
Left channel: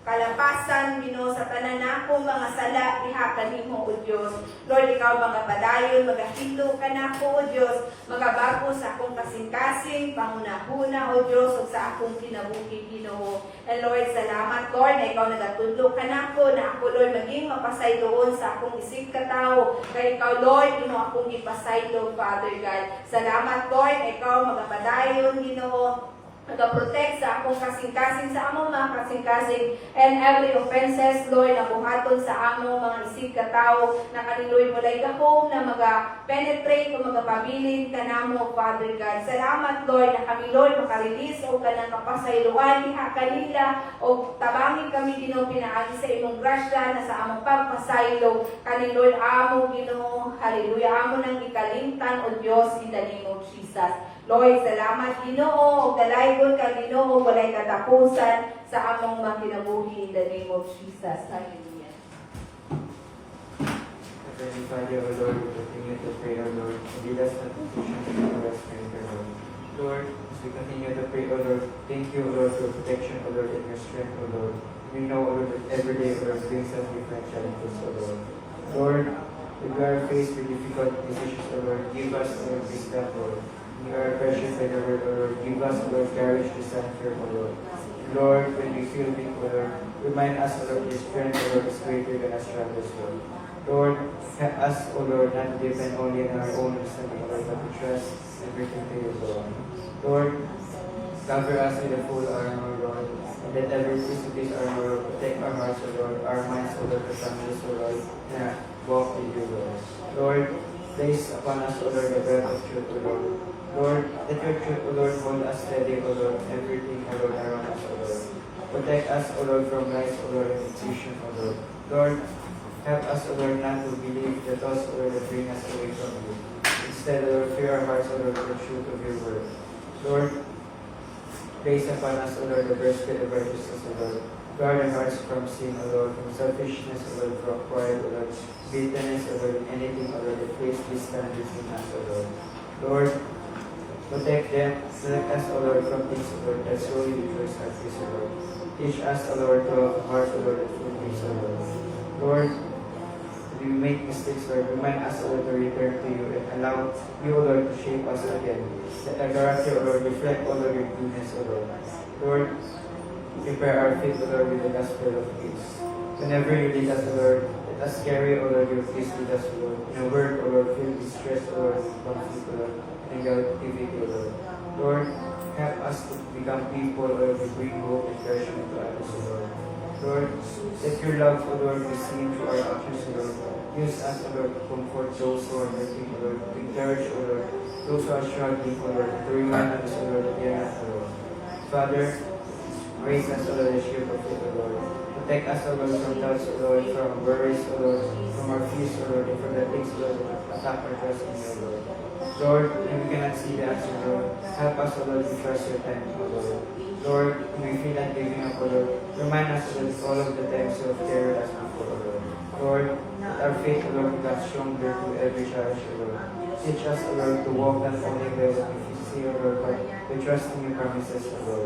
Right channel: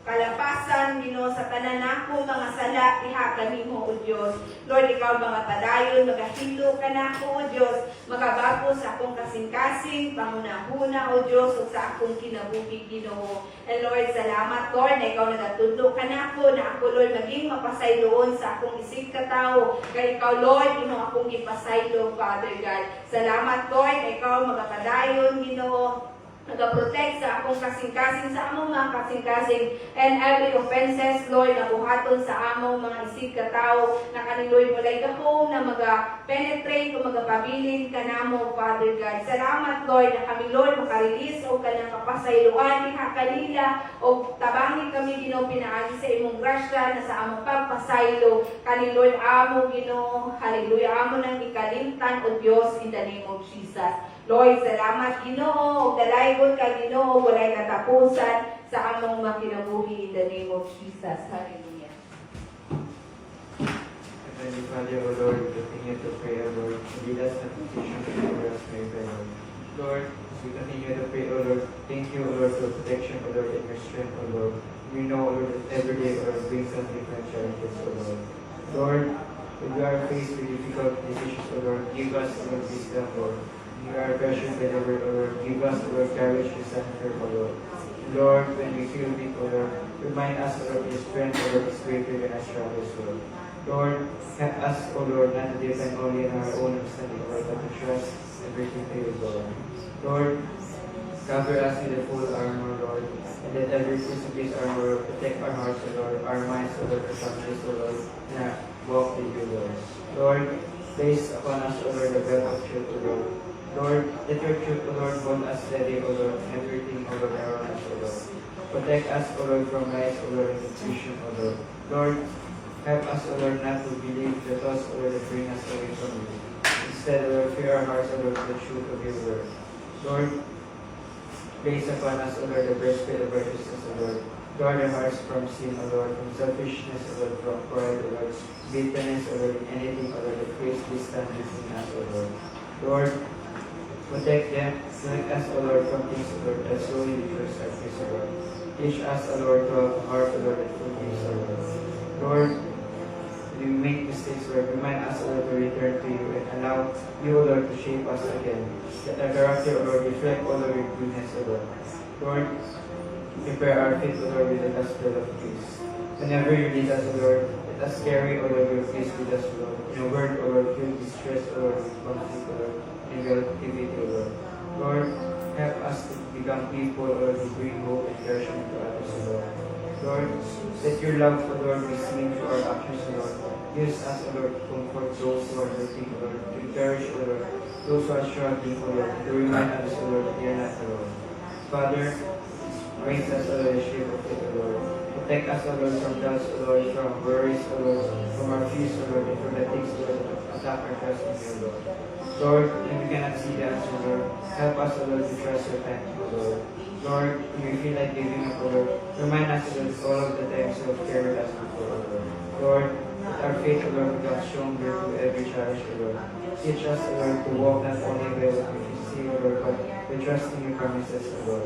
kalapasan, Ginoo, sa tanan akong mga sala diha kanimo, O Diyos. Lord, ikaw mga padayon, magahilo ka na ako, O Diyos, magabago sa akong kasing-kasing, pangunahuna, O Diyos, ug sa akong kinabuhi, Ginoo. And Lord, salamat, Lord, na ikaw nagatudlo ka na ako, Lord, maging mapasayloon sa akong isip katao. Kaya ikaw, Lord, ino akong ipasaylo, Father God. Salamat, Lord, na ikaw magapadayon, Ginoo, nag-protect sa akong kasing-kasing, sa among mga kasing-kasing, and every offenses, Lord, na buhaton sa among mga isig katao, na kaniloy mo lay gahom, na maga-penetrate o magapabilin ka namo, Father God. Salamat, Lord, na kami, Lord, makarelease o kanang kapasayloan, diha kanila, o tabangin kami, Ginoo, pinaagi sa imong grasya, na sa among pagpasaylo, kaniloy amo, Ginoo, hallelujah, amo nang ikalimtan, O Diyos, in the name of Jesus. Lord, salamat, Ginoo, ug dalaygon ka, Ginoo, walay katapusan sa among mga kinabuhi in the name of Jesus. Hallelujah. Heavenly Father, O Lord, we continue to pray, O Lord, and lead us not to temptation, but deliver us from evil, Lord. Lord, as we continue to pray, O Lord, thank you, O Lord, for protection, O Lord, and your strength, O Lord. We know, O Lord, that every day, O Lord, brings us different challenges, O Lord. Lord, when we are faced with difficult decisions, O Lord, give us, O Lord, wisdom, Lord. You are pressured by the word, O Lord. Give us, O Lord, courage to stand firm, O Lord. Lord, when we feel weak, O Lord, remind us, O Lord, your strength, O Lord, is greater than our struggles, Lord. Lord, help us, O Lord, not to depend only on our own understanding, O Lord, but to trust everything to you, Lord. Lord, cover us with the full armor, Lord, and let every piece of this armor protect our hearts, O Lord, our minds, O Lord, our families, O Lord, and walk with you, Lord. Lord, place upon us, O Lord, the belt of truth, O Lord. Lord, let your truth, O Lord, hold us steady, O Lord, everything, O Lord, around us, O Lord. Protect us, O Lord, from lies, O Lord, and confusion, O Lord. Lord, help us, O Lord, not to believe the thoughts, O Lord, that bring us away from you. Instead, O Lord, fill our hearts, O Lord, with the truth of your word. Lord, place upon us, O Lord, the breastplate of righteousness, O Lord. Guard our hearts from sin, O Lord, from selfishness, O Lord, from pride, O Lord, bitterness, O Lord, and anything, O Lord, that creates distance between us, O Lord. Lord, protect them, protect us, O Lord, from things, O Lord, that solely destroys our peace, O Lord. Teach us, O Lord, to have a heart, O Lord, that forgives, O Lord. Lord, when we make mistakes, Lord, remind us, O Lord, to return to you and allow you, O Lord, to shape us again. Let our character, O Lord, reflect, O Lord, your goodness, O Lord. Lord, prepare our faith, O Lord, with the gospel of peace. Whenever you lead us, O Lord, let us carry, O Lord, your peace with us, O Lord. In a word, O Lord, filled with stress, O Lord, with conflict, O Lord, and relativity, O Lord. Lord, help us to become people, O Lord, who bring hope and encouragement to others, O Lord. Lord, let your love, O Lord, be seen through our actions, O Lord. Use us, O Lord, to comfort those who are hurting, O Lord, to encourage, O Lord, those who are struggling, O Lord, to remind us, O Lord, that they are not alone. Father, raise us, O Lord, the shield of faith, O Lord. Protect us, O Lord, from doubts, O Lord, from worries, O Lord, from our fears, O Lord, and from the things, O Lord, that attack our trust in you, Lord. Lord, when we cannot see the answer, Lord, help us, O Lord, to trust your time, O Lord. Lord, when we feel like giving up, O Lord, remind us, O Lord, all of the times you have carried us before, O Lord. Lord, let our faith, O Lord, become stronger through every challenge, O Lord. Teach us, O Lord, to walk not only by what we see, O Lord, but to trust in your promises, O Lord.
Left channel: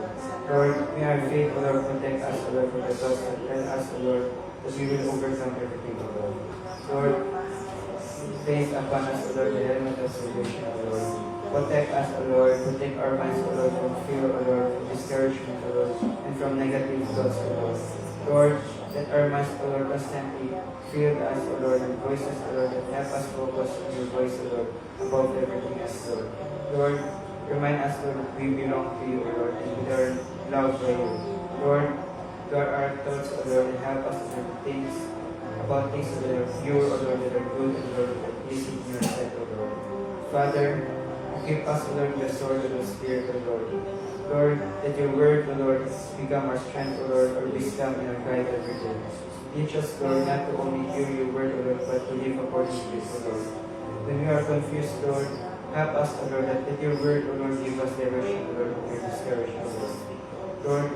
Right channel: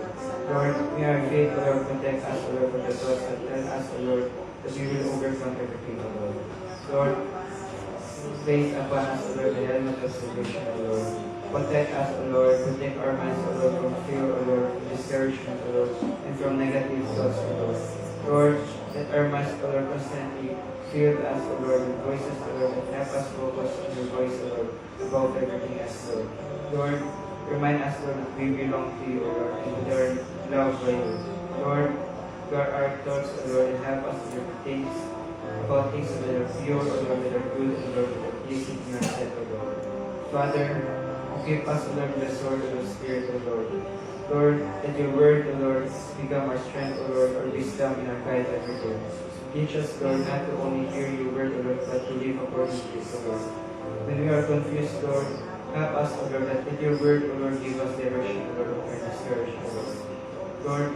Lord, may our faith, O Lord, protect us, O Lord, from the thoughts that tell us, O Lord, that we will overcome everything, O Lord. Lord, place upon us, O Lord, the helmet of salvation, O Lord. Protect us, O Lord. Protect our minds, O Lord, from fear, O Lord, from discouragement, O Lord, and from negative thoughts, O Lord. Lord, let our minds, O Lord, constantly fill us, O Lord, with voices, O Lord, that help us focus on your voice, O Lord, above everything else, Lord. Lord, remind us, Lord, that we belong to you, O Lord, and we are loved by you. Lord, guard our thoughts, O Lord, and help us to do things about things that are pure, O Lord, that are good, and Lord, that are pleasing in your sight, O Lord. Father, keep us, O Lord, with the sword of the Spirit, O Lord. Lord, let your word, O Lord, become our strength, O Lord, our wisdom and our guide every day. Teach us, Lord, not to only hear your word, O Lord, but to live according to it, O Lord. When we are confused, Lord, Help us, O Lord, that with your word, O Lord, give us direction, O Lord, and discouragement, O Lord. Lord,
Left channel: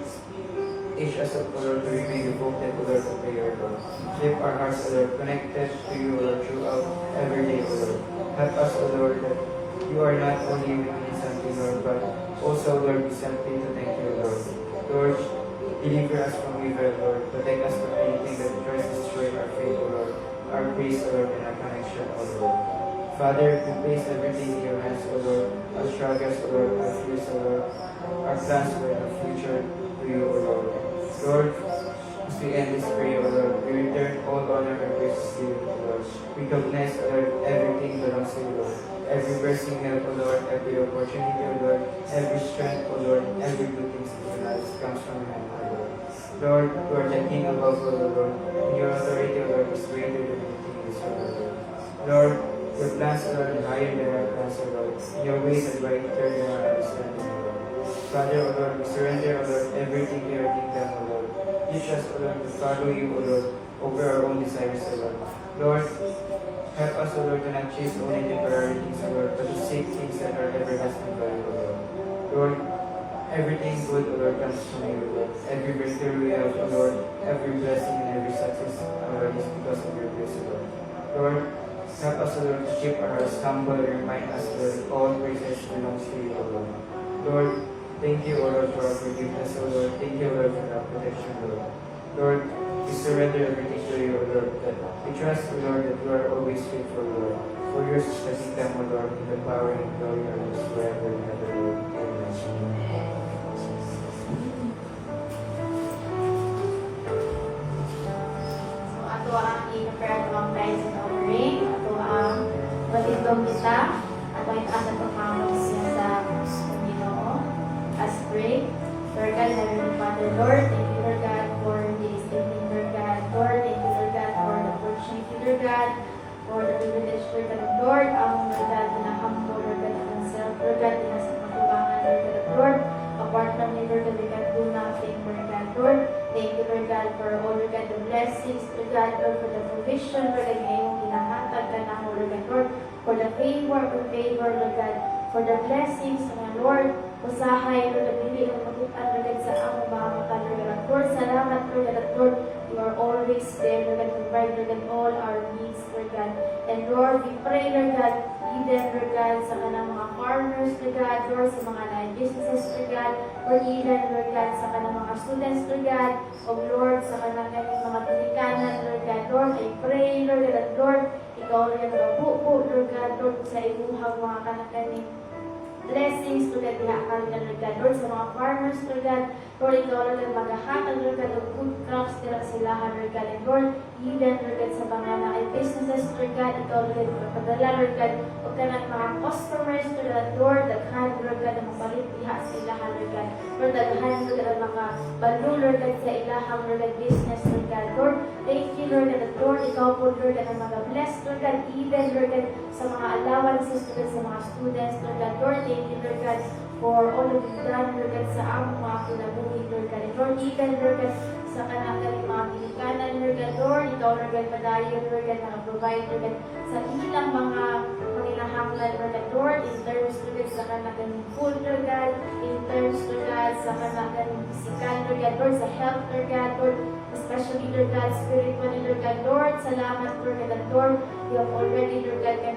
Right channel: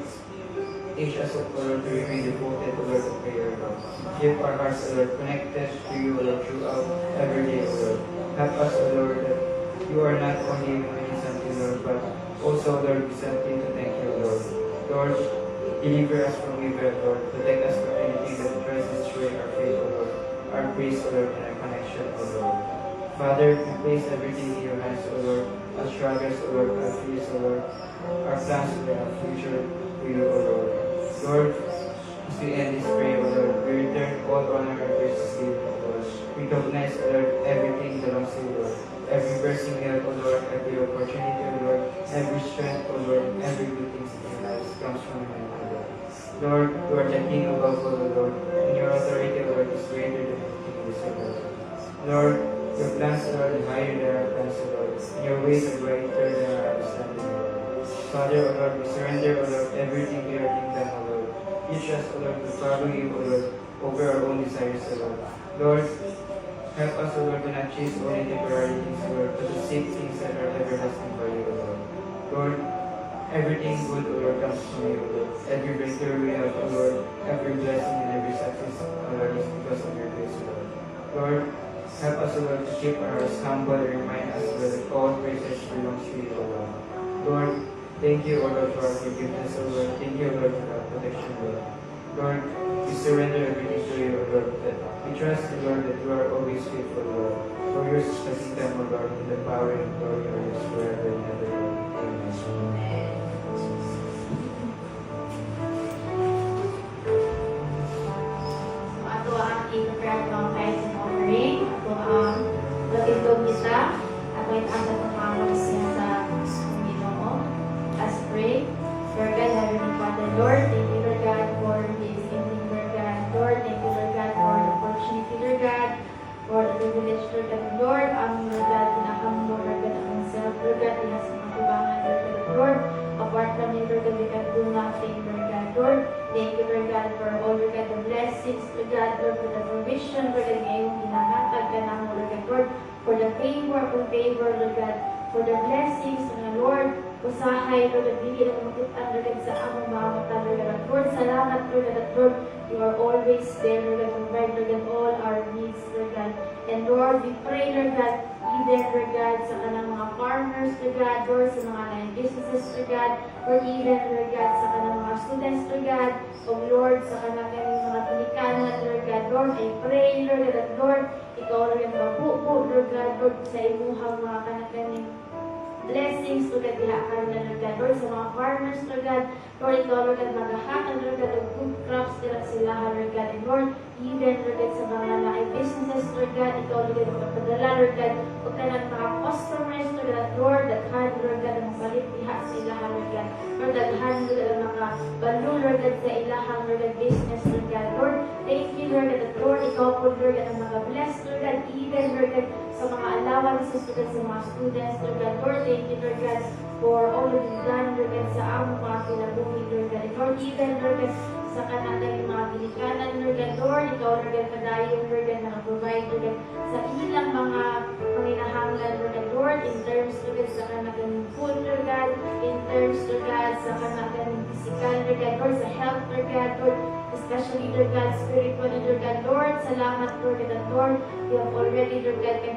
teach us, O Lord, to remain devoted, O Lord, to prayer, Lord. Keep our hearts, O Lord, connected to you, O Lord, throughout every day, O Lord. Help us, O Lord, that you are not only with me something, Lord, but also, Lord, we something to thank you, Lord. Lord, deliver us from evil, Lord. Protect us from anything that tries to destroy our faith, O Lord. Our praise, O Lord, and our connection, O Lord. Father, we place everything in your hands, O Lord. Our struggles, O Lord, our fears, O Lord. Our plans, O Lord, our future to you, O Lord. Lord, as we end this prayer, O Lord, we return all honor and praise to you, O Lord. We recognize, O Lord, everything belongs to you, Lord. Every blessing we have, O Lord, every opportunity, O Lord, every strength, O Lord, every good thing in our lives comes from your hand, O Lord. Lord, you are the King above all, O Lord, and your authority, O Lord, is greater than anything in this world, O Lord. Lord, your plans, O Lord, are higher than our plans, O Lord, and your ways are greater than our understanding, O Lord. Father, O Lord, we surrender, O Lord, everything to your kingdom, O Lord. Teach us, O Lord, to follow you, O Lord, over our own desires, O Lord. Lord, help us, O Lord, to not chase only temporary things, O Lord, but to seek things that are everlasting value, O Lord. Lord, everything good, O Lord, comes from you, O Lord. Every breakthrough we have, O Lord, every blessing and every success, O Lord, is because of your grace, O Lord. Lord, help us, O Lord, to keep our hearts humble and remind us, O Lord, that all praises belongs to you, O Lord. Lord, thank you, O Lord, for our forgiveness, O Lord. Thank you, O Lord, for our protection, Lord. Lord, we surrender everything to you, O Lord, that we trust, O Lord, that you are always faithful, Lord. For yours is the kingdom, O Lord, and the power and glory are yours forever and ever, Lord. Amen. So ato ang in-grab ng tithes and offering. Ato ang labindong kita. Ato ang pagpapangos niya sa Panginoon. As pray. Lord God, Heavenly Father, Lord, thank you, Lord God, for this evening, Lord God. Lord, thank you, Lord God, for the opportunity, Lord God, for the privilege, Lord God. Lord, ang Lord God, pinakamo, Lord God, ang self, Lord God, pinasa matubangan, Lord God. Lord, apart from you, Lord God, we can do nothing, Lord God. Lord, thank you, Lord God, for all, Lord God, the blessings, Lord God, Lord, for the provision, Lord God, ngayong hinahatag ka na mo, Lord God. Lord, for the favor, Lord God, for the blessings, mga Lord, usahay, Lord, at hindi lang makitaan, Lord God, sa among mga mata, Lord God. Lord, salamat, Lord God, at Lord, you are always there, Lord God, to provide, Lord God, all our needs, Lord God. And Lord, we pray, Lord God, even, Lord God, sa kanang mga farmers, Lord God, Lord, sa mga businesses, Lord God, or even, Lord God, sa kanang mga students, Lord God, o Lord, sa kanang mga pinikanan, Lord God, Lord, I pray, Lord God, at Lord, ikaw rin mabuo, Lord God, Lord, sa imuhang mga kanang blessings, Lord God, dihakan na, Lord God, Lord, sa mga farmers, Lord God, Lord, ikaw, Lord God, maghahatag, Lord God, of good crops nila sila, Lord God, and Lord, even, Lord God, sa mga businesses, Lord God, ikaw, Lord God, magpadala, Lord God, o ka ng mga customers, Lord God, Lord, daghan, Lord God, ang malit diha sa ilahan, Lord God, Lord, daghan, Lord God, ang mga balo, Lord God, sa ilahang, Lord God, business, Lord God, Lord, thank you, Lord God, Lord, ikaw po, Lord God, ang mga blessed, Lord God, even, Lord God, sa mga allowances, Lord God, sa mga students, Lord God, Lord, thank you, Lord God, for all of you've done, Lord God, sa among mga kinabuhi, Lord God, and Lord, even, Lord God, sa kanang mga pilikanan, Lord God, Lord, ikaw, Lord God, padayon, Lord God, nakaprovide, Lord God, sa ilang mga panginahanglan, Lord God, Lord, in terms, Lord God, sa kanang food, Lord God, in terms, Lord God, sa kanang physical, Lord God, Lord, sa health, Lord God, Lord, especially, Lord God, spiritually, Lord God, Lord, salamat, Lord God, and Lord, you have already, Lord God, and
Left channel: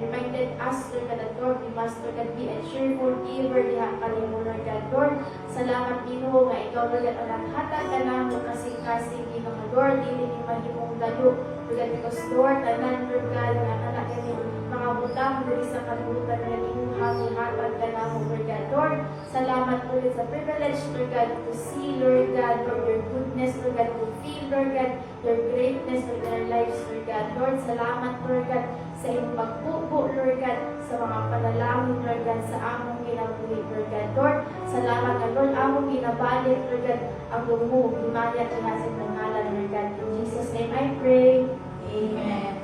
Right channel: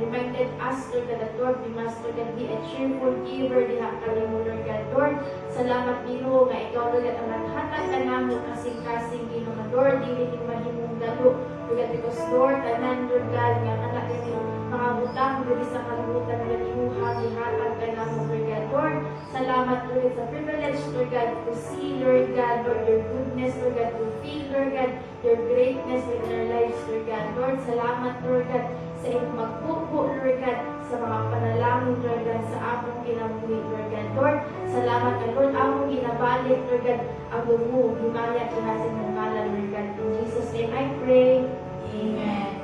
reminded us, Lord God, that Lord, we must, Lord God, be a cheerful giver, diha kami mo, Lord God, Lord, salamat, Ginoo, nga ikaw, Lord God, ang naghatag ka namo kasing-kasing, Ginoo, nga Lord, dili ni mahimong dalo, Lord God, because Lord, tanan, Lord God, nga anak kami, mga butang, dili sa kalibutan, nga imuhang ihatag ka namo, Lord God, Lord, salamat, Lord God, sa privilege, Lord God, to see, Lord God, Lord, your goodness, Lord God, to feel, Lord God, your greatness in our lives, Lord God, Lord, salamat, Lord God, sa iyong pagpupo, Lord God, sa mga panalangin, Lord God, sa among kinabuhi, Lord God, Lord, salamat ka, Lord, among ginabalik, Lord God, ang lumo, himaya, ihasin ng ngalan, Lord God, in Jesus' name I pray, Amen.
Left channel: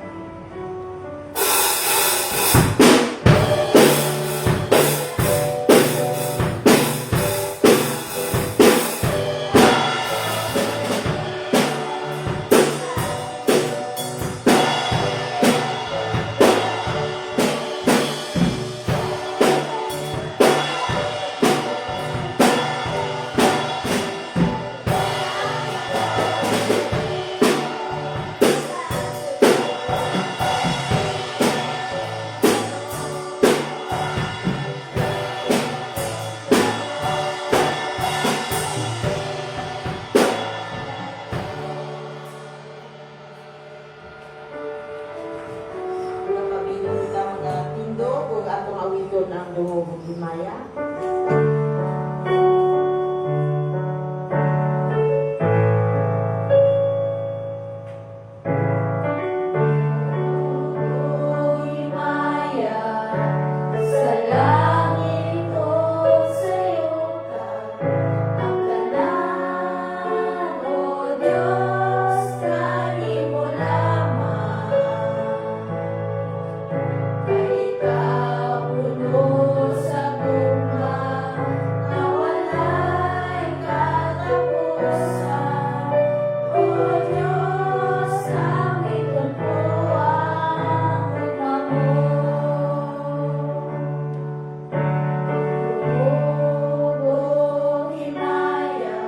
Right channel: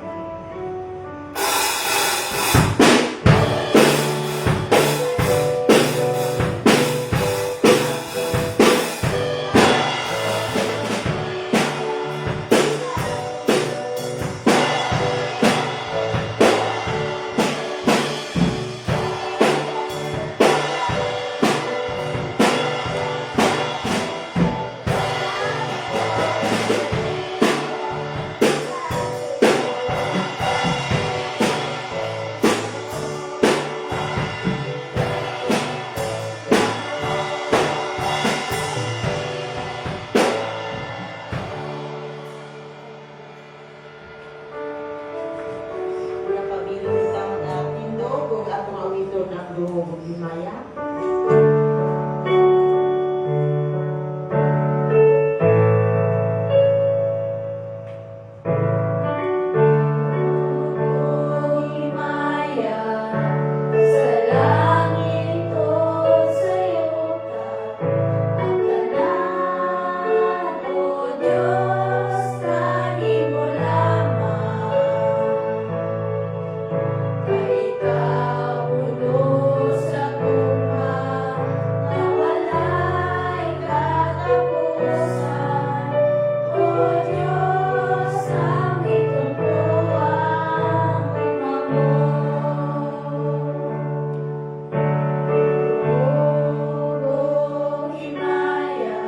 Pagtun ang duhog himaya. Himaya, sa langit ko sa'yo ang tanan, O Diyos, kanin mo lamang. Kay ikaw puno sa guma, na walay katapusan. O Diyos, aming tungkuang umamon. Himaya,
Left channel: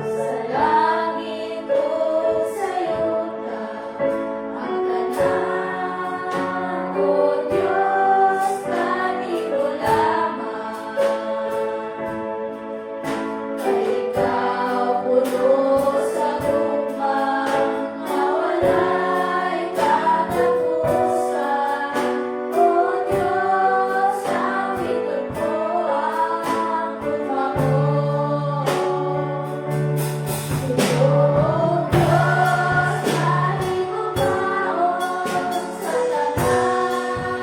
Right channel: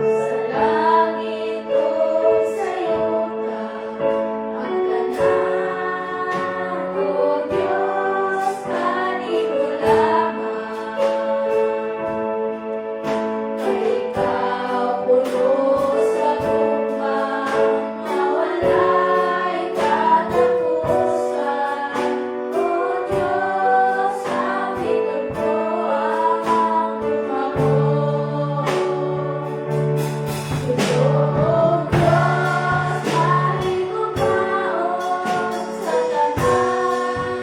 sa langit ko sa'yo ang tanan, O Diyos, kanin mo lamang. Kay ikaw puno sa lupang na walay katapusan. O Diyos, aming tungkuang umamon. Tulong Diyos, aming umaon sa tanan.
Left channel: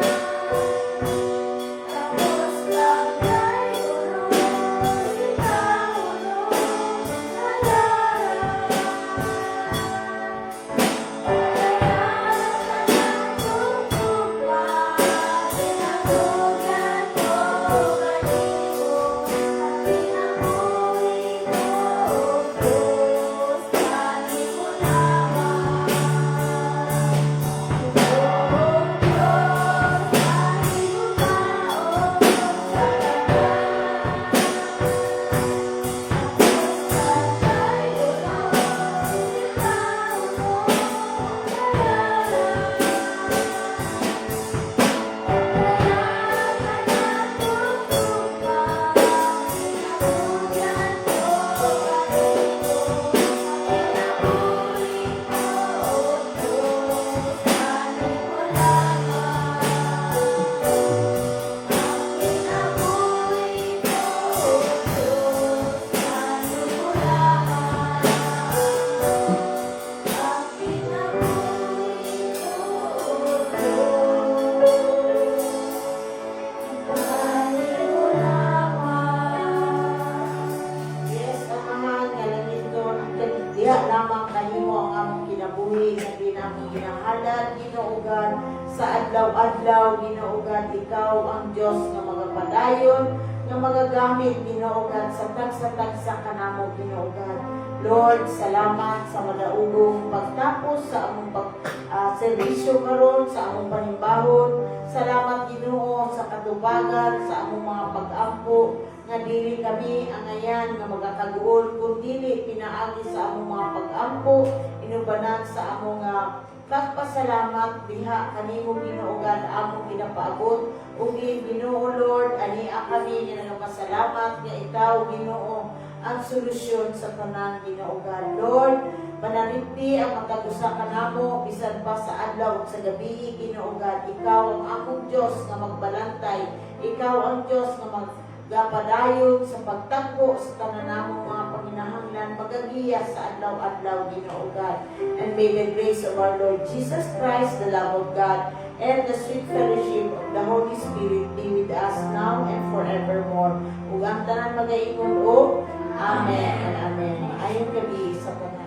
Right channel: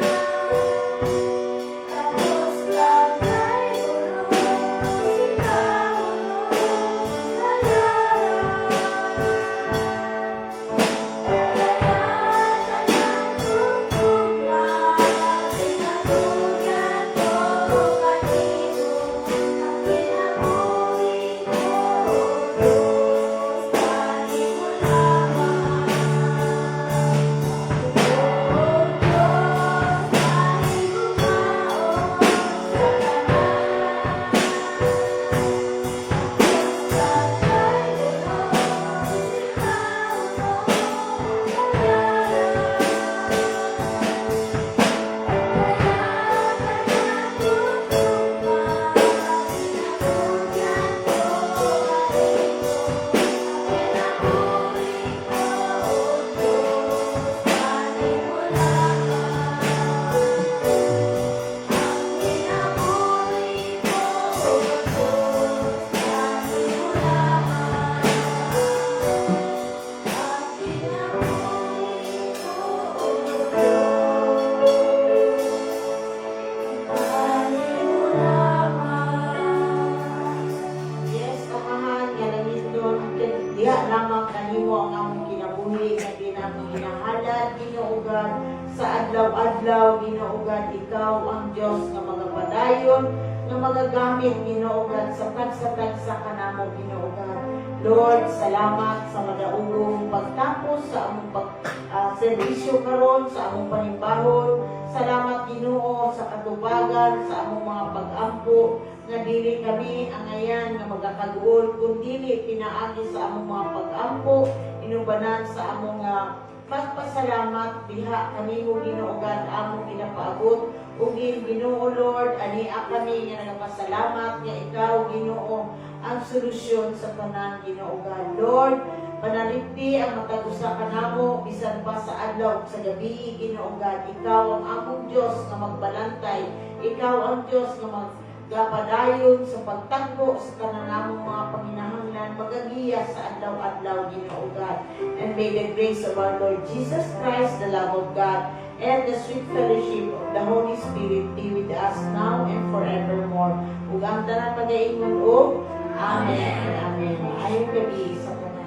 Tapos lang kay ulo, Yes, Amahan, nga langitnon, diha lamang kanimo ang among kinabuhi nga di namong ginahalan, ginuugan sa adlaw-adlaw, ginuugan ikaw ang Diyos nga magapadayon, nga magagamit ginuugan sa tagsa-tagsa kanamo ginuugan. Lord, salamat sa madaugong pagtapos sa among serbisyo karon sa among panimbahon. Salamat Ginoo sa katubagan sa among mga pag-ampo nga dili kami angayan nga magakaguol kun dili pinaagi sa among mga pag-ampo inubanan sa among pagpasalamat diha kanimo Ginoogan among ginapaabot ug Ginoo Lord ania kami nga nagapasalamat nga ikaw Ginoo ang solusyon sa tanan Ginoogan. Lord, panalipti ang matagusa kanamo bisan pa sa adlaw ug sa gabi Ginoogan. Ikaw ang akong Dios nga magbalantay. Ikaw ang Dios nga magapadayon sa pagtagpo sa tanan namong mga panginahanglan magagiya sa adlaw-adlaw Ginoogan. And may the grace of our Lord Jesus Christ, the love of God, and the sweet fellowship of the Holy Spirit be with us now and forevermore. Ug ang tanan magaingon o Amen and Amen. Ayong gabi sa tanan.